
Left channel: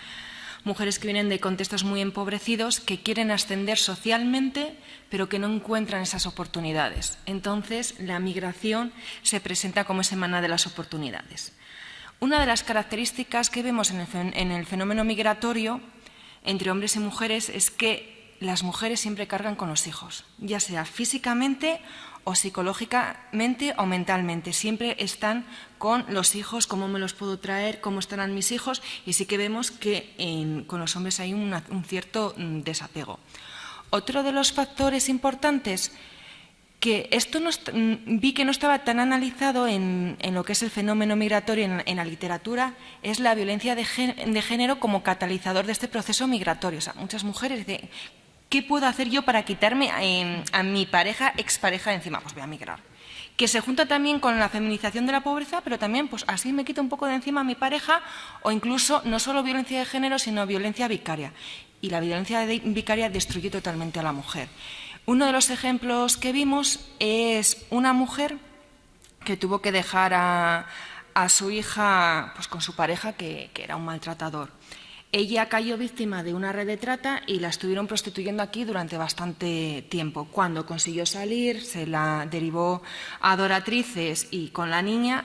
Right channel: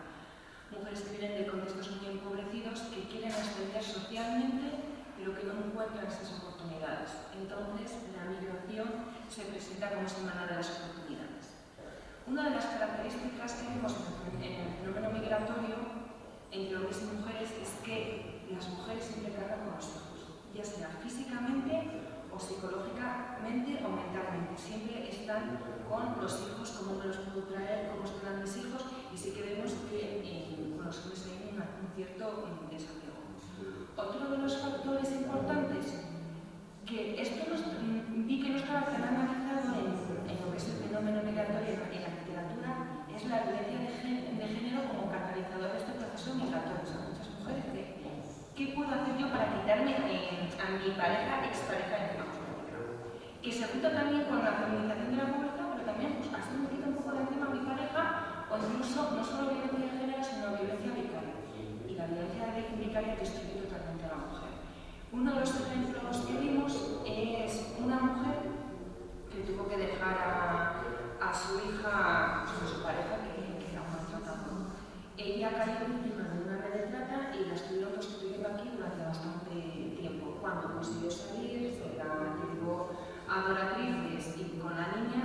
Mujeres que vienen de contextos muy empobrecidos, que quieren ascender socialmente, pero que no encuentran esas oportunidades. Entonces, la migración se presenta como ese maná de las oportunidades. Una de las características que vemos en el fenómeno migratorio entre hombres y mujeres es que las mujeres siempre cargan con los hijos, ya sea físicamente o psicológicamente o mentalmente. Siempre están con los hijos, cómo me los puedo traer, cómo estarán mis hijos, y sí que vemos que con los hombres hay un cierto desapego. Otro de los factores importantes, que esto vi que no estaba tan analizado en lo que es el fenómeno migratorio en la literatura, es la violencia de género como catalizador de este proceso migratorio. O sea, muchas mujeres dicen, ¿qué puedo hacer yo para quitarme a mi pareja, expareja de encima? Pues voy a migrar. Que se junta también con la feminización de la pobreza, pero también pues así me quito un poco de encima a mi pareja, o incluso no solo violencia de género, sino violencia vicaria. Y la violencia vicaria destruye totalmente a la mujer. Uno de los ejemplos que vimos es una mujer que tuvo que dejar a su hija pues, con su pareja, que era un maltratador. Ella cayó víctima de una red de trata y la estuvieron prostituyendo aquí durante bastante tiempo. Cuando consiguió salir, se la derivó a Adoratrices y con la niña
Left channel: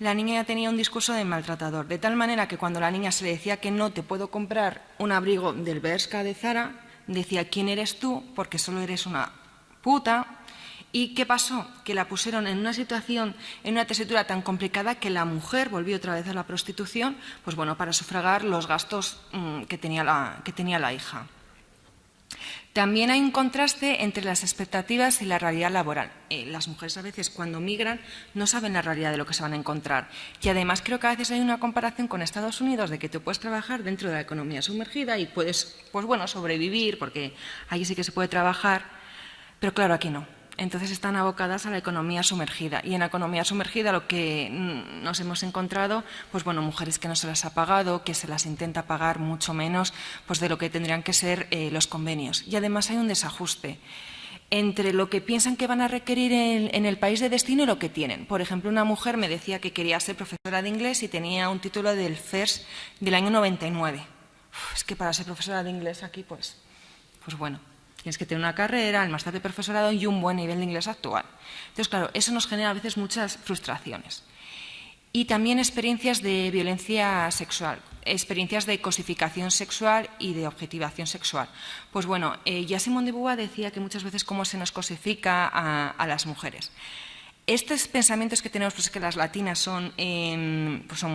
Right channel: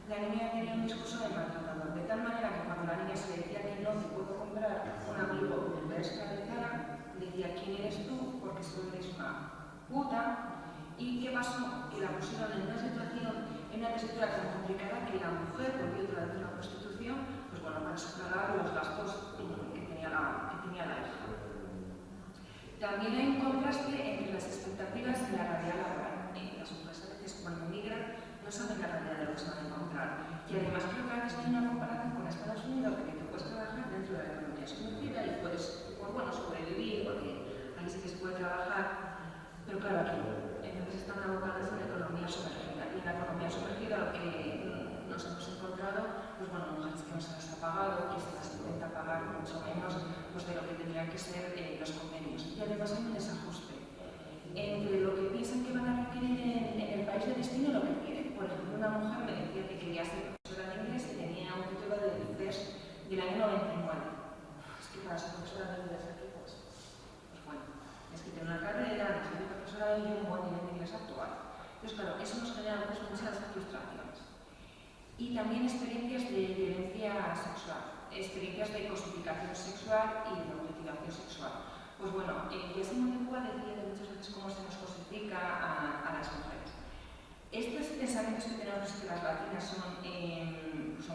ya tenía un discurso de maltratador. De tal manera que cuando la niña se le decía que no te puedo comprar un abrigo del Bershka de Zara, decía, ¿quién eres tú? Porque solo eres una puta. ¿Y qué pasó? Que la pusieron en una situación, en una tesitura tan complicada que la mujer volvió otra vez a la prostitución, pues bueno, para sufragar los gastos que tenía la hija. También hay un contraste entre las expectativas y la realidad laboral. Las mujeres a veces cuando migran no saben la realidad de lo que se van a encontrar. Y además creo que a veces hay una comparación con Estados Unidos de que tú puedes trabajar dentro de la economía sumergida y puedes, pues bueno, sobrevivir, porque allí sí que se puede trabajar, pero claro, aquí no. Entonces están abocadas a la economía sumergida. Y en la economía sumergida lo que nos hemos encontrado, pues bueno, mujeres que no se las ha pagado, que se las intenta pagar mucho menos pues de lo que tendrían que ser los convenios. Y además hay un desajuste. entre lo que piensan que van a requerir en el país de destino y lo que tienen. Por ejemplo, una mujer me decía que quería ser profesora de inglés y tenía un título del FIRST del año 99. Es que para ser profesora de inglés aquí, pues bueno, tienes que tener una carrera, el máster de profesorado y un buen nivel de inglés actual. Entonces, claro, eso nos genera a veces muchas frustraciones. Y también experiencias de violencia sexual, experiencias de cosificación sexual y de objetivación sexual. Pues bueno, ya Simone de Beauvoir decía que muchas veces cómo se nos cosifica a las mujeres. Estos pensamientos que tenemos, pues que las latinas son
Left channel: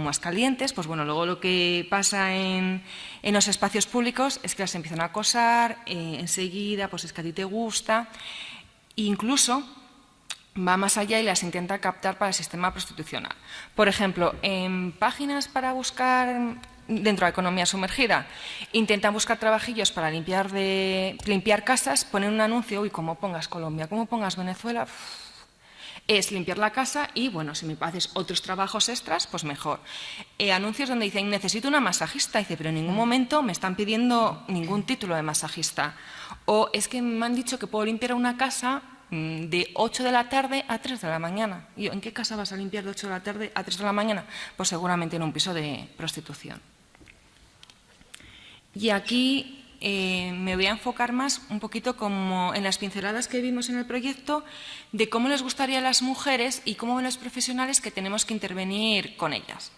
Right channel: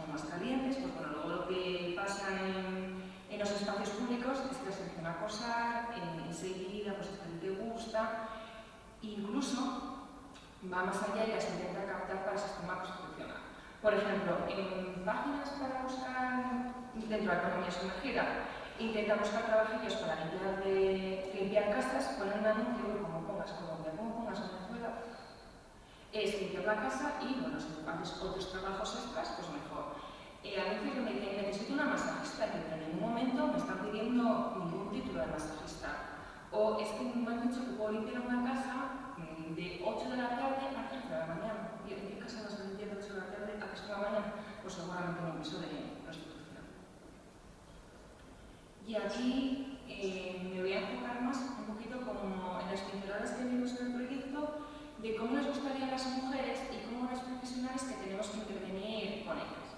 más calientes, pues bueno, luego lo que pasa en los espacios públicos es que las empiezan a acosar, enseguida, pues es que a ti te gusta, e incluso va más allá y las intenta captar para el sistema prostitucional. Por ejemplo, en páginas para buscar, dentro de la economía sumergida, intentan buscar trabajillos para limpiar casas, ponen un anuncio, uy, como pongas Colombia, como pongas Venezuela, es limpiar la casa y, bueno, si me haces otros trabajos extras, pues mejor. Anuncios donde dicen, necesito una masajista, dice, pero en ningún momento me están pidiendo ningún título de masajista. O es que me han dicho que puedo limpiar una casa de 8 de la tarde a 3 de la mañana. Y yo, ¿en qué casa vas a limpiar de 8 de la tarde a 3 de la mañana? Pues seguramente en un piso de prostitución. Y aquí me voy a enfocar más un poquito como en las pinceladas que vimos en el proyecto de cómo les gustaría a las mujeres y cómo ven los profesionales que tenemos que intervenir con ellas.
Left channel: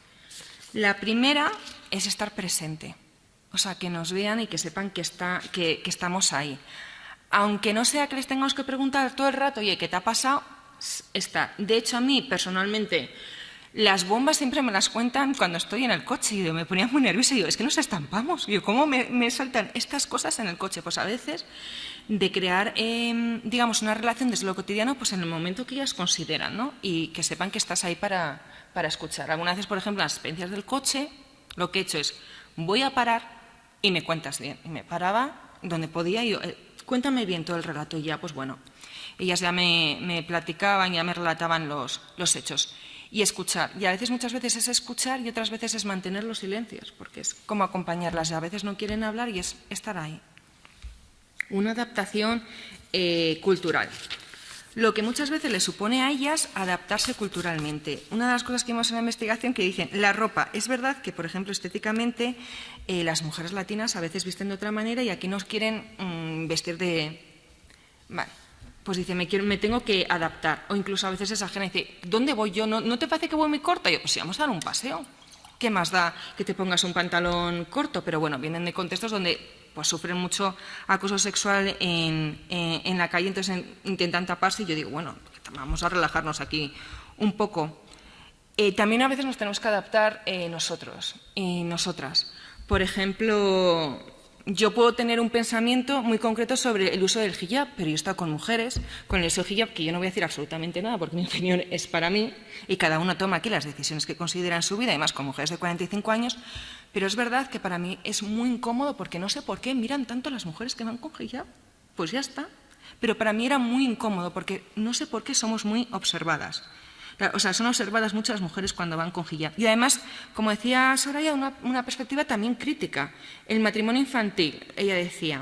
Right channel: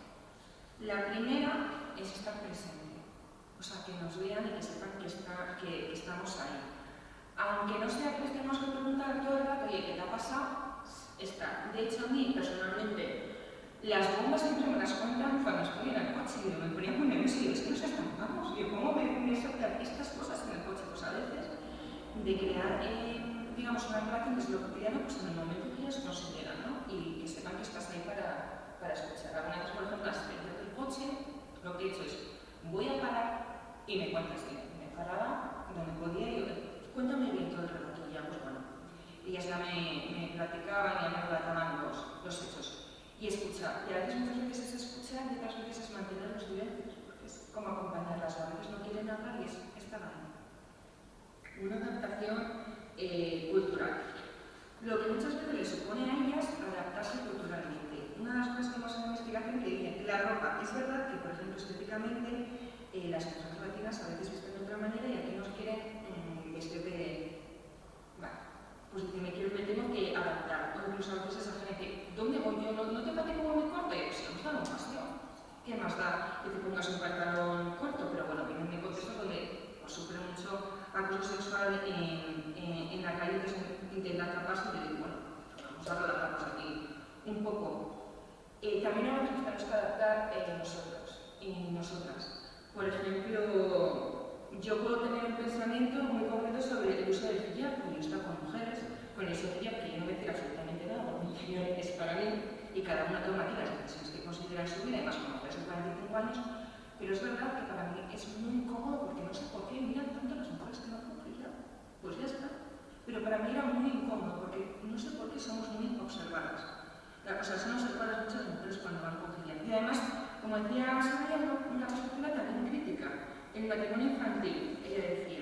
La primera es estar presente, o sea, que nos vean y que sepan que estamos ahí. Aunque no sea que les tengamos que preguntar todo el rato, oye, ¿qué te ha pasado? Está. De hecho, a mí, personalmente, las bombas siempre me las cuentan cuando estoy en el coche y me ponía muy nerviosa y digo, es que nos estampamos. Y yo, ¿cómo me saltan estas cosas en el coche? Pues a veces de crear, digamos, una relación desde lo cotidiano, pues en el momento que ellas consideran, ¿no? Y que sepan que estás ahí para escuchar. Algunas veces, por ejemplo, en las experiencias del coche, lo que he hecho es, voy a parar y me cuentas bien. Y me paraba donde podía y yo, cuéntame bien todo el relato. Y ya, pues bueno, ellas ya me platicaban, ya me relataban los hechos. Y escuchar. Y a veces, muchas veces es escuchar y otras veces es mantener los silencios, porque es como acompañarlas. A veces no quieren hablar y es estar ahí. Una adaptación cultural. Lo que muchas veces les supone a ellas adaptarse culturalmente. Una de las cosas que vimos en la investigación que dicen, la ropa. Es verdad que, por ejemplo, estéticamente, las mujeres latinas a veces visten de otra manera y aquí nos quieren vestir de... Vale. Pues dice, me tengo que adaptar. O incluso a veces exagera y dice, ¿dónde voy yo? ¿No te parece que voy muy corta? Y yo, pues sí, vamos a dar un paseo. ¿Qué más da que te pongas un pantalón corto? Pero bueno, vienen de contextos donde pues sufren mucho acoso sexual en la calle, entonces intentan taparse y yo digo, bueno, vamos a relajarnos aquí un poco. También a veces nos tenemos que adaptar nosotros y nosotras. Por ejemplo, yo puedo tener un pensamiento muy concreto sobre el uso del hijab, pero yo he estado con mujeres, con el uso del hijab, que yo no voy a decir absolutamente nada, porque mi opinión es para mí, y cada uno toma aquí las decisiones que considera en su vida, además con mujeres de 45 años, pero es verdad que para mí es muy incómodo, porque no sé por qué miran tanto las mujeres que van con hijab, pues ya está. Pero para mí era muy incómodo, porque no sé por qué somos muy observadas. O sea, son observadas muchas mujeres cuando van con hijab. Y además, como decía Soraya, una perspectiva también crítica. El matrimonio infantil, ella decía,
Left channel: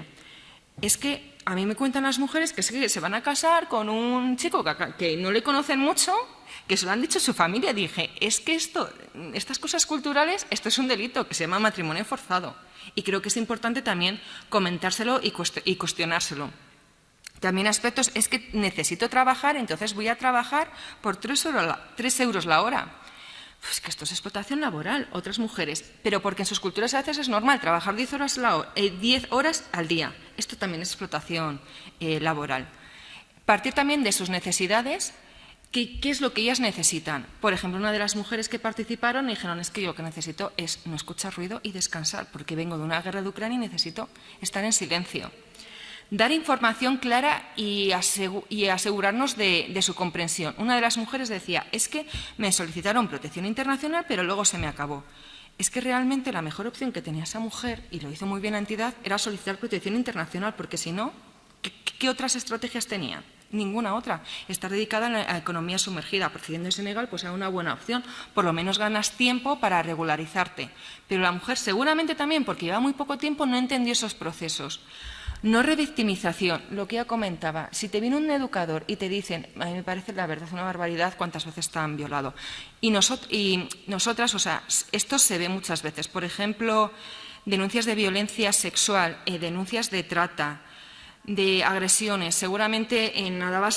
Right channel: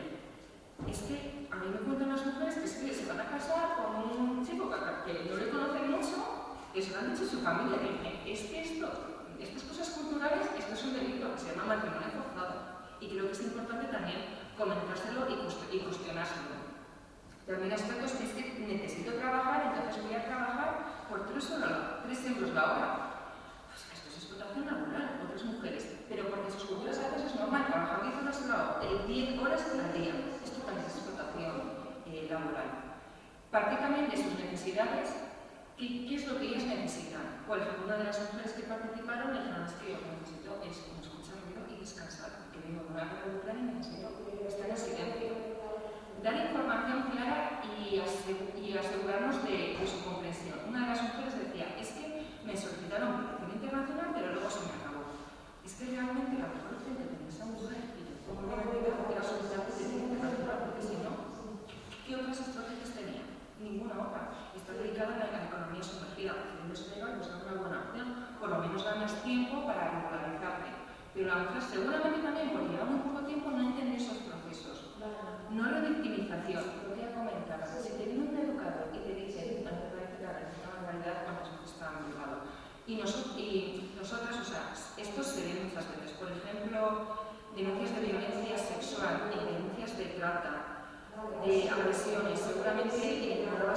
es que a mí me cuentan las mujeres que se van a casar con un chico que no le conocen mucho, que se lo han dicho a su familia. Dije, es que estas cosas culturales, esto es un delito que se llama matrimonio forzado. Y creo que es importante también comentárselo y cuestionárselo. También aspectos, es que necesito trabajar, entonces voy a trabajar por 3 euros la hora. Pues que esto es explotación laboral, otras mujeres. Pero porque en sus culturas a veces es normal trabajar 10 horas al día. Esto también es explotación laboral. Partir también de sus necesidades, ¿qué es lo que ellas necesitan? Por ejemplo, una de las mujeres que participaron dijeron, es que yo lo que necesito es no escuchar ruido y descansar, porque vengo de una guerra de Ucrania y necesito estar en silencio. Dar información clara y asegurarnos de su comprensión. Una de las mujeres decía, es que me solicitaron protección internacional, pero luego se me acabó. Es que realmente la mejor opción que tenía esa mujer, y lo hizo muy bien la entidad, era solicitar protección internacional, porque si no, ¿qué otras estrategias tenía? Ninguna otra. Estar dedicada a la economía sumergida, procediendo de Senegal, pues era una buena opción. Por lo menos ganas tiempo para regularizarte. Pero la mujer seguramente también, porque lleva muy poco tiempo, no entendió esos procesos. No revictimización, lo que ya comentaba. Si te viene un educador y te dicen, a mí me parece la verdad una barbaridad cuántas veces te han violado. Y nosotras, o sea, esto se ve muchas veces. Por ejemplo, denuncias de violencia sexual, denuncias de trata, de agresiones. Seguramente en Álava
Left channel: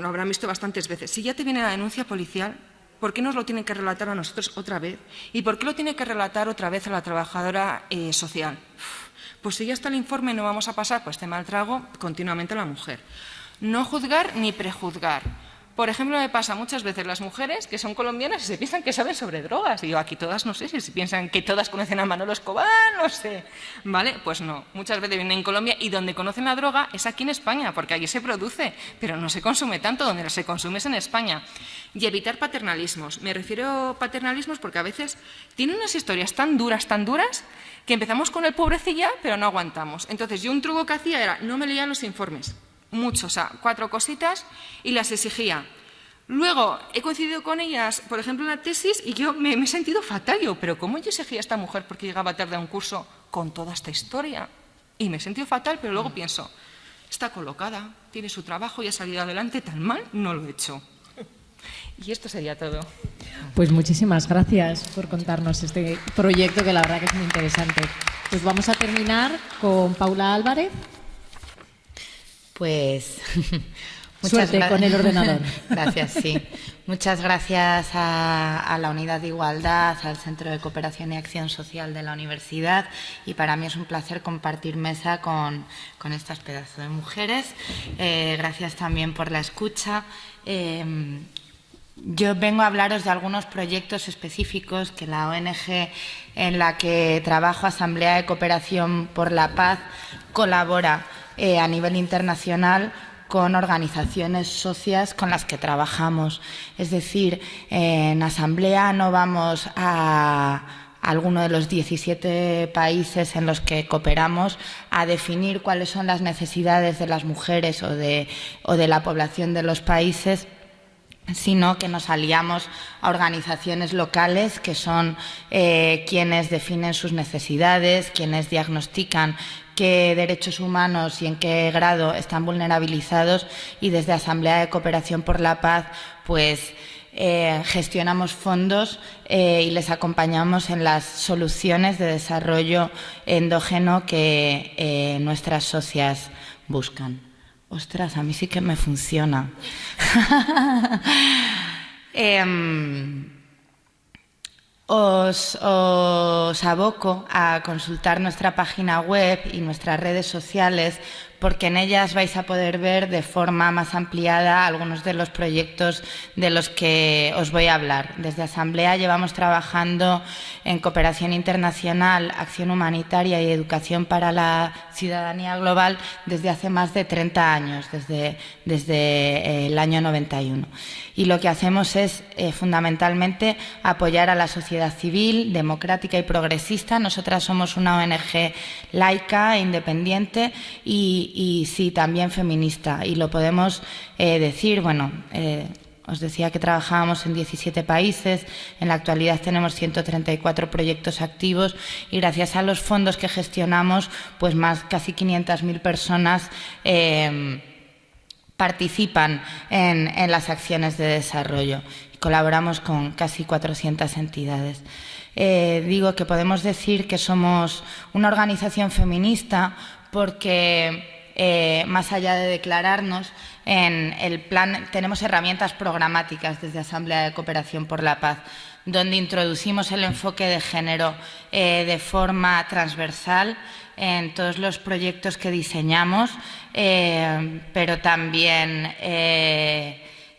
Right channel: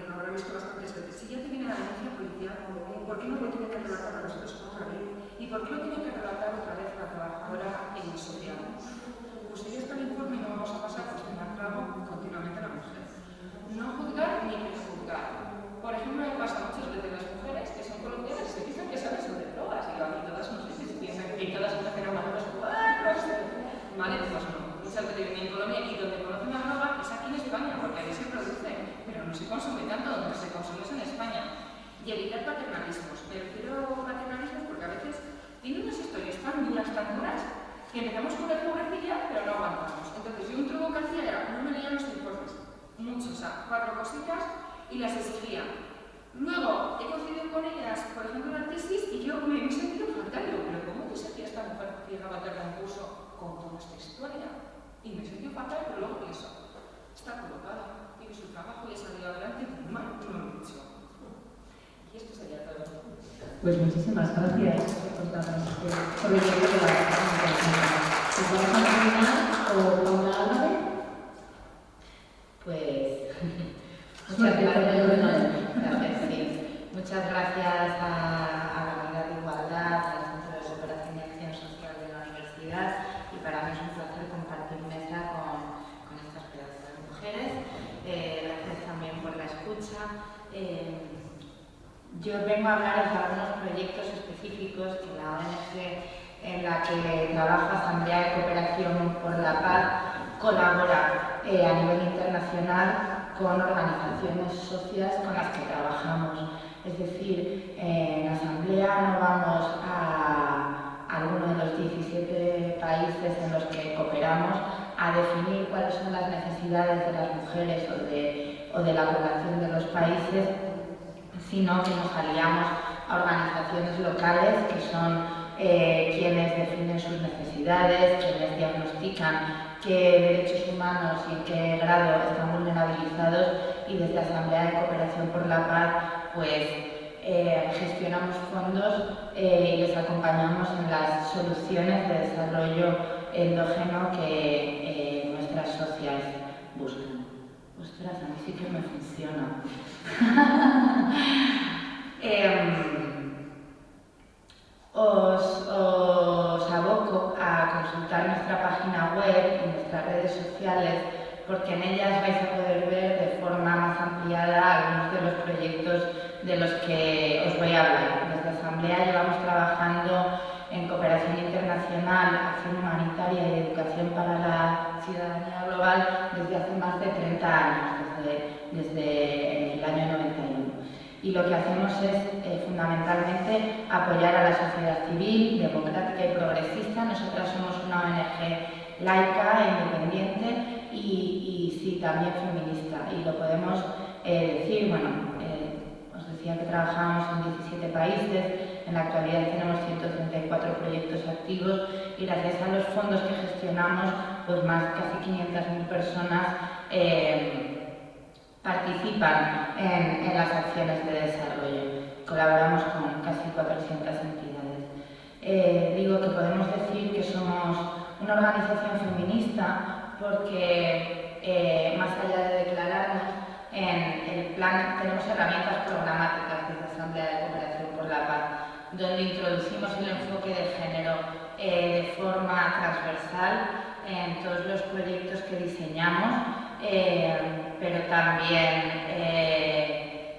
lo habrán visto bastantes veces. Si ya te viene la denuncia policial, ¿por qué nos lo tienen que relatar a nosotros otra vez? ¿Y por qué lo tiene que relatar otra vez a la trabajadora social? Pues si ya está el informe, no vamos a pasar por este mal trago continuamente a la mujer. No juzgar ni prejuzgar. Por ejemplo, me pasa muchas veces las mujeres que son colombianas y se piensan que saben sobre drogas. Y yo, aquí todas no sé, si se piensan que todas conocen a Manolo Escobar, no sé. ¿Vale? Pues no. Muchas veces vienen en Colombia y donde conocen la droga es aquí en España, porque aquí se produce, pero no se consume tanto, donde se consume es en España. Y evitar paternalismos. Me refiero a paternalismos porque a veces tienen unas historias tan duras, que empezamos con el pobrecilla, pero no aguantamos. Entonces, yo un truco que hacía era, no me leían los informes, mucho, o sea, 4 cositas y las exigía. Luego, he coincidido con ellas, por ejemplo, en la tesis, y yo me he sentido fatal. Yo, pero ¿cómo yo exigía a esta mujer porque llegaba tarde a un curso con toda esta historia? Y me he sentido fatal, pero luego pienso, está colocada, tiene su trabajo y ha salido adelante, tan mal no lo he hecho. Y esto sería todo. Pues muchísimas gracias por contarnos este proyecto que la verdad es muy interesante. Pues vamos a terminar con Paula Álvarez. Pues suerte con el ordenador. Gracias, sí. Muchas gracias a la Unidad de Igualdad, al Centro de Cooperación y Acción Social de la Universidad, y para mí es un placer compartir mesa con estas pedazos de mujeres. Gracias también por la escucha. Yo vengo a hablaros de algunos proyectos específicos que la ONG en la que trabajo, Asamblea de Cooperación por la Paz, colabora a nivel internacional con organizaciones socias con las que trabajamos. Es decir, en Asamblea no vamos a alguno de los 17 países en los que cooperamos a definir cuáles son las necesidades de las mujeres o de la población de los países, sino que nos aliamos a organizaciones locales que son quienes definen sus necesidades, quienes diagnostican qué derechos humanos y en qué grado están vulnerabilizados, y desde Asamblea de Cooperación por la Paz pues gestionamos fondos y les acompañamos en las soluciones de desarrollo endógeno que nuestras socias buscan. Ostras, a mí sí que me funciona. Os aboco a consultar nuestra página web y nuestras redes sociales, porque en ellas vais a poder ver de forma más ampliada algunos de los proyectos de los que os voy a hablar. Desde Asamblea llevamos trabajando en cooperación internacional, acción humanitaria y educación para la ciudadanía global desde hace más de 30 años, desde el año 91. Y lo que hacemos es fundamentalmente apoyar a la sociedad civil, democrática y progresista. Nosotras somos una ONG laica, independiente y sí, también feminista. Y lo podemos decir, bueno, os decía que trabajábamos en 17 países, en la actualidad tenemos 134 proyectos activos y gracias a los fondos que gestionamos, pues casi 500.000 personas participan en las acciones de desarrollo. Colaboramos con casi 400 entidades. Digo que podemos decir que somos una organización feminista porque más allá de declararnos, en el plan tenemos herramientas programáticas desde Asamblea de Cooperación por la Paz, donde introducimos el enfoque de género de forma transversal en todos los proyectos que diseñamos, pero también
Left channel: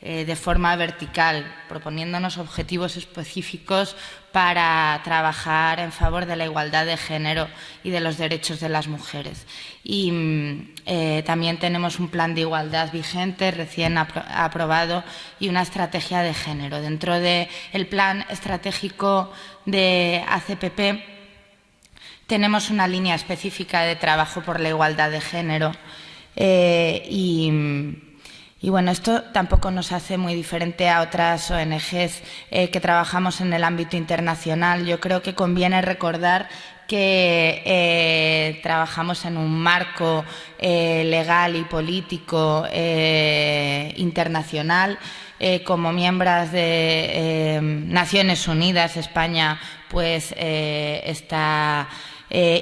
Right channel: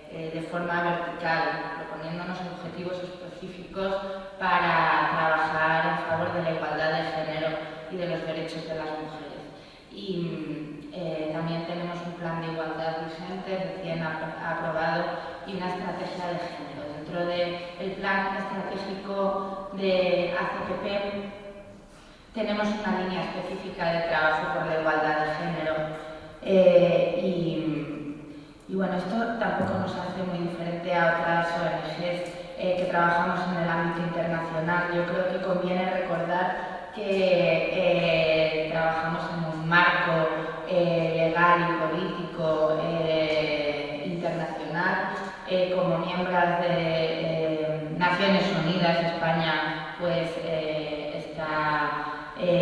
de forma vertical, proponiéndonos objetivos específicos para trabajar en favor de la igualdad de género y de los derechos de las mujeres. Y también tenemos un plan de igualdad vigente, recién aprobado, y una estrategia de género. Dentro del plan estratégico de ACPP tenemos una línea específica de trabajo por la igualdad de género y bueno, esto tampoco nos hace muy diferente a otras ONGs que trabajamos en el ámbito internacional. Yo creo que conviene recordar que trabajamos en un marco legal y político internacional. Como miembros de Naciones Unidas, España pues está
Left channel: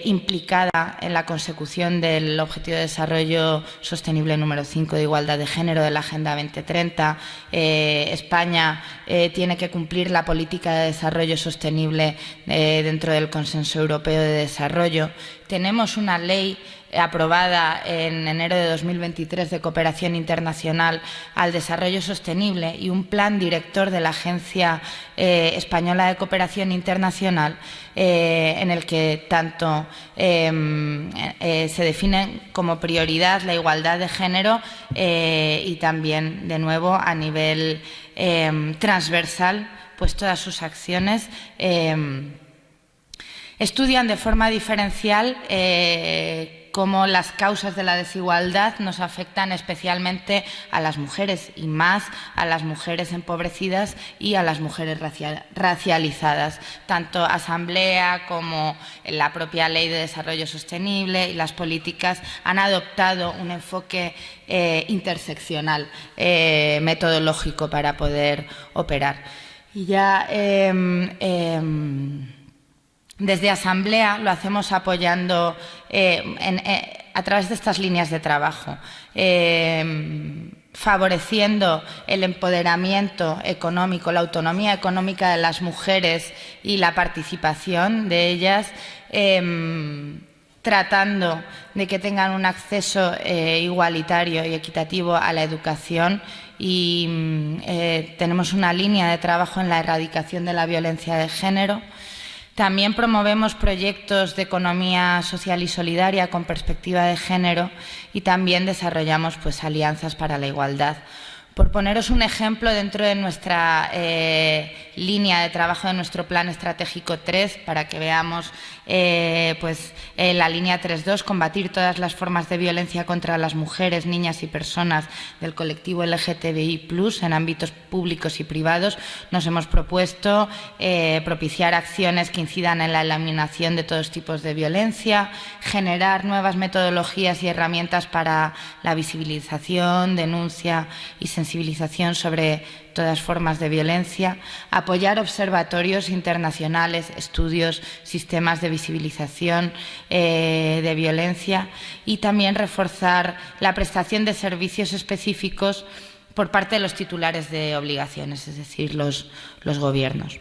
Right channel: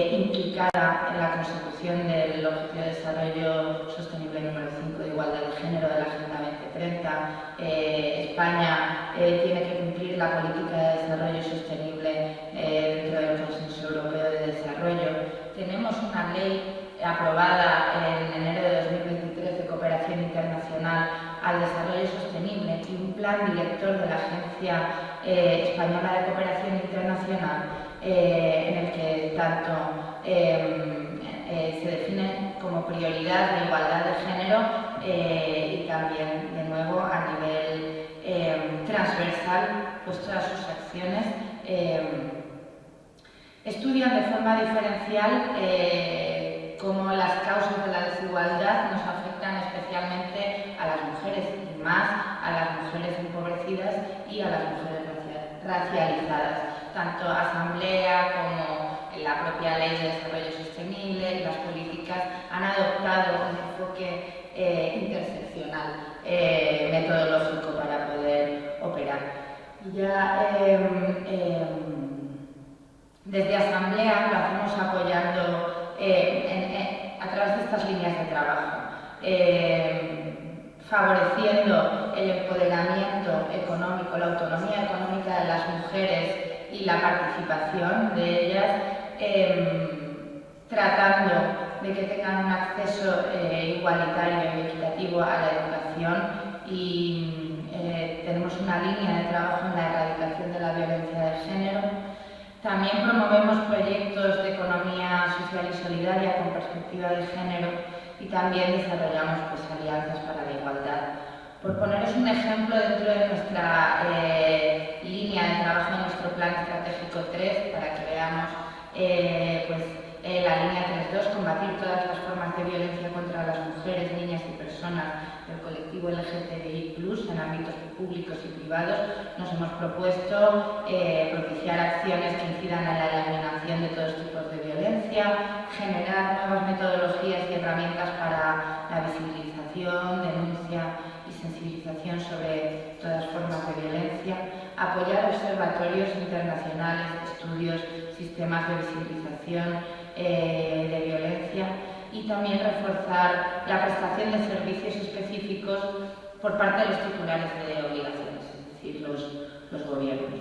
implicada en la consecución del Objetivo de Desarrollo Sostenible número 5 de igualdad de género de la Agenda 2030. España tiene que cumplir la política de desarrollo sostenible dentro del Consenso Europeo de Desarrollo. Tenemos una ley aprobada en enero de 2023 de cooperación internacional al desarrollo sostenible y un plan director de la Agencia Española de Cooperación Internacional en el que tanto se define como prioridad la igualdad de género y también, de nuevo, a nivel transversal, pues todas sus acciones estudian de forma diferencial cómo las causas de la desigualdad nos afectan especialmente a las mujeres y más a las mujeres empobrecidas y a las mujeres racializadas. Tanto Asamblea como la propia Ley de Desarrollo Sostenible y las políticas han adoptado un enfoque interseccional, metodológico para poder operar. Y ya desde Asamblea lo hacemos apoyando a través de estas líneas de trabajo, favoreciendo el empoderamiento económico, la autonomía económica de las mujeres y la participación de ellas, tratando de que tengan un acceso igualitario y equitativo a la educación y tenemos una línea de trabajo en la erradicación de la violencia de género. También promovemos proyectos de economía social y solidaria con perspectiva de género y también desarrollamos pues, alianzas para la igualdad. Por poneros un ejemplo, dentro de nuestra línea de trabajo de nuestro Plan Estratégico 3, para que veamos la línea 3.2, combatir todas las formas de violencia contra las mujeres, niñas y personas del colectivo LGTBI+, en ámbitos públicos y privados, nos hemos propuesto propiciar acciones que incidan en la eliminación de todos tipos de violencia, generar nuevas metodologías y herramientas para la visibilización, denuncia y sensibilización sobre todas formas de violencia, apoyar observatorios internacionales, estudios, sistemas de visibilización de violencia y también reforzar la prestación de servicios específicos por parte de los titulares de obligaciones, es decir, los gobiernos.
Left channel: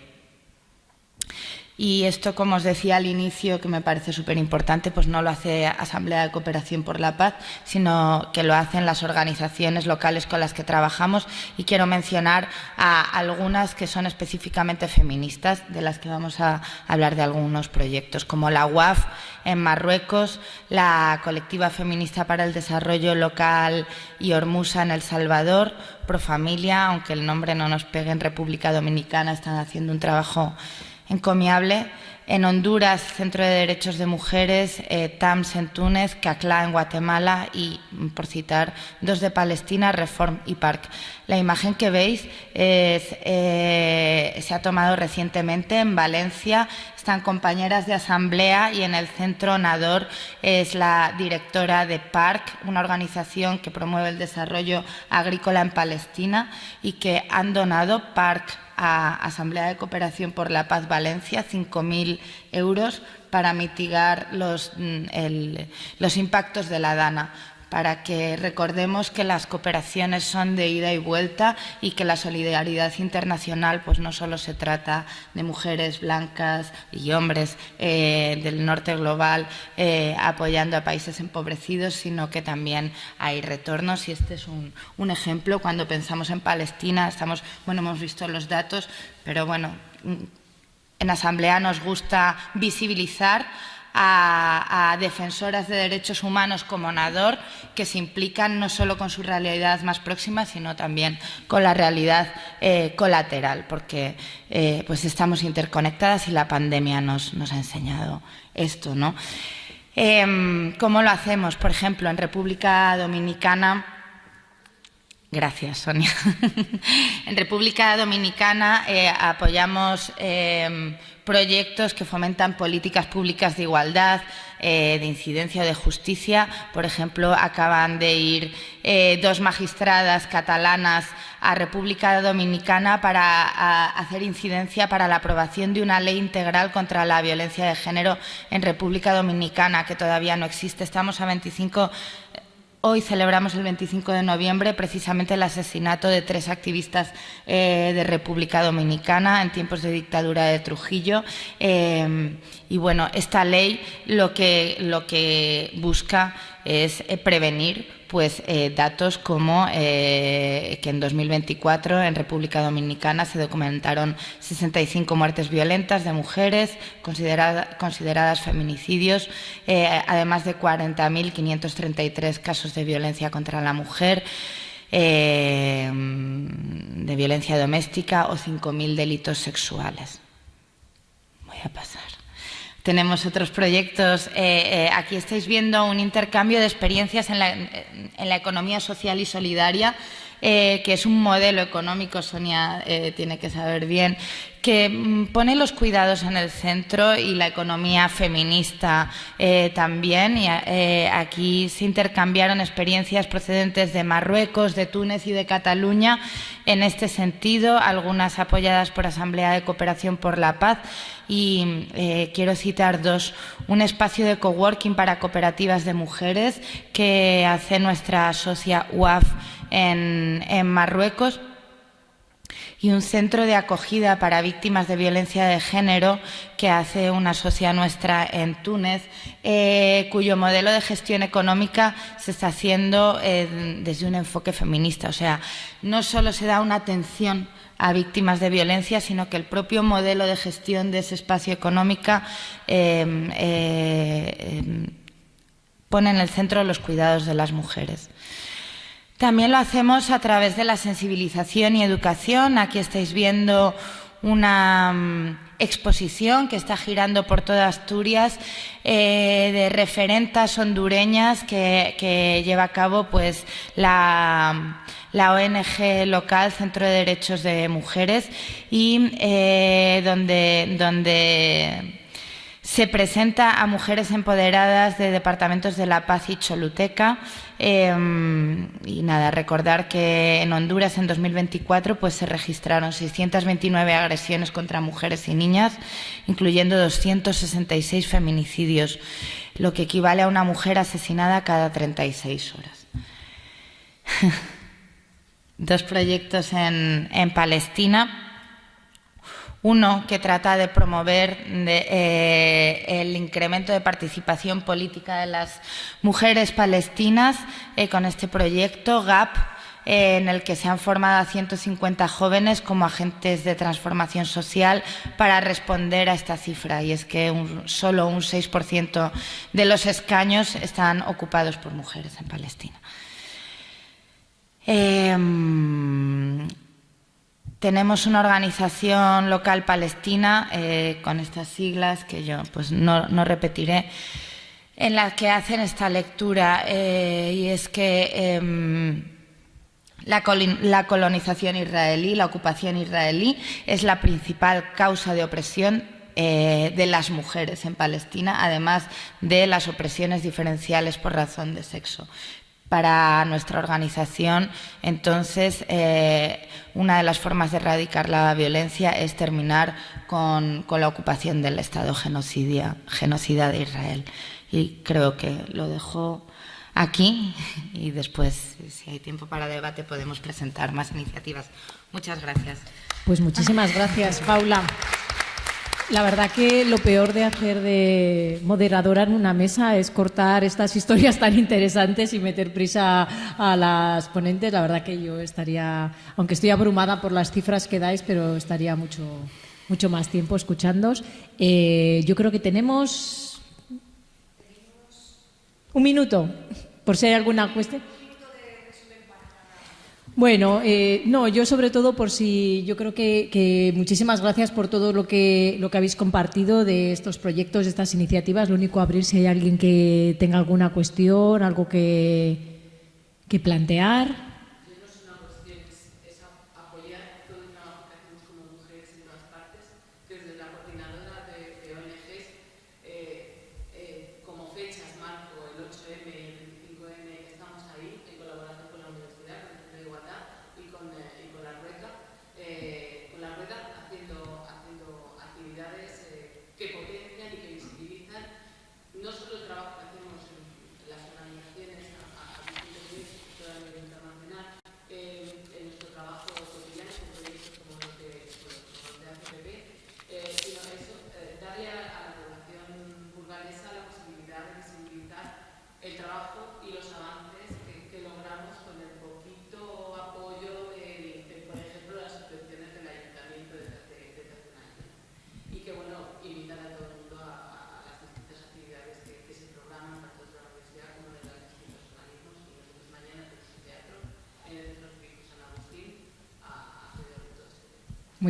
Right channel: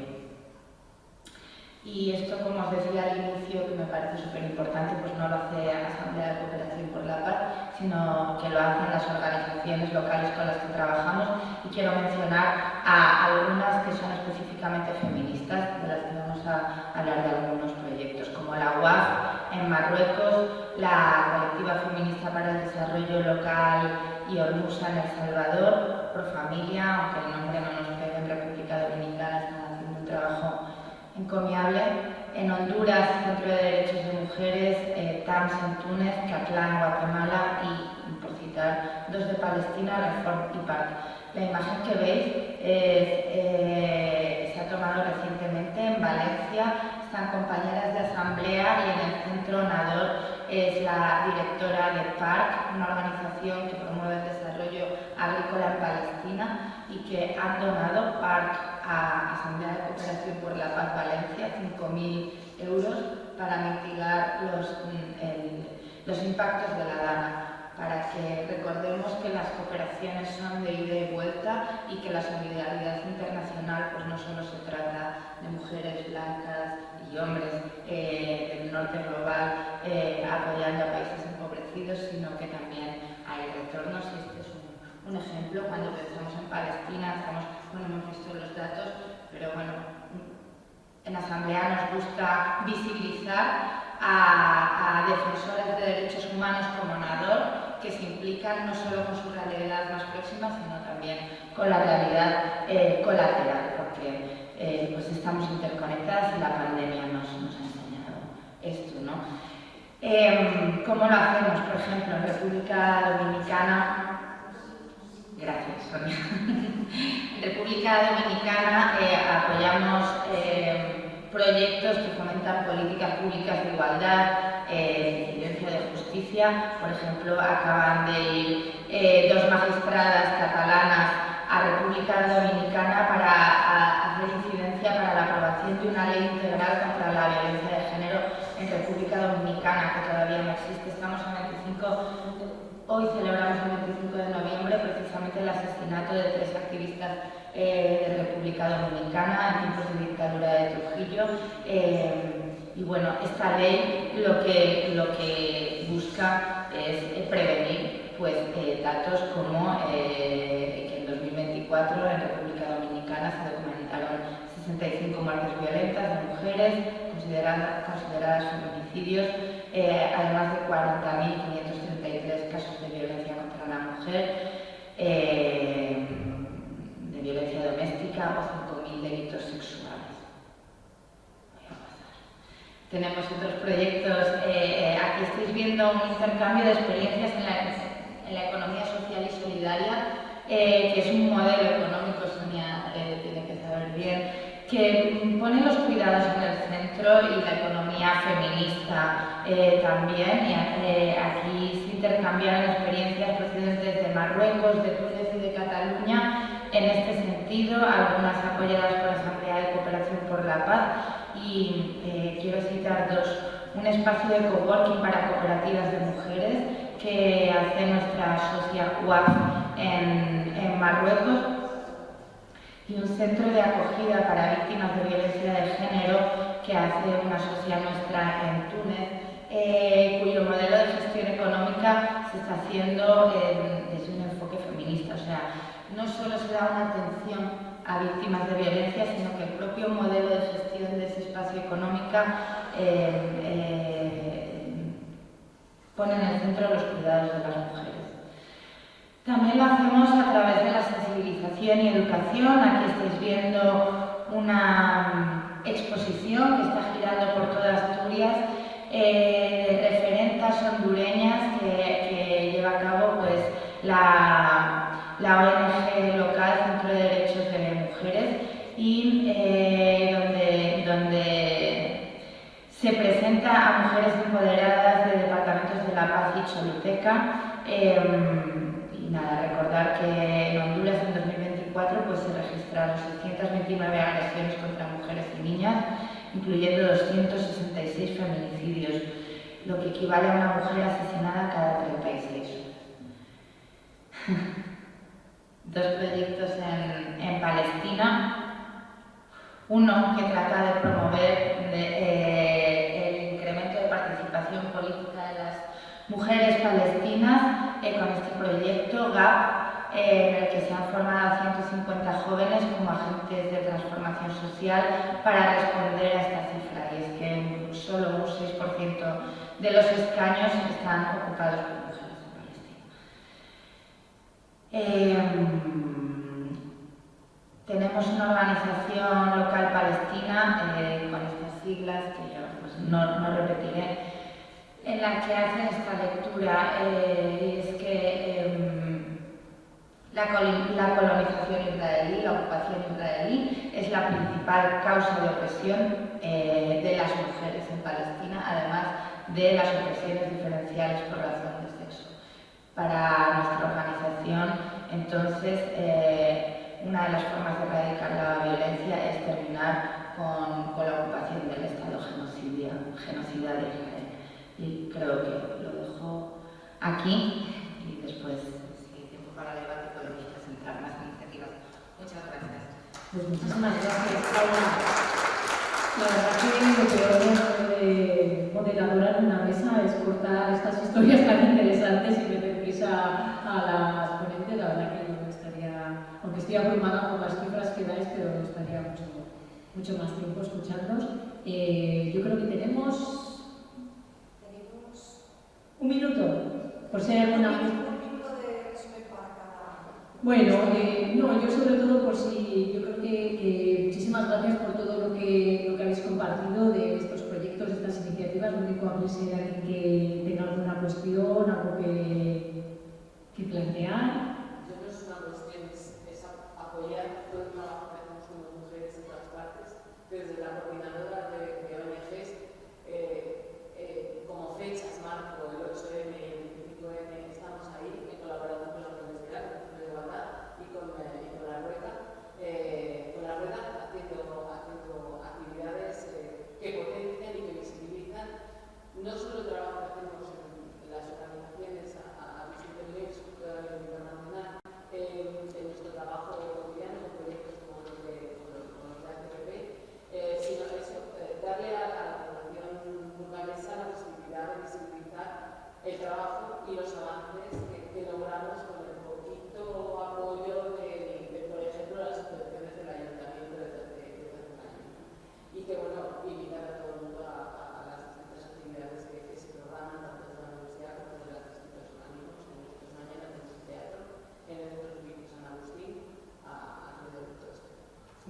Y esto, como os decía al inicio, que me parece súper importante, pues no lo hace Asamblea de Cooperación por la Paz, sino que lo hacen las organizaciones locales con las que trabajamos, y quiero mencionar a algunas que son específicamente feministas, de las que vamos a hablar de algunos proyectos, como la UAF en Marruecos, la Colectiva Feminista para el Desarrollo Local y Hormusa en El Salvador, Profamilia, aunque el nombre no nos pegue, en República Dominicana están haciendo un trabajo encomiable. En Honduras, Centro de Derechos de Mujeres, TAMS en Túnez, CACLA en Guatemala y, por citar, dos de Palestina, Reform y PARC. La imagen que veis se ha tomado recientemente en Valencia. Están compañeras de Asamblea y en el Centro Nador es la directora de PARC, una organización que promueve el desarrollo agrícola en Palestina y que han donado PARC a Asamblea de Cooperación por la Paz Valencia 5.000 euros para mitigar los impactos de la DANA, para que recordemos que las cooperaciones son de ida y vuelta y que la solidaridad internacional pues no solo se trata de mujeres blancas y hombres del norte global apoyando a países empobrecidos, sino que también hay retornos, y este es un ejemplo. Cuando pensamos en Palestina, hemos visto los datos, pero bueno, en Asamblea nos gusta visibilizar a defensoras de derechos humanos como Nador, que se implican no solo con su realidad más próxima, sino también con la realidad colateral, porque pues estamos interconectadas y la pandemia nos ha enseñado esto, ¿no? ¿Cómo lo hacemos? Por ejemplo, en República Dominicana. Gracias, Sonia. En República Dominicana apoyamos proyectos que fomentan políticas públicas de igualdad, de incidencia o de justicia. Por ejemplo, acaban de ir 2 magistradas catalanas a República Dominicana para hacer incidencia para la aprobación de una ley integral contra la violencia de género en República Dominicana, que todavía no existe. Hoy celebramos el 25 de noviembre precisamente el asesinato de 3 activistas de República Dominicana en tiempos de dictadura de Trujillo. Y bueno, esta ley lo que busca es prevenir datos como que en 2024 en República Dominicana se documentaron 65 muertes violentas de mujeres consideradas feminicidios, además de 40.533 casos de violencia contra la mujer, de violencia doméstica o 5.000 delitos sexuales. Voy a pasar. Tenemos otros proyectos. Aquí estáis viendo un intercambio de experiencias en la economía social y solidaria, que es un modelo económico, Sonia tiene que saber bien, que pone los cuidados en el centro y la economía feminista también. Y, aquí se intercambiaron experiencias procedentes de Marruecos, de Túnez y de Cataluña en este sentido, algunas apoyadas por Asamblea de Cooperación por la Paz. Y quiero citar 2. Un espacio de coworking para cooperativas de mujeres que hace nuestra socia UAF en Marruecos, y un centro de acogida para víctimas de violencia de género que hace una socia nuestra en Túnez, cuyo modelo de gestión económica se está haciendo desde un enfoque feminista. O sea, no solo se da una atención a víctimas de violencia, sino que el propio modelo de gestión de ese espacio económico pone en el centro los cuidados de las mujeres. También lo hacemos a través de la sensibilización y educación. Aquí estáis viendo una exposición que está girando por toda Asturias de referentas hondureñas que lleva a cabo la ONG local Centro de Derechos de Mujeres, y donde se presenta a mujeres empoderadas de departamentos de La Paz y Choluteca. Y nada, recordar que en Honduras en 2024 se registraron 629 agresiones contra mujeres y niñas, incluyendo 266 feminicidios, lo que equivale a una mujer asesinada cada 36 horas. 2 proyectos en Palestina. Uno que trata de promover el incremento de participación política de las mujeres palestinas con este proyecto GAP, en el que se han formado a 150 jóvenes como agentes de transformación social para responder a esta cifra, y es que solo un 6% de los escaños están ocupados por mujeres en Palestina. Tenemos una organización local palestina con estas siglas que yo no repetiré, en la que hacen esta lectura, y es que la colonización israelí, la ocupación israelí, es la principal causa de opresión de las mujeres en Palestina, además de las opresiones diferenciales por razón de sexo. Para nuestra organización, entonces, una de las formas de erradicar la violencia es terminar con la ocupación del Estado genocida de Israel. Y creo que lo dejo aquí, y después, si hay tiempo para debate, podemos presentar más iniciativas. Muchas gracias. Pues muchísimas gracias, Paula. La verdad que lo peor de hacer de moderadora en una mesa es cortar estas historias tan interesantes y meter prisa a las ponentes. La verdad que yo estaría, aunque estoy abrumada por las cifras que dais, pero estaría mucho más tiempo escuchándoos. Yo creo que tenemos un minuto, por si hay alguna cuestión. Bueno, no, yo sobre todo por si, yo creo que muchísimas gracias por todo lo que habéis compartido de estos proyectos, de estas iniciativas. Lo único, abrir si hay alguien que tenga alguna cuestión, algo que plantear.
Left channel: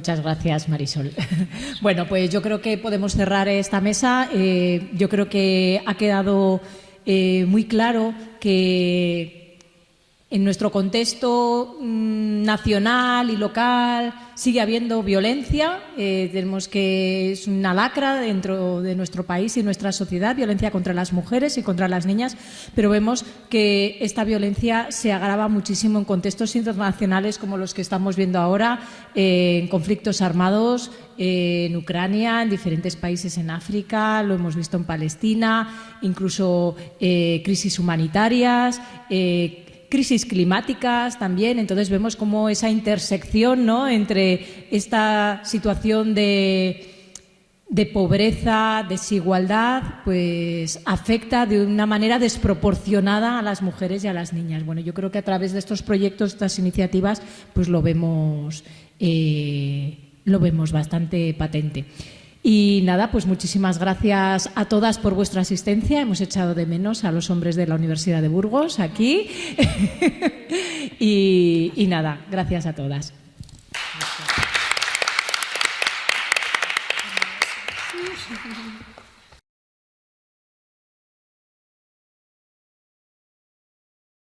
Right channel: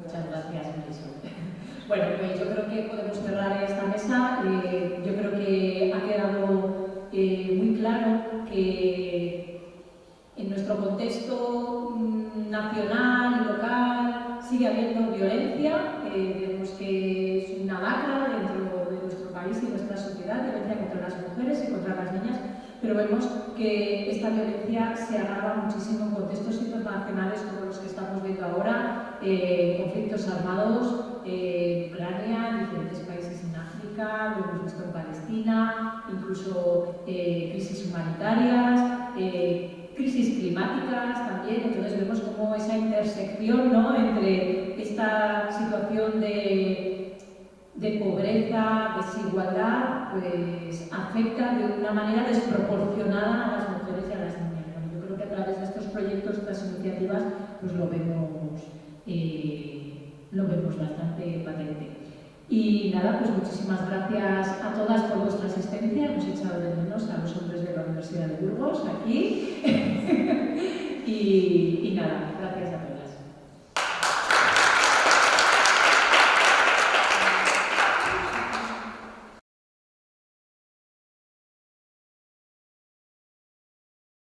Muchas gracias, Marisol. Bueno, pues yo creo que podemos cerrar esta mesa. Yo creo que ha quedado muy claro que en nuestro contexto nacional y local sigue habiendo violencia. Tenemos que es una lacra dentro de nuestro país y nuestra sociedad, violencia contra las mujeres y contra las niñas, pero vemos que esta violencia se agrava muchísimo en contextos internacionales como los que estamos viendo ahora, en conflictos armados en Ucrania, en diferentes países en África, lo hemos visto en Palestina, incluso crisis humanitarias, crisis climáticas también. Entonces vemos como esa intersección, ¿no?, entre esta situación de pobreza, desigualdad, pues afecta de una manera desproporcionada a las mujeres y a las niñas. Bueno, yo creo que a través de estos proyectos, estas iniciativas, pues lo vemos bastante patente. Y nada, pues muchísimas gracias a todas por vuestra asistencia. Hemos echado de menos a los hombres de la Universidad de Burgos aquí. y nada, gracias a todas.